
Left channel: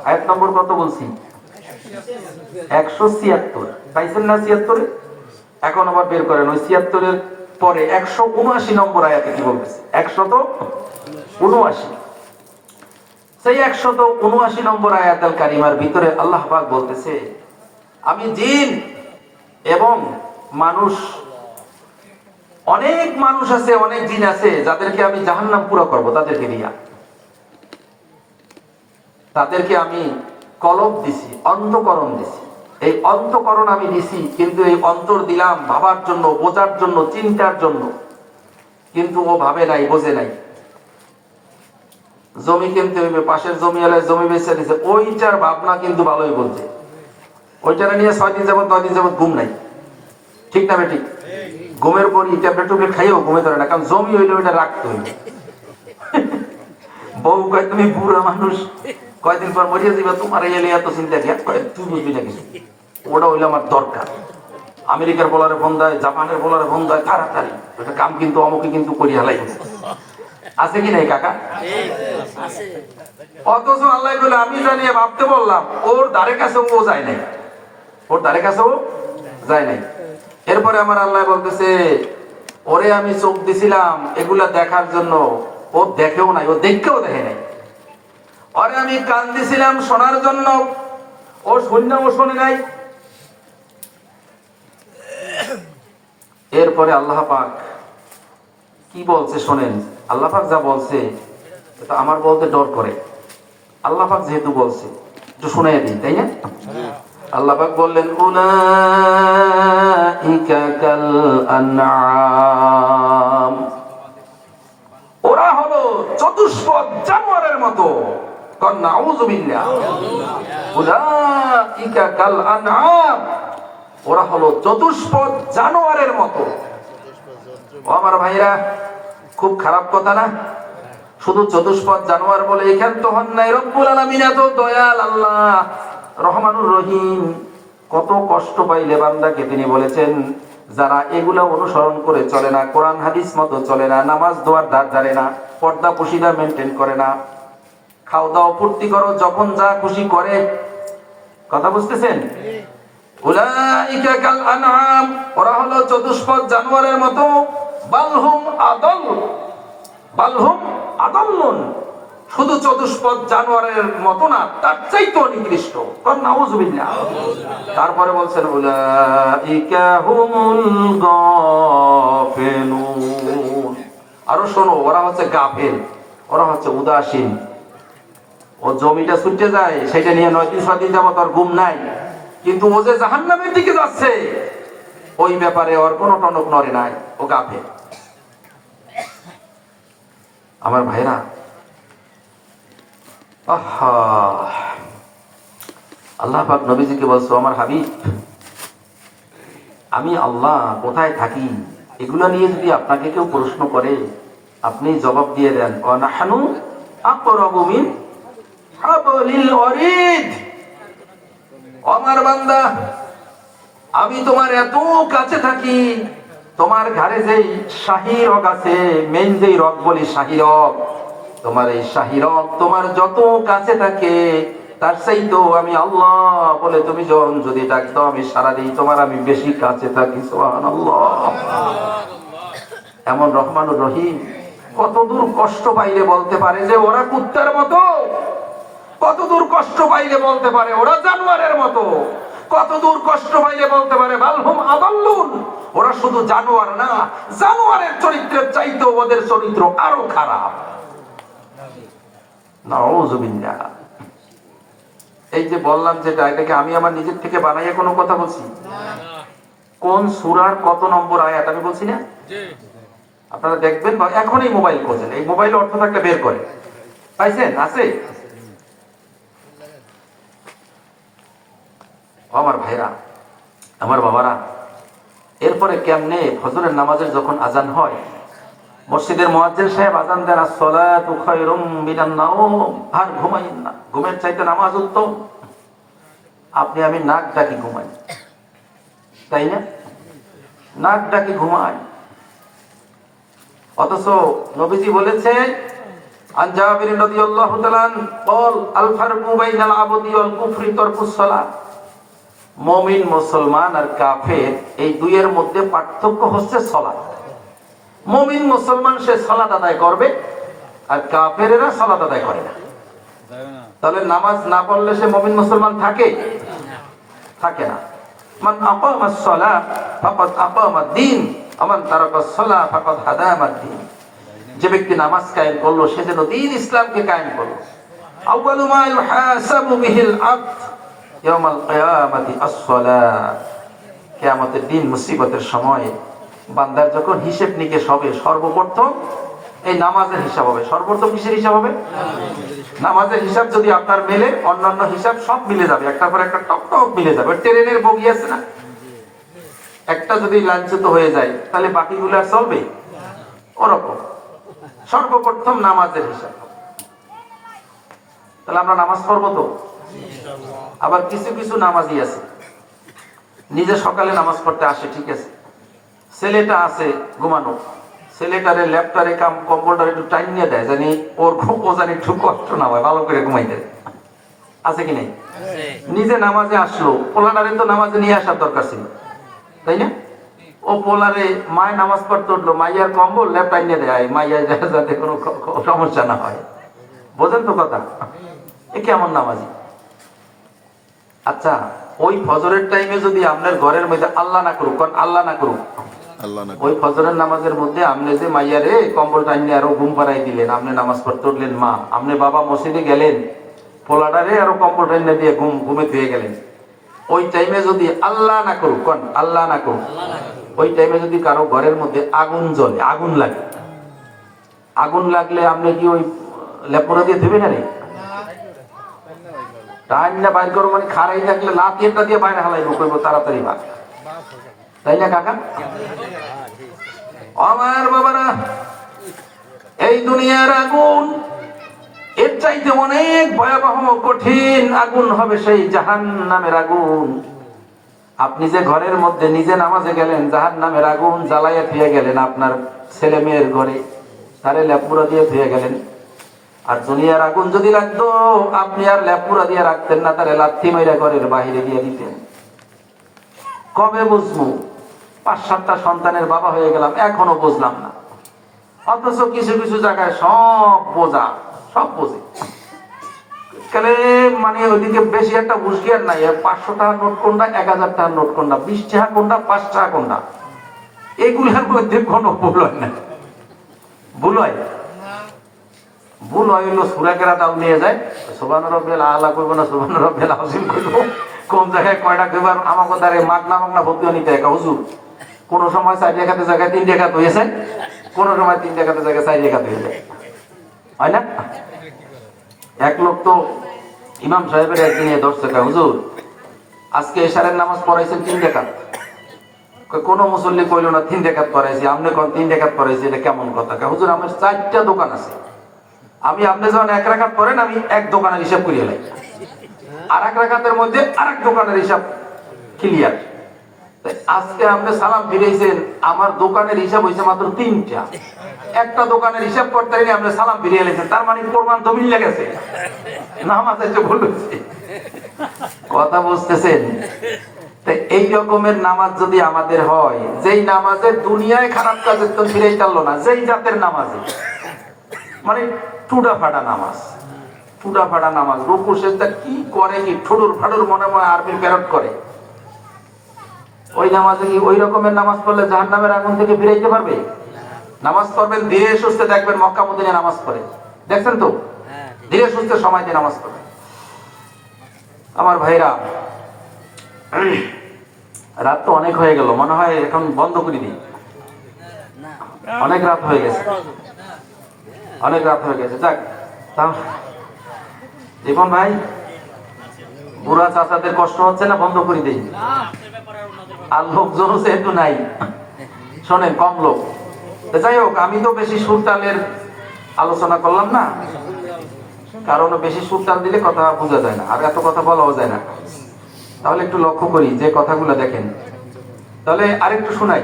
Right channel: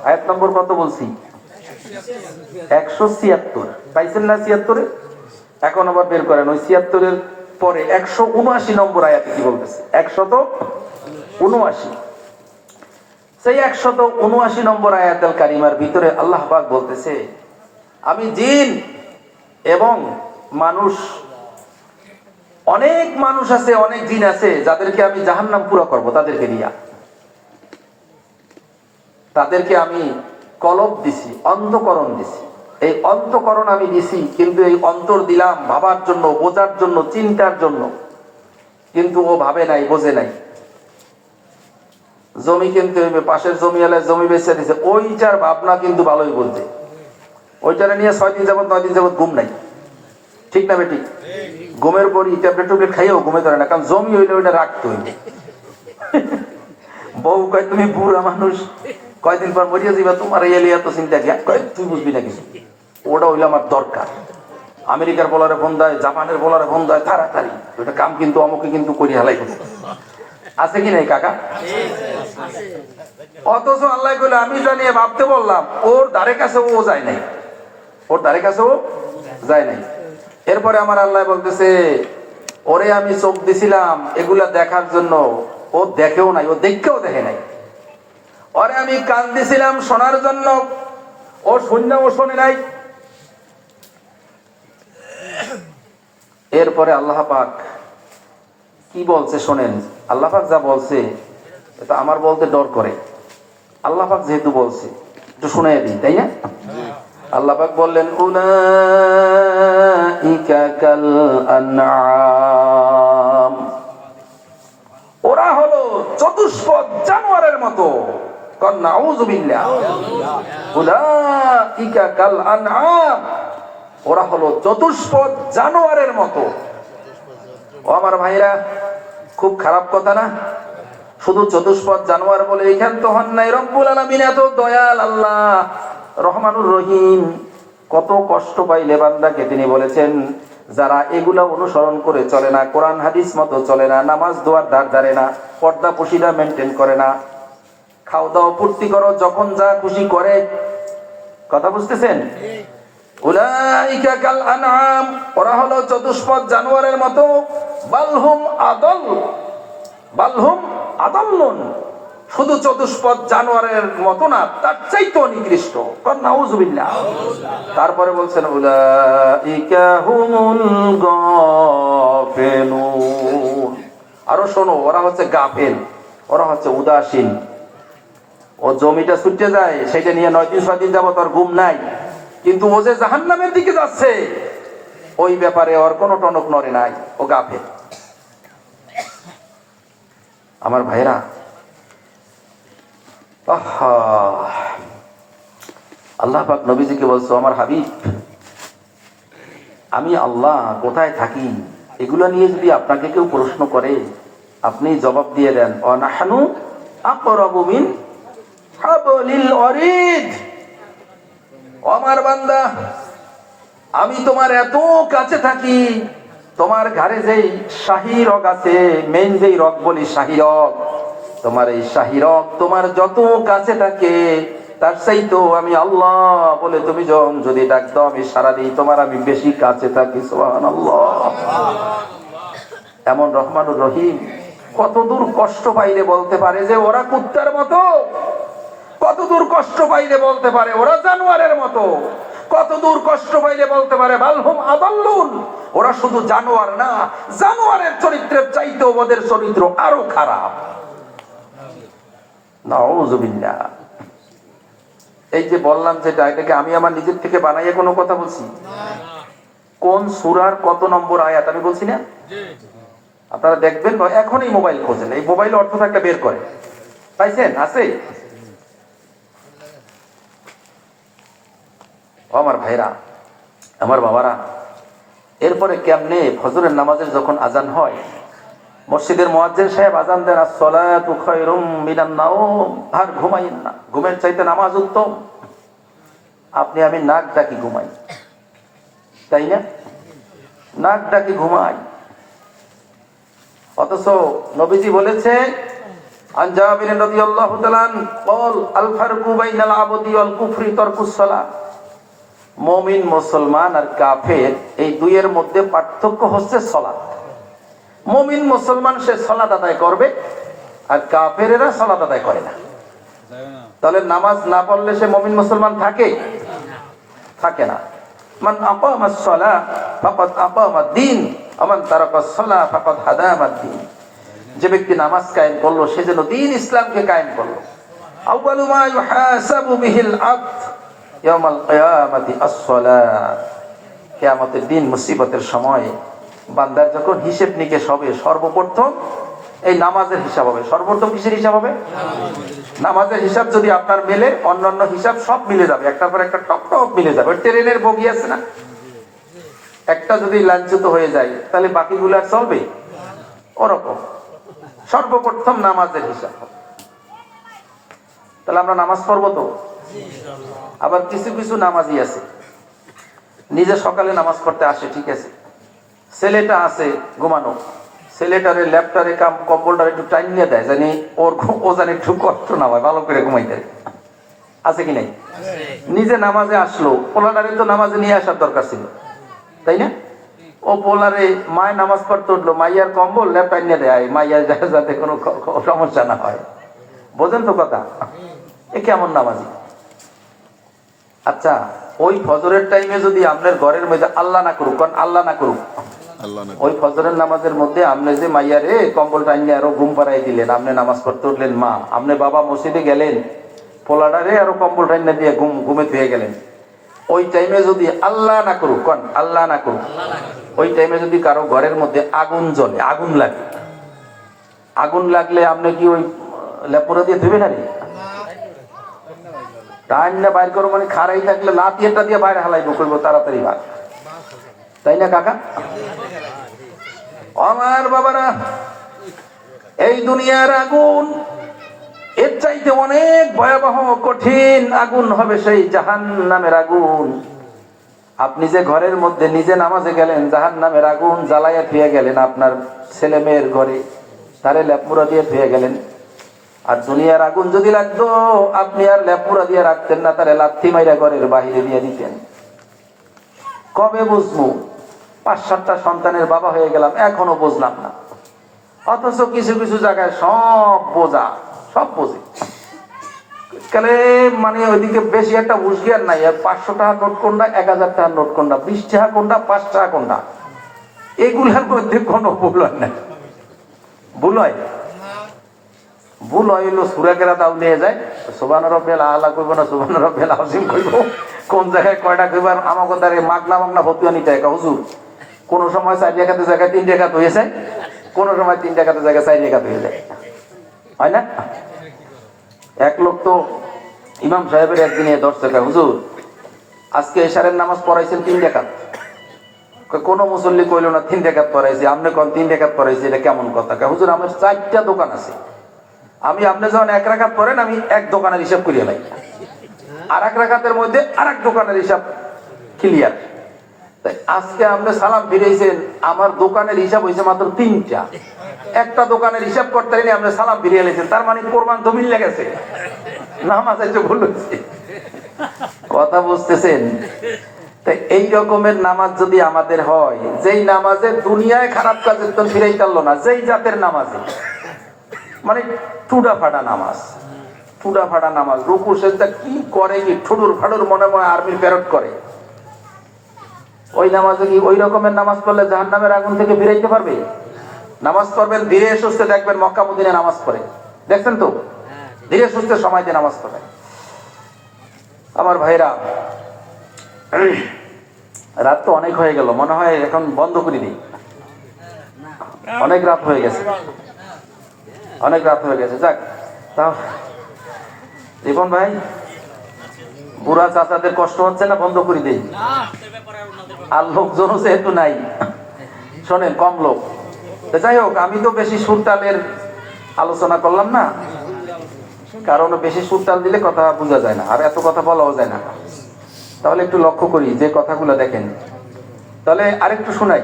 আয়াত নম্বর কত বলছি? 176। পাইছেন না 76? এখন আবার বের করেন ওই 76 এর পরে 179 নম্বর আয়াতে কি বলতেছে? 179। সেই 179 নম্বর আয়াতুল কারিমার ভিতরে আল্লাহ পাক বলতেছে, আমি জিন এবং মানুষ, অনেক মানুষ আছে, অনেক জিন আছে যাদেরকে আমি জাহান্নাম পুরো করব, তাদেরকে নিয়ে তাদেরকে আমি কলব দিছি, অন্ধকরণ দিছি। এই অন্তকরণ আমি দিছি, কিন্তু এই অন্তর দিলাম ভাবার জন্য, বোঝার জন্য, চিন্তার জন্য, কিন্তু ও ভাবে নাই, বোঝে নাই। জমি কিনতে হইবে, পাশের জমি এলাকায় জমি বেচে দিছে, ওইটার ভাবনা কিন্তু ভালোই বলছে। ওইটারে নিয়ে 6 দিন যাবত 9 দিন যাবত ঘুম নাই। ঠিক না ঠিক? ঘুমের পরই ট্যাবলেট টুবলেট খাইও ঘুমে ধরে না, কারণ জমি হইলে ওইটা রাখতে হইবে। বউ কয় তুমি বুড়া মানুষ, কয়দিন পর মরিয়া যাইবা, তোমার এই এলিয়া তো চিন্তা কি? কয় তুই বুঝবি না কিছু, ওটা হইলে আমার দরকার। আমেরিকার বলারে ফোন দেয়, জাপানের বলারে ফোন দেয়, তাড়াতাড়ি এটা কাম কিন্তু আমাকে কিন্তু করি হালাই। আছে কি নাই কাকা? অথচ আল্লাহ বলে আমি জানিয়ে ভাবতে বললাম, ওর দ্বারে কাছে ও যায় নাই, ওর দ্বারে কাছে ও যায় নাই। এরপরে আমার আল্লাহ বলতেছে, ওরে আমি চোখ দিছিলাম এগুলা দেখার জন্য, ও দেখেও নাই, ও দেখেও দেখে নাই। ওরে আমি কান দিছিলাম শোনার জন্য, ও শুনেও শোনে নাই। এরপরে আল্লাহ পাক কি বলছে শোনেন। আল্লাহ পাক যা বলছে এটা আমার বলতে ডর করে। আল্লাহ পাক যেহেতু বলছে একটু শুনাই দিই, তাই না? আল্লাহ পাক বললেন, উলাইকা কাল আনআম, ওরা হলো চতুষ্পদ জানোয়ারের মতো। নাউযুবিল্লাহ। উলাইকা কাল আনআম, ওরা হলো চতুষ্পদ জানোয়ারের মতো। ও আমার ভাইরা, খুব খারাপ কথা না? শুধু চতুষ্পদ জানোয়ার বলে এখান তো হন নাই। রব্বুল আলামিন এত দয়াল আল্লাহ, রহমানুর রহিম, কত কষ্ট পাইলে বান্দাকে তিনি বলেছেন, যারা এগুলা অনুসরণ করে চলে না, কোরআন হাদিস মতো চলে না, নামাজ দোয়ার ধার ধারে না, পর্দা পুশিদা মেনটেন করে না, খাও দাও ফুর্তি করো, যখন যা খুশি করে। কথা বুঝতেছেন? উলাইকা কাল আনআম, ওরা হলো চতুষ্পদ জানোয়ারের মতো। বালহুম আদাল, বালহুম আদাল্লুন, শুধু চতুষ্পদ জানোয়ারের মতো না, তার চাইতেও নিকৃষ্ট। নাউযুবিল্লাহ। তারপরে বলছেন, উলাইকা হুমুল গাফিলুন, আরো শোনো, ওরা হচ্ছে গাফেল, ওরা হচ্ছে উদাসীন। ও জমিটা ছুটে যায়, সেটা নিয়ে 9 দিন 6 দিন যাবত আর ঘুম নাই, কিন্তু ও যে জাহান্নামের দিকে যাচ্ছে ওই ব্যাপারে ওর কোনো টনক নড়ে নাই, ও গাফেল। আমার ভাইরা, আল্লাহ পাক নবীজিকে বলছো, আমার হাবিব, আমি আল্লাহ কোথায় থাকি এগুলো নিয়ে যদি আপনাকে কেউ প্রশ্ন করে, আপনি জবাব দিয়ে দেন, ওয়ানাহনু আকরাবু মিন হাবলিল ওয়ারিদ। আমার বান্দা, আমি তোমার এত কাছে থাকি, তোমার ঘাড়ে যেই শাহী রগ আছে, মেইন যেই রগ বলি শাহী রগ, তোমার এই শাহী রগ তোমার যত কাছে থাকে, তার চাইতেও আমি আল্লাহ বলে তুমি যখন যদি ডাক দাও, আমি সারা দিই, তোমার আমি বেশি কাছে থাকি। সুবহানাল্লাহ। এমন রহমানুর রহিম কত দূর কষ্ট পাইলে বলতে পারে যে ওরা কুত্তার মতো, কত দূর কষ্ট পাইলে বলতে পারে ওরা জানোয়ারের মতো, কত দূর কষ্ট পাইলে বলতে পারে বালহুম আদাল্লুন, ওরা শুধু জানোয়ার না, জানোয়ারের চরিত্রের চাইতেও ওদের চরিত্র আরো খারাপ। নাউযুবিল্লাহ। এই যে বললাম যেটা, এটাকে আমি আমার নিজের থেকে বানাইয়া কোনো কথা বলছি? কোন সূরার কত নম্বর আয়াত আমি বলছি না? আপনারা দেখবেন এখনই মোবাইল খোঁজেন, এই মোবাইল অর্থ একটা বের করে পাইছেন? আছে? আমার ভাইরা, আমার বাবারা, এরপরে কেমনে ফজরের নামাজের যখন আজান হয়, মসজিদের মুয়াজ্জিন সাহেব আজান দেন আসসালাতু খায়রুম মিনান নাওম, আর ঘুমাইন না, ঘুমের চাইতে নামাজ উত্তম। আপনি আমি নাক ডাকি ঘুমাই, তাই না? নাক ডাকি ঘুমাই, অথচ নবীজি বলেছে আন জাবির রাদিয়াল্লাহু তাআলা قال الفرق بين العبد والكفر ترك الصلاه। মুমিন, মুসলমান আর কাফের এই দুইয়ের মধ্যে পার্থক্য হচ্ছে সালাত। মুমিন মুসলমান সে সালাত আদায় করবে, আর কাফেরেরা সালাত আদায় করে না। তাহলে নামাজ না পড়লে সে মুমিন মুসলমান থাকে? থাকে না। মান আকামাস সালাহ ফাকাদ আকামাদ দ্বীন ওয়া মান তারাকাস সালাহ ফাকাদ হাদামাদ দ্বীন। যে ব্যক্তি নামাজ কায়েম করলো সে যেন দ্বীন ইসলামকে কায়েম করলো। আউয়ালু মা ইউহাসাবু বিহিল আবদ ইয়াউমাল কিয়ামাতি আস-সালাহ। কিয়ামতের দিন মুসিবতের সময় বান্দার যখন হিসাব নিকেশ হবে, সর্বপ্রথম এই নামাজের হিসাব হবে। সর্বপ্রথম কিসের হিসাব হবে? নামাজের হিসাব যদি আপনার মেলে, অন্যান্য হিসাব সব মিলে যাবে, একটা পর একটা টপ টপ মিলে যাবে। ট্রেনের বগি আছে না, একটা যদি লাঞ্ছিত হয়ে যায় তাহলে বাকিগুলো আর চলবে? ওরকম সর্বপ্রথম নামাজের হিসাব। তাহলে আমরা নামাজ পড়বো তো? আবার কিছু কিছু নামাজি আছে নিজে সকালে নামাজ পড়তে আসে, ঠিক আছে, ছেলেটা আছে ঘুমানো, ছেলেটারে ল্যাপটারে কম্পিউটারে একটু টাইম নিয়ে দেয় জানি ওর ও জানি একটু কষ্ট না হয়, ভালো করে ঘুমাইতে। আছে কি নাই? নিজে নামাজে আসলো, পোলাটারে তো নামাজে নিয়ে আসার দরকার ছিল, তাই না? ও পোলারে মায় নামাজ পড়তে উঠলো, মাইয়ার কম্বল ল্যাপটাই নিয়ে দেয় মাইয়া যাতে কোনো সমস্যা না হয়। বোঝেন তো কথা? এ কেমন নামাজি? আচ্ছা, ওই ফজরের টাইমে যদি আপনার ঘরের মধ্যে আল্লাহ না করুক, আল্লাহ না করুক, ওই ফজরের নামাজের মধ্যে আপনি যে মাইয়ারে কম্বল টাইমে আরো ঘুম পাড়াই দিলেন, আপনি নামাজ পড়তে উঠলেন, মা আপনি বাবা মসজিদে গেলেন, পোলাটারে আরো কম্বল টাইমে দিয়ে ঘুমে ফিরে গেলেন, ওই টাইমে যদি আল্লাহ না করুক, আল্লাহ না করুক, ওই টাইমে যদি কারো ঘরের মধ্যে আগুন জ্বলে, আগুন লাগে, আগুন লাগলে আপনি কি ওই লেপুরা দিয়ে দেবেন? না টাইম না বাইর করবো মানে খারাই লাগলে লাতিটা দিয়ে বাইরে হালাইবো, করবো তাড়াতাড়ি ভাগ, তাই না কাকা? আমার বাবারা, এই দুনিয়ার আগুন এর চাইতে অনেক ভয়াবহ কঠিন আগুন হবে সেই জাহান্নামের আগুন। আপনি যে ঘরের মধ্যে নিজে নামাজে গেলেন, জাহান্নামের আগুন জ্বালাইয়া ফিরে গেলেন, আপনার ছেলে মেয়ের ঘরে তারে লেপুরা দিয়ে ফিরে গেলেন। আর দুনিয়ার আগুন যদি লাগতো, আপনি আর লেপুরা দিয়ে রাখতেন না, তারে লাথি মাইরা ঘরের বাহিরে দিয়ে দিতেন। কবে বুঝবো? 5-7টা সন্তানের বাবা হয়ে গেলাম, এখনো বুঝলাম না। অথচ কিছু কিছু জায়গায় সব বোঝা, সব বোঝে। মানে ওইদিকে বেশি একটা হুঁশিয়ার নাই। 500 টাকার নোট কোনটা, 1000 টাকার নোট কোনটা, 20 টাকা কোনটা, 5 টাকা কোনটা, এগুলোর মধ্যে কোনো ভুল হয় না। ভুল হয়? ভুল হয় হলো সুরাকেরা দাও নিয়ে যায়, সুবহান রাব্বিল আলা করবো না, সুবহান রাব্বিল আযীম করবো, কোন জায়গায় কয়টা কইবার আমাকে তারে মাগনা মাগনা ভর্তি নিতে হয়। হুজুর কোন সময় 4 লেখাতে জায়গায় 3 লেখাতে হয়েছে, কোন সময় 3 লেখাতে জায়গায় 4 লেখাতে হয়ে যায়, হয় না? এক লোক তো ইমাম সাহেবের একদিনে ধরছে, হুজুর আজকে এশারের নামাজ পড়াইছেন 3 রেকাত। কোন মুসল্লি কইল না 3 রেকাত পড়াইছি, আপনি কোন 3 রেকাত পড়াইছি, এটা কেমন কথা? হুজুর আমার 4টা দোকান আছে, আমি আপনি যখন 1 রাকাত পড়েন আমি এক দোকানের হিসাব করিয়ে লাই, আর 1 রাকাতের মধ্যে আরেক দোকানের হিসাব ক্লিয়ার। আজকে আপনি সালাম ফিরেছেন, আমার দোকানের হিসাব হয়েছে মাত্র 3টা, একটা দোকানের হিসাব করতে গেলে আপনি সালাম ফিরিয়ে লেছেন, তার মানে কোরবান তো মিলে গেছে, নামাজ একটু ভুল হয়েছে। কথা বুঝতেছেন? এই রকমের নামাজ যদি আমাদের হয়, যেই নামাজে দুনিয়ায় খারাপ কাজ একদম ফিরেই চাললো না, যেই জাতের নামাজে, মানে টুডা ফাটা নামাজ, চুডা ফাটা নামাজ, রুকু সেজদা কি করে, কি ঠুডুর ফাডুর মনে মনে আর্মির প্যারট করে। ওই নামাজে কি ওই রকমের নামাজ পড়লে জাহান্নামের আগুন থেকে ফিরাইতে পারবে? নামাজ পড়বেন ধীরে সুস্থে, দেখবেন মক্কা মদিনায় নামাজ পড়ে, দেখছেন তো, ধীরে সুস্থে সময় দিয়ে নামাজ পড়ে। আমার ভাইরা, রাত তো অনেক হয়ে গেল, মনে হয় এখন বন্ধ করে দিই। অনেক রাত হয়ে গেছে, অনেক রাত হয়ে গেছে। যাক, দেখুন ভাই, বুড়া চাচাদের কষ্ট হচ্ছে না, বন্ধ করে দিই। আর লোকজন যেহেতু নাই, শোনেন, কম লোক। যাই হোক, আমি তো বেশি সুরতালের আলোচনা করলাম না, কারণ বেশি সুরতাল দিলে কথা বোঝা যায় না, আর এত কথা বলাও যায় না। তাহলে একটু লক্ষ্য করি যে কথাগুলো দেখেন। তাহলে আরেকটু শোনাই,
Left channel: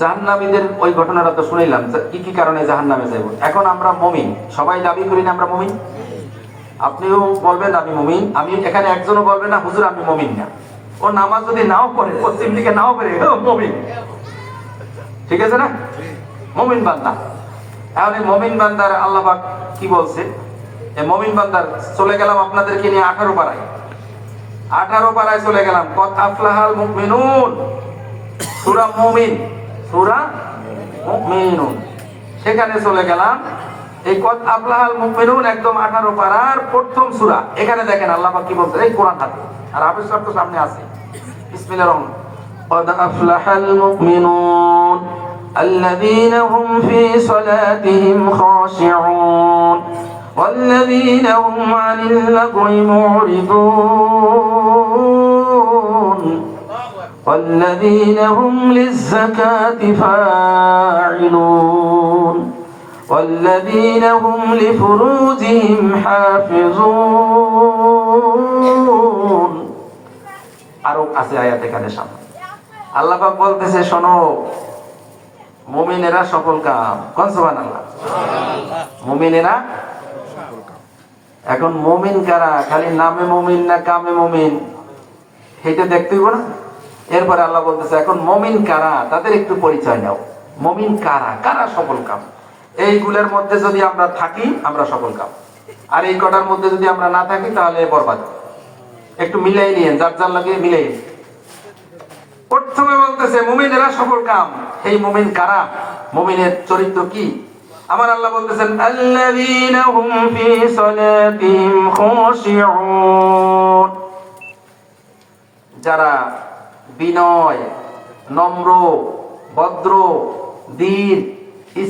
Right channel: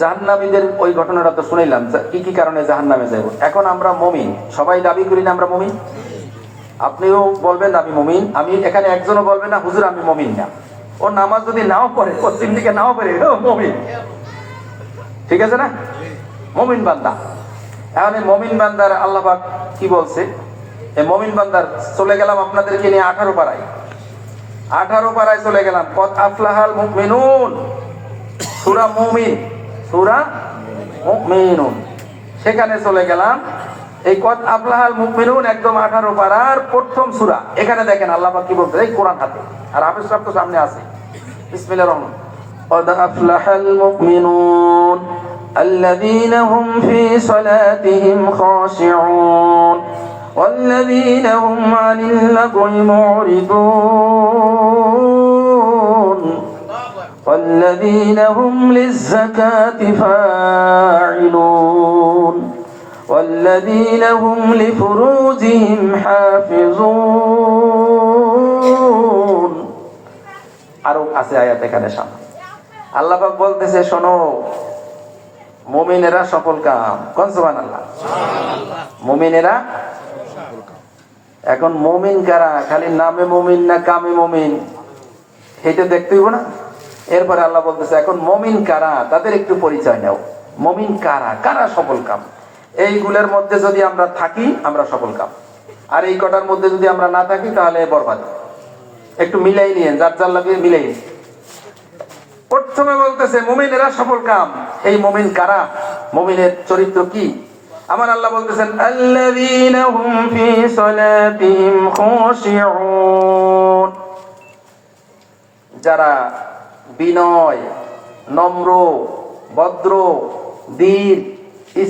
জাহান্নামীদের ওই ঘটনাটা তো শুনিলাম, কি কি কারণে জাহান্নামে যাব। এখন আমরা মুমিন, সবাই দাবি করি না আমরা মুমিন? আপনিও বলবেন আমি মুমিন, আমি এখানে একজনও বলবে না হুজুর আমি মুমিন না। ও নামাজ যদি নাও পড়ে, পশ্চিম দিকে নাও পড়ে, মুমিন, ঠিক আছে না? মুমিন বান্দা। এখন এই মুমিন বান্দার আল্লাহ পাক কি বলছে? এই মুমিন বান্দার চলে গেলাম আপনাদেরকে নিয়ে 18 পারায়, 18 পারায় চলে গেলাম। কত আফলাহাল মুমিনুন, সূরা মুমিন, সূরা মুমিনুন, সেখানে চলে গেলাম। এই কত আফলাহাল মুমিনুন একদম 18 পারার প্রথম সূরা। এখানে দেখেন আল্লাহ পাক কি বলছে, এই কোরআনটা, আর হাফেজ সাহেব তো সামনে আছে। বিসমিল্লাহির রহমানির রহিম। কদ আফলাহাল মুমিনুন الذين هم في صلاتهم خاشعون والذين هم عن اللغو معرضون والذين هم للزكاة فاعلون والذين هم لفروجهم حافظون। আরো আছে আয়াত এখানে সামনে আল্লাহ পাক বলতেছে, শোনো মুমিনেরা সফল কাম। কোন সুবহানাল্লাহ? মুমিনেরা সফল কাম। এখন মুমিন কারা? খালি নামে মুমিন না কামে মুমিন, এটা দেখতে হইব না। এরপরে আল্লাহ বলতেছে এখন মুমিন কারা, তাদের একটু পরিচয় নাও। মুমিন কারা, কারা সফল কাম। এইগুলোর মধ্যে যদি আমরা থাকি আমরা সফল কাম, আর এই কটার মধ্যে যদি আমরা না থাকি তাহলে বরবাদ। একটু মিলাই নিয়েন, যার যার লাগে মিলাই। প্রথমে বলতেছে মুমিনেরা সফল কাম। এই মুমিন কারা, মুমিনের চরিত্র কি? আমার আল্লাহ বলতেছেন আল্লাযীনা হুম ফি সালাতিহিম খাশিউন, যারা বিনয়, নম্র, ভদ্র, ধীর,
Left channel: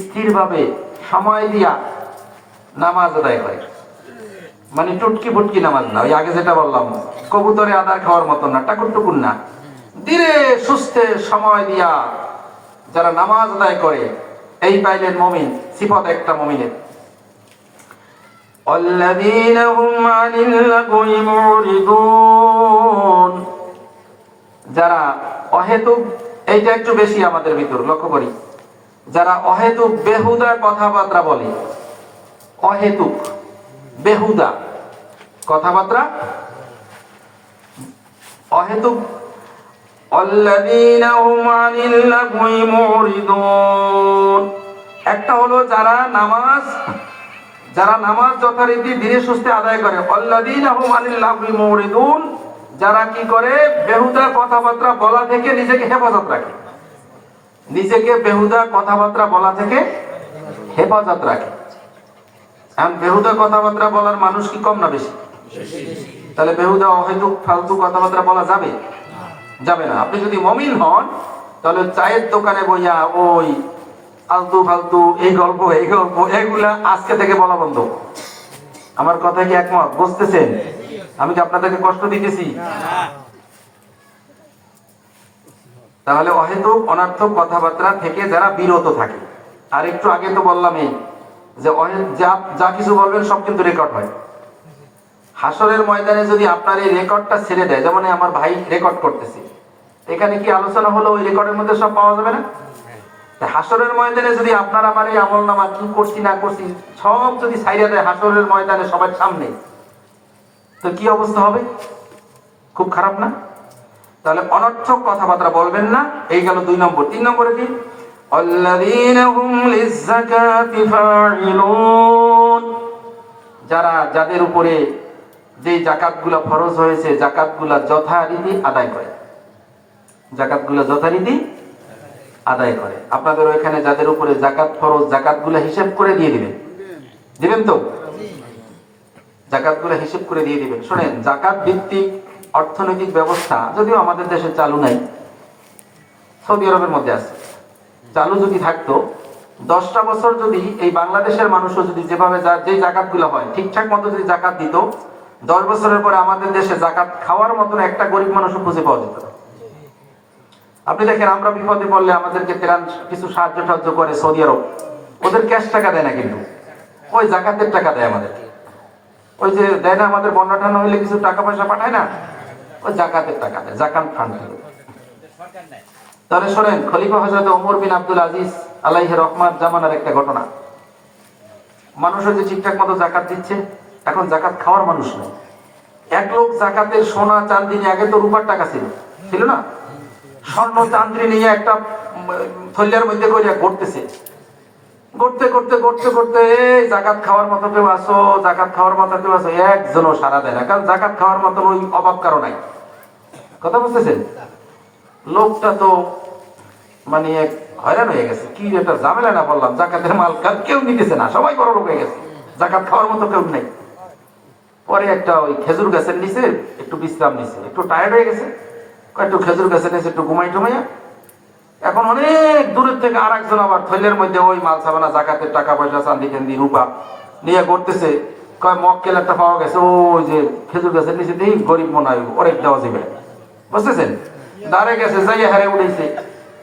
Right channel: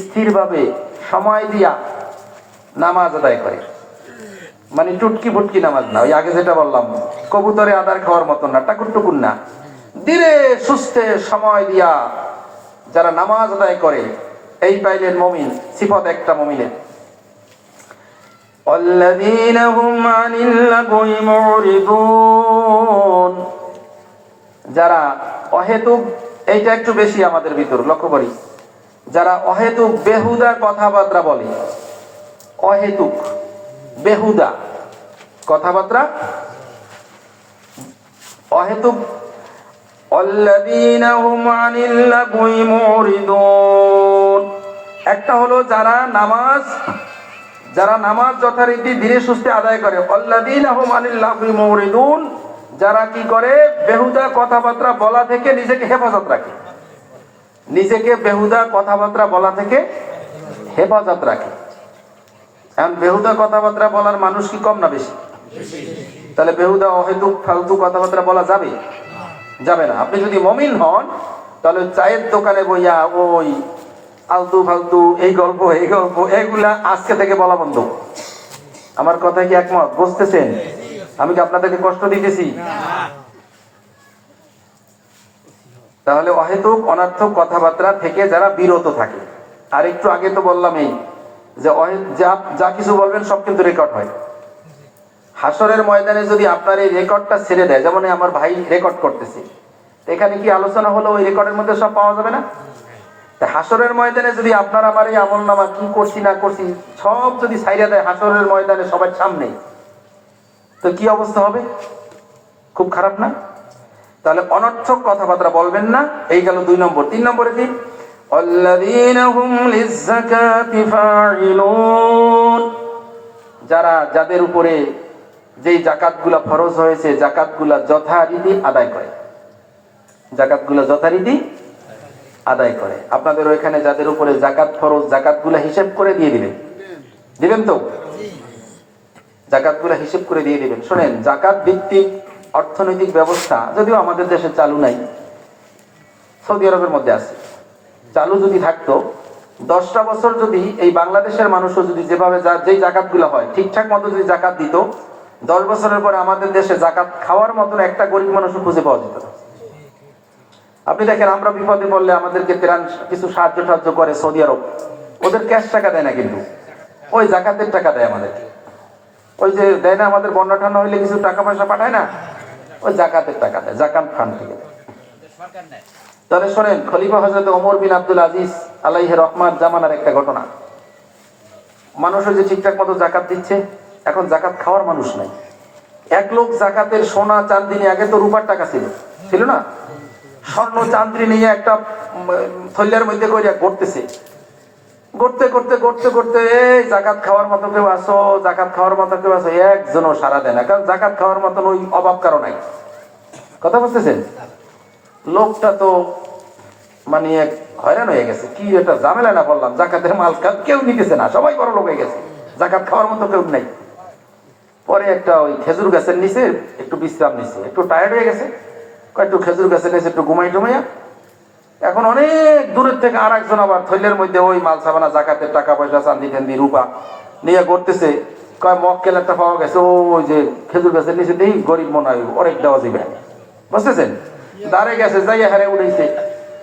স্থিরভাবে সময় দিয়া নামাজ আদায় করে। মানে টুটকি ফুটকি নামাজ না, ওই আগে যেটা বললাম কবুতরে আদার খাওয়ার মতো না, টাকুর টুকুর না, ধীরে সুস্থে সময় দিয়া যারা নামাজ আদায় করে, এই পাইলেন মুমিন, সিফাত একটা মুমিনের। আল্লাযীনা হুম আনিল লাগwi মুরিদুন, যারা অহেতুক, এইটা একটু বেশি আমাদের ভিতর লক্ষ্য করি, যারা অহেতুক বেহুদা কথাবার্তা বলে, অহেতুক বেহুদা কথাবার্তা, অহেতুক। আল্লাযীনা হুম আনিল লাগwi মুরিদুন, একটা হলো যারা নামাজ যথারীতি ধীরে সুস্থে আদায় করে। আল্লাযীনা হুম আনিল লাগwi মুরিদুন, যারা কি করে বেহুদা কথাবার্তা বলা থেকে নিজেকে হেফাজত রাখে, নিজেকে বেহুদা কথাবার্তা বলা থেকে হেফাজত রাখে। এখন বেহুদা কথাবার্তা বলার মানুষ কি কম না বেশি? তাহলে বেহুদা অহেতুক ফালতু কথাবার্তা বলা যাবে? যাবে না। আপনি যদি মুমিন হন তাহলে চায়ের দোকানে বইয়া ওই আলতু ফালতু এই গল্প এগুলা আজকে থেকে বলা বন্ধ। আমার কথা কি একমত? বুঝতেছেন? আমি কি আপনাদেরকে কষ্ট দিতেছি? তাহলে অহেতুক অনর্থক কথাবার্তা থেকে যারা বিরত থাকে। আর একটু আগে তো বললাম এই যে যা কিছু বলবেন সব কিন্তু রেকর্ড হয়। হাসরের ময়দানে যদি আপনার এই রেকর্ডটা ছেড়ে দেয়, যেমন আমার ভাই রেকর্ড করতেছে, এখানে কি আলোচনা হলো ওই রেকর্ডের মধ্যে সব পাওয়া যাবে না? হাসরের ময়দানে যদি আপনার আমার এই আমলনামা কি করছি না করছি সব যদি ছাইড়া দেয় হাসরের ময়দানে সবার সামনে, তো কি অবস্থা হবে? খুব খারাপ না? তাহলে অনর্থক কথাবার্তা বলবেন না, এই গেল 2 নম্বর। 3 নম্বরে কি? আল্লাযীনা হুম লিয-যাকাতি ফাঈলুন, যাদের উপরে যেই জাকাতগুলা ফরজ হয়েছে জাকাতগুলা যথারীতি আদায় করে, জাকাতগুলা যথারীতি আদায় করে। আপনাদের ওখানে যাদের উপরে জাকাত ফরজ জাকাতগুলা হিসাব করে দিয়ে দিবেন, দিবেন তো? জাকাতগুলা হিসাব করে দিয়ে দিবেন। শোনেন, জাকাত ভিত্তিক অর্থনৈতিক ব্যবস্থা যদিও আমাদের দেশে চালু নাই, সৌদি আরবের মধ্যে আছে। চালু যদি থাকতো 10টা বছর যদি এই বাংলাদেশের মানুষও যদি যেভাবে যেই জাকাতগুলো হয় ঠিকঠাক মতো যদি জাকাত দিত, 10 বছরের পরে আমাদের দেশে জাকাত খাওয়ার মতন একটা গরিব মানুষও খুঁজে পাওয়া যেত। আপনি দেখেন, আমরা বিপদে পড়লে আমাদেরকে কিছু সাহায্য করে সৌদি আরব, ওদের ক্যাশ টাকা দেয় না, কিন্তু ওই জাকাতের টাকা দেয় আমাদের। ওই যে দেয় না আমাদের বন্যা টান্না হইলে কিছু টাকা পয়সা পাঠায় না, ওই জাকাতের টাকা দেয়, জাকাত ফান্ড থেকে। তাহলে শোনেন, খলিফা হযরত ওমর বিন আব্দুল আজিজ আলাইহি রহমাত জামানার একটা ঘটনা। মানুষও যে ঠিকঠাক মতো জাকাত দিচ্ছে, এখন জাকাত খাওয়ার মানুষ না। এক লোক জাকাতের সোনা চাঁদি নিয়ে, আগে তো রূপার টাকা ছিল না, স্বর্ণ চাঁদি নিয়ে একটা থলের মধ্যে করে ঘুরতেছে। ঘুরতে করতে করতে করতে এই জাকাত খাওয়ার মতো কেউ আসো, জাকাত খাওয়ার মতো কেউ আসো, একজনও সারা দেয় না, কারণ জাকাত খাওয়ার মতো ওই অভাব কারো নাই। কথা বুঝতেছেন? লোকটা তো মানে হয়রান হয়ে গেছে, কি একটা ঝামেলা না বললাম, জাকাতের মাল কেউ নিতেছে না, সবাই বড় লোক হয়ে গেছে, জাকাত খাওয়ার মতো কেউ নাই। পরে একটা ওই খেজুর গাছের নিচে একটু বিশ্রাম নিছে, একটু টায়ার্ড হয়ে গেছে, একটু খেজুর গাছের নিচে একটু ঘুমাই টুমাইয়া, এখন অনেক দূরের থেকে আর একজন আবার থৈলের মধ্যে ওই মাল ছাগলা জাকাতের টাকা পয়সা চান্দি টান্দি রূপা নিয়ে করতেছে। মক্কেল একটা পাওয়া গেছে, ওই যে খেজুর গাছের নিচে দেখি গরিব মনে হয় অনেক দেওয়া যাবে, বুঝতেছেন? দাঁড়ে গেছে, যাইয়া হারে উঠেছে,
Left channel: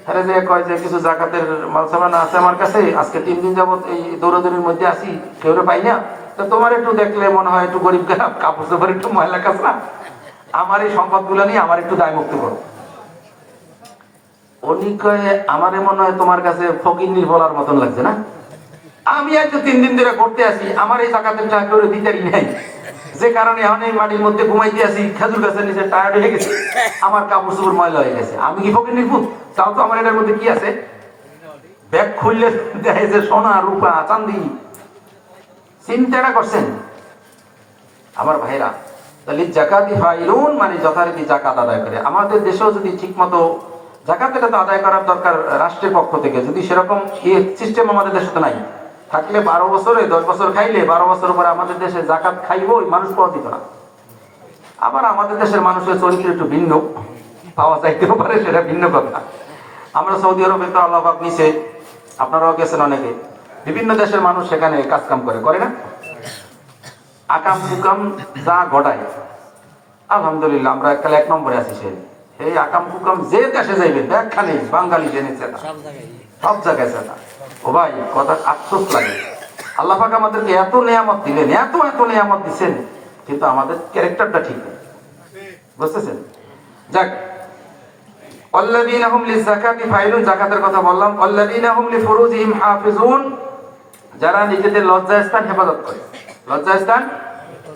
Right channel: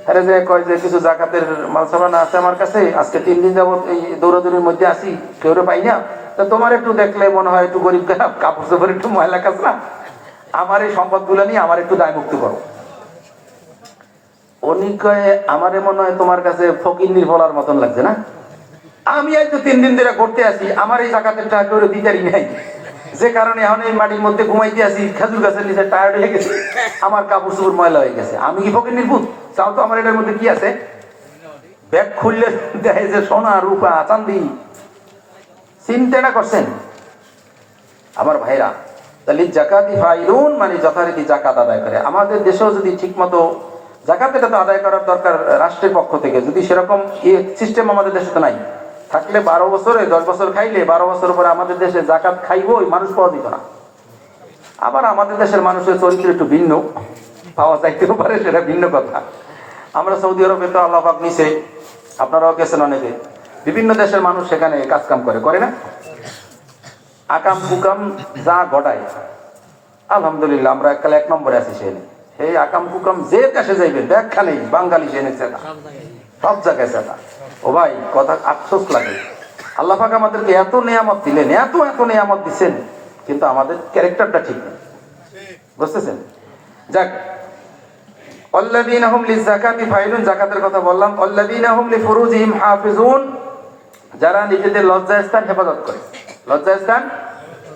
হারে যে কয় যে কিছু জাকাতের মাল ছাগলা আছে আমার কাছে, আজকে 3 দিন যাবত এই দৌড়াদৌড়ির মধ্যে আসি, কেউ পাই না, তো তোমার একটু দেখলে মনে হয় একটু গরিব খারাপ, কাপড় চোপড় একটু ময়লা কাঁচা, আমার এই সম্পদ গুলো নিয়ে আমার একটু দায় মুক্তি করো। উনি কয়ে, আমারে মনে হয় তোমার কাছে ফকিন্নির বলার মতন লাগছে না, আমি আজ 3 দিন ধরে করতে আসি, আমার এই জাকাতের টাকা করে দিতারই নাই, যে কারণে এখন এই বাড়ির মধ্যে ঘুমাইতে আসি, খেজুর গাছের নিচে টায়ার্ড হয়ে গেছে, আমার কাপড় চোপড় ময়লা হয়ে গেছে, আমি কি ফকিন্নির ভূত? চাও তো আমার এটার মধ্যে কি আছে? ব্যাগ খুললে দেখে যে সোনা রূপা চাঁদি। চিন্তাটা করছেন আমার ভাইরা? তাহলে জাকাতি ফাইলুন মানে যথারীতি জাকাত আদায় করে। আমাদের দেশেও যদি ঠিক মতো জাকাত এটা তো আদায় করার দরকার রাষ্ট্রের পক্ষ থেকে, যদি সেরকম সিস্টেম আমাদের দেশে তো নাই, থাকলে 12 বছরে 10 বছর খাইলে 12 বছর পরে আমাদের দেশে জাকাত খাইবো, ওই মানুষ পাওয়া যেত না। আবার আমাদের দেশের মানুষের চরিত্র একটু ভিন্ন, পাওয়া যাইতেও পারে, সেটা ভিন্ন কথা। আমরা সৌদি আরবে তো আল্লাহ পাক নিছে, আপনারাও গেছেন অনেকে, বিভিন্ন দেশের মানুষ সেখানে কাজ কাম করে না, আকাম কুকাম যা ঘটায়, আলহামদুলিল্লাহ আমরা এককালে 1 নম্বরে আছি। সেই আকাম কুকাম যে দেশে যাইবে ব্যাখ্যা নেই, বাঙালি জেনেছে সব জায়গায় চালা। ও ভাই, কথা আফসোস লাগে, আল্লাহ পাক আমাদেরকে এত নেয়ামত দিলেন, এত নেয়ামত দিচ্ছেন, কিন্তু আমাদের ক্যারেক্টারটা ঠিক নেই, বুঝতেছেন? যাক, আল্লাযীনা হুম লিযাকাতি ফাইলুন, যাকাতের কথা বললাম। আল্লাযীনা হুম লিফুরুজিহিম হাফিজুন, যারা নিজেদের লজ্জাস্থান হেফাজত করে, লজ্জাস্থান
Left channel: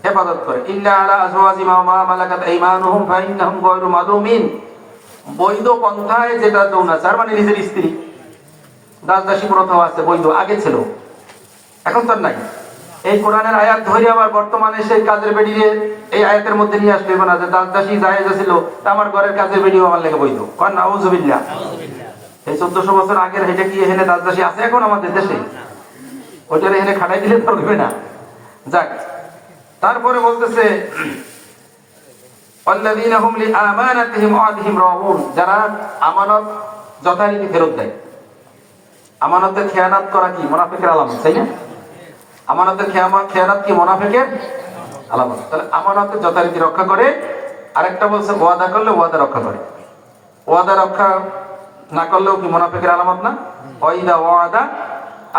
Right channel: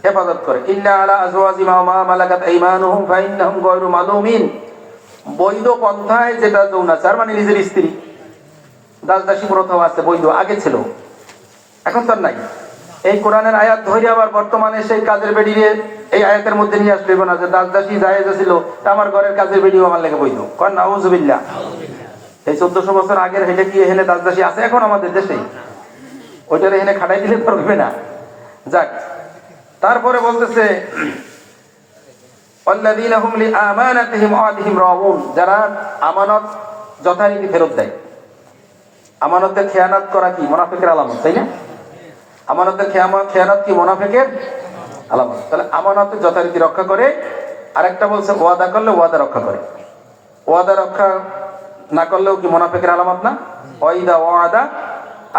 হেফাজত করে। ইল্লা আলা আজওয়াজিহিম ওয়া মা মালাকাত আইমানুহুম ফাইন্নাহুম গায়রু মালুমিন, বৈধ পন্থায় যেটা যৌনাচার, মানে নিজের স্ত্রী, দাসদাসী প্রথা আছে বৈধ, আগে ছিল, এখন তো নাই। এই কোরআনের আয়াত ধরে আবার বর্তমানে সেই কাজের বেরিয়ে এই আয়াতের মধ্যে নিয়ে আসবে না যে দাসদাসী জায়েজ ছিল, আমার ঘরের কাজের বেরিয়ে আমার লেগে বৈধ। কোন নাউযুবিল্লাহ, এই 1400 বছর আগের হেঁটে কি এখানে দাসদাসী আছে এখন আমাদের দেশে? ওইটার এখানে খাটাই দিলে পারবে না। যাক, তারপরে বলতেছে আল্লাযীনা হুম লিআমানাতিহিম ওয়া আহদিহিম রাউন, যারা আমানত যথারীতি ফেরত দেয়। আমানতের খেয়ানত করা কি মুনাফিকের আলামত, তাই না? আমানতের খেয়ানত কি মুনাফিকের আলামত। তাহলে আমানতের যথারীতি রক্ষা করে। আরেকটা বলছে ওয়াদা করলে ওয়াদা রক্ষা করে, ওয়াদা রক্ষা না করলেও কি মুনাফিকের আলামত না? ওয়াইদা ওয়াদা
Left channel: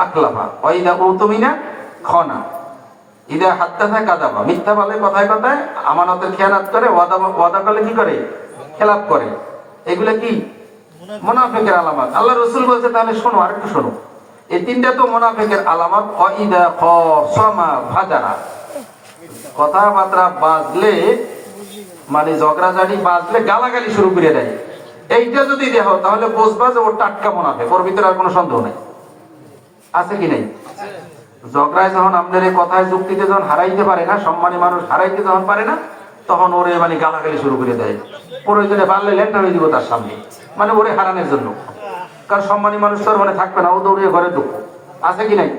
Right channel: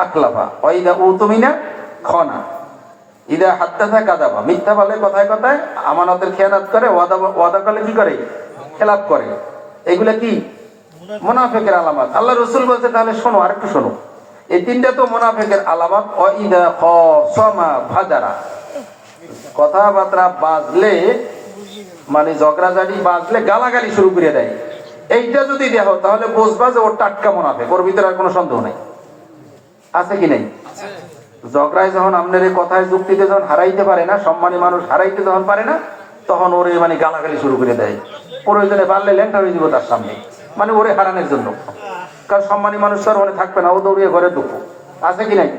আখলাফা ওয়াইদা উতুমিনা খানা ইদা হাদ্দাথা কাযাবা, মিথ্যা বলে কথায় কথায়, আমানতের খেয়ানত করে, ওয়াদা করলে কি করে? খেলাপ করে। এগুলা কি মুনাফিকের আলামত। আল্লাহ রাসূল বলতে, তাহলে শোনো, আরেকটু শোনো, এই 3টা তো মুনাফিকের আলামত। ওয়াইদা খাসামা ফাজারা, কথাবার্তা বাজলে মানে ঝগড়াঝাড়ি বাজলে গালাগালি শুরু করে দেয়। এইটা যদি দেখো তাহলে বুঝবা যে ওর টাটকা মুনাফিক, ওর ভিতরে আর কোনো সন্দেহ নেই। আছে কি নেই? ঝগড়ায় যখন আপনার এই কথায় যুক্তিতে যখন হারাইতে পারে না, সম্মানী মানুষ হারাইতে যখন পারে না, তখন ওরে মানে গালাগালি শুরু করে দেয়। প্রয়োজনে পারলে ল্যাংটা হয়ে দিব তার সামনে, মানে ওরে হারানোর জন্য। কারণ সম্মানী মানুষ তো আর মানে থাকবে না, ও দৌড়িয়ে ঘরে ঢুকবো। আছে কি নাই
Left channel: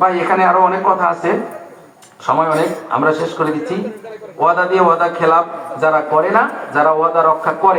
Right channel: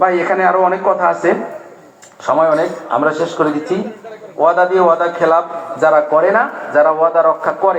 ভাই? এখানে আরো অনেক কথা আছে, সময় অনেক, আমরা শেষ করে দিচ্ছি। ওয়াদা দিয়ে ওয়াদা খেলাপ যারা করে না, যারা ওয়াদা রক্ষা করে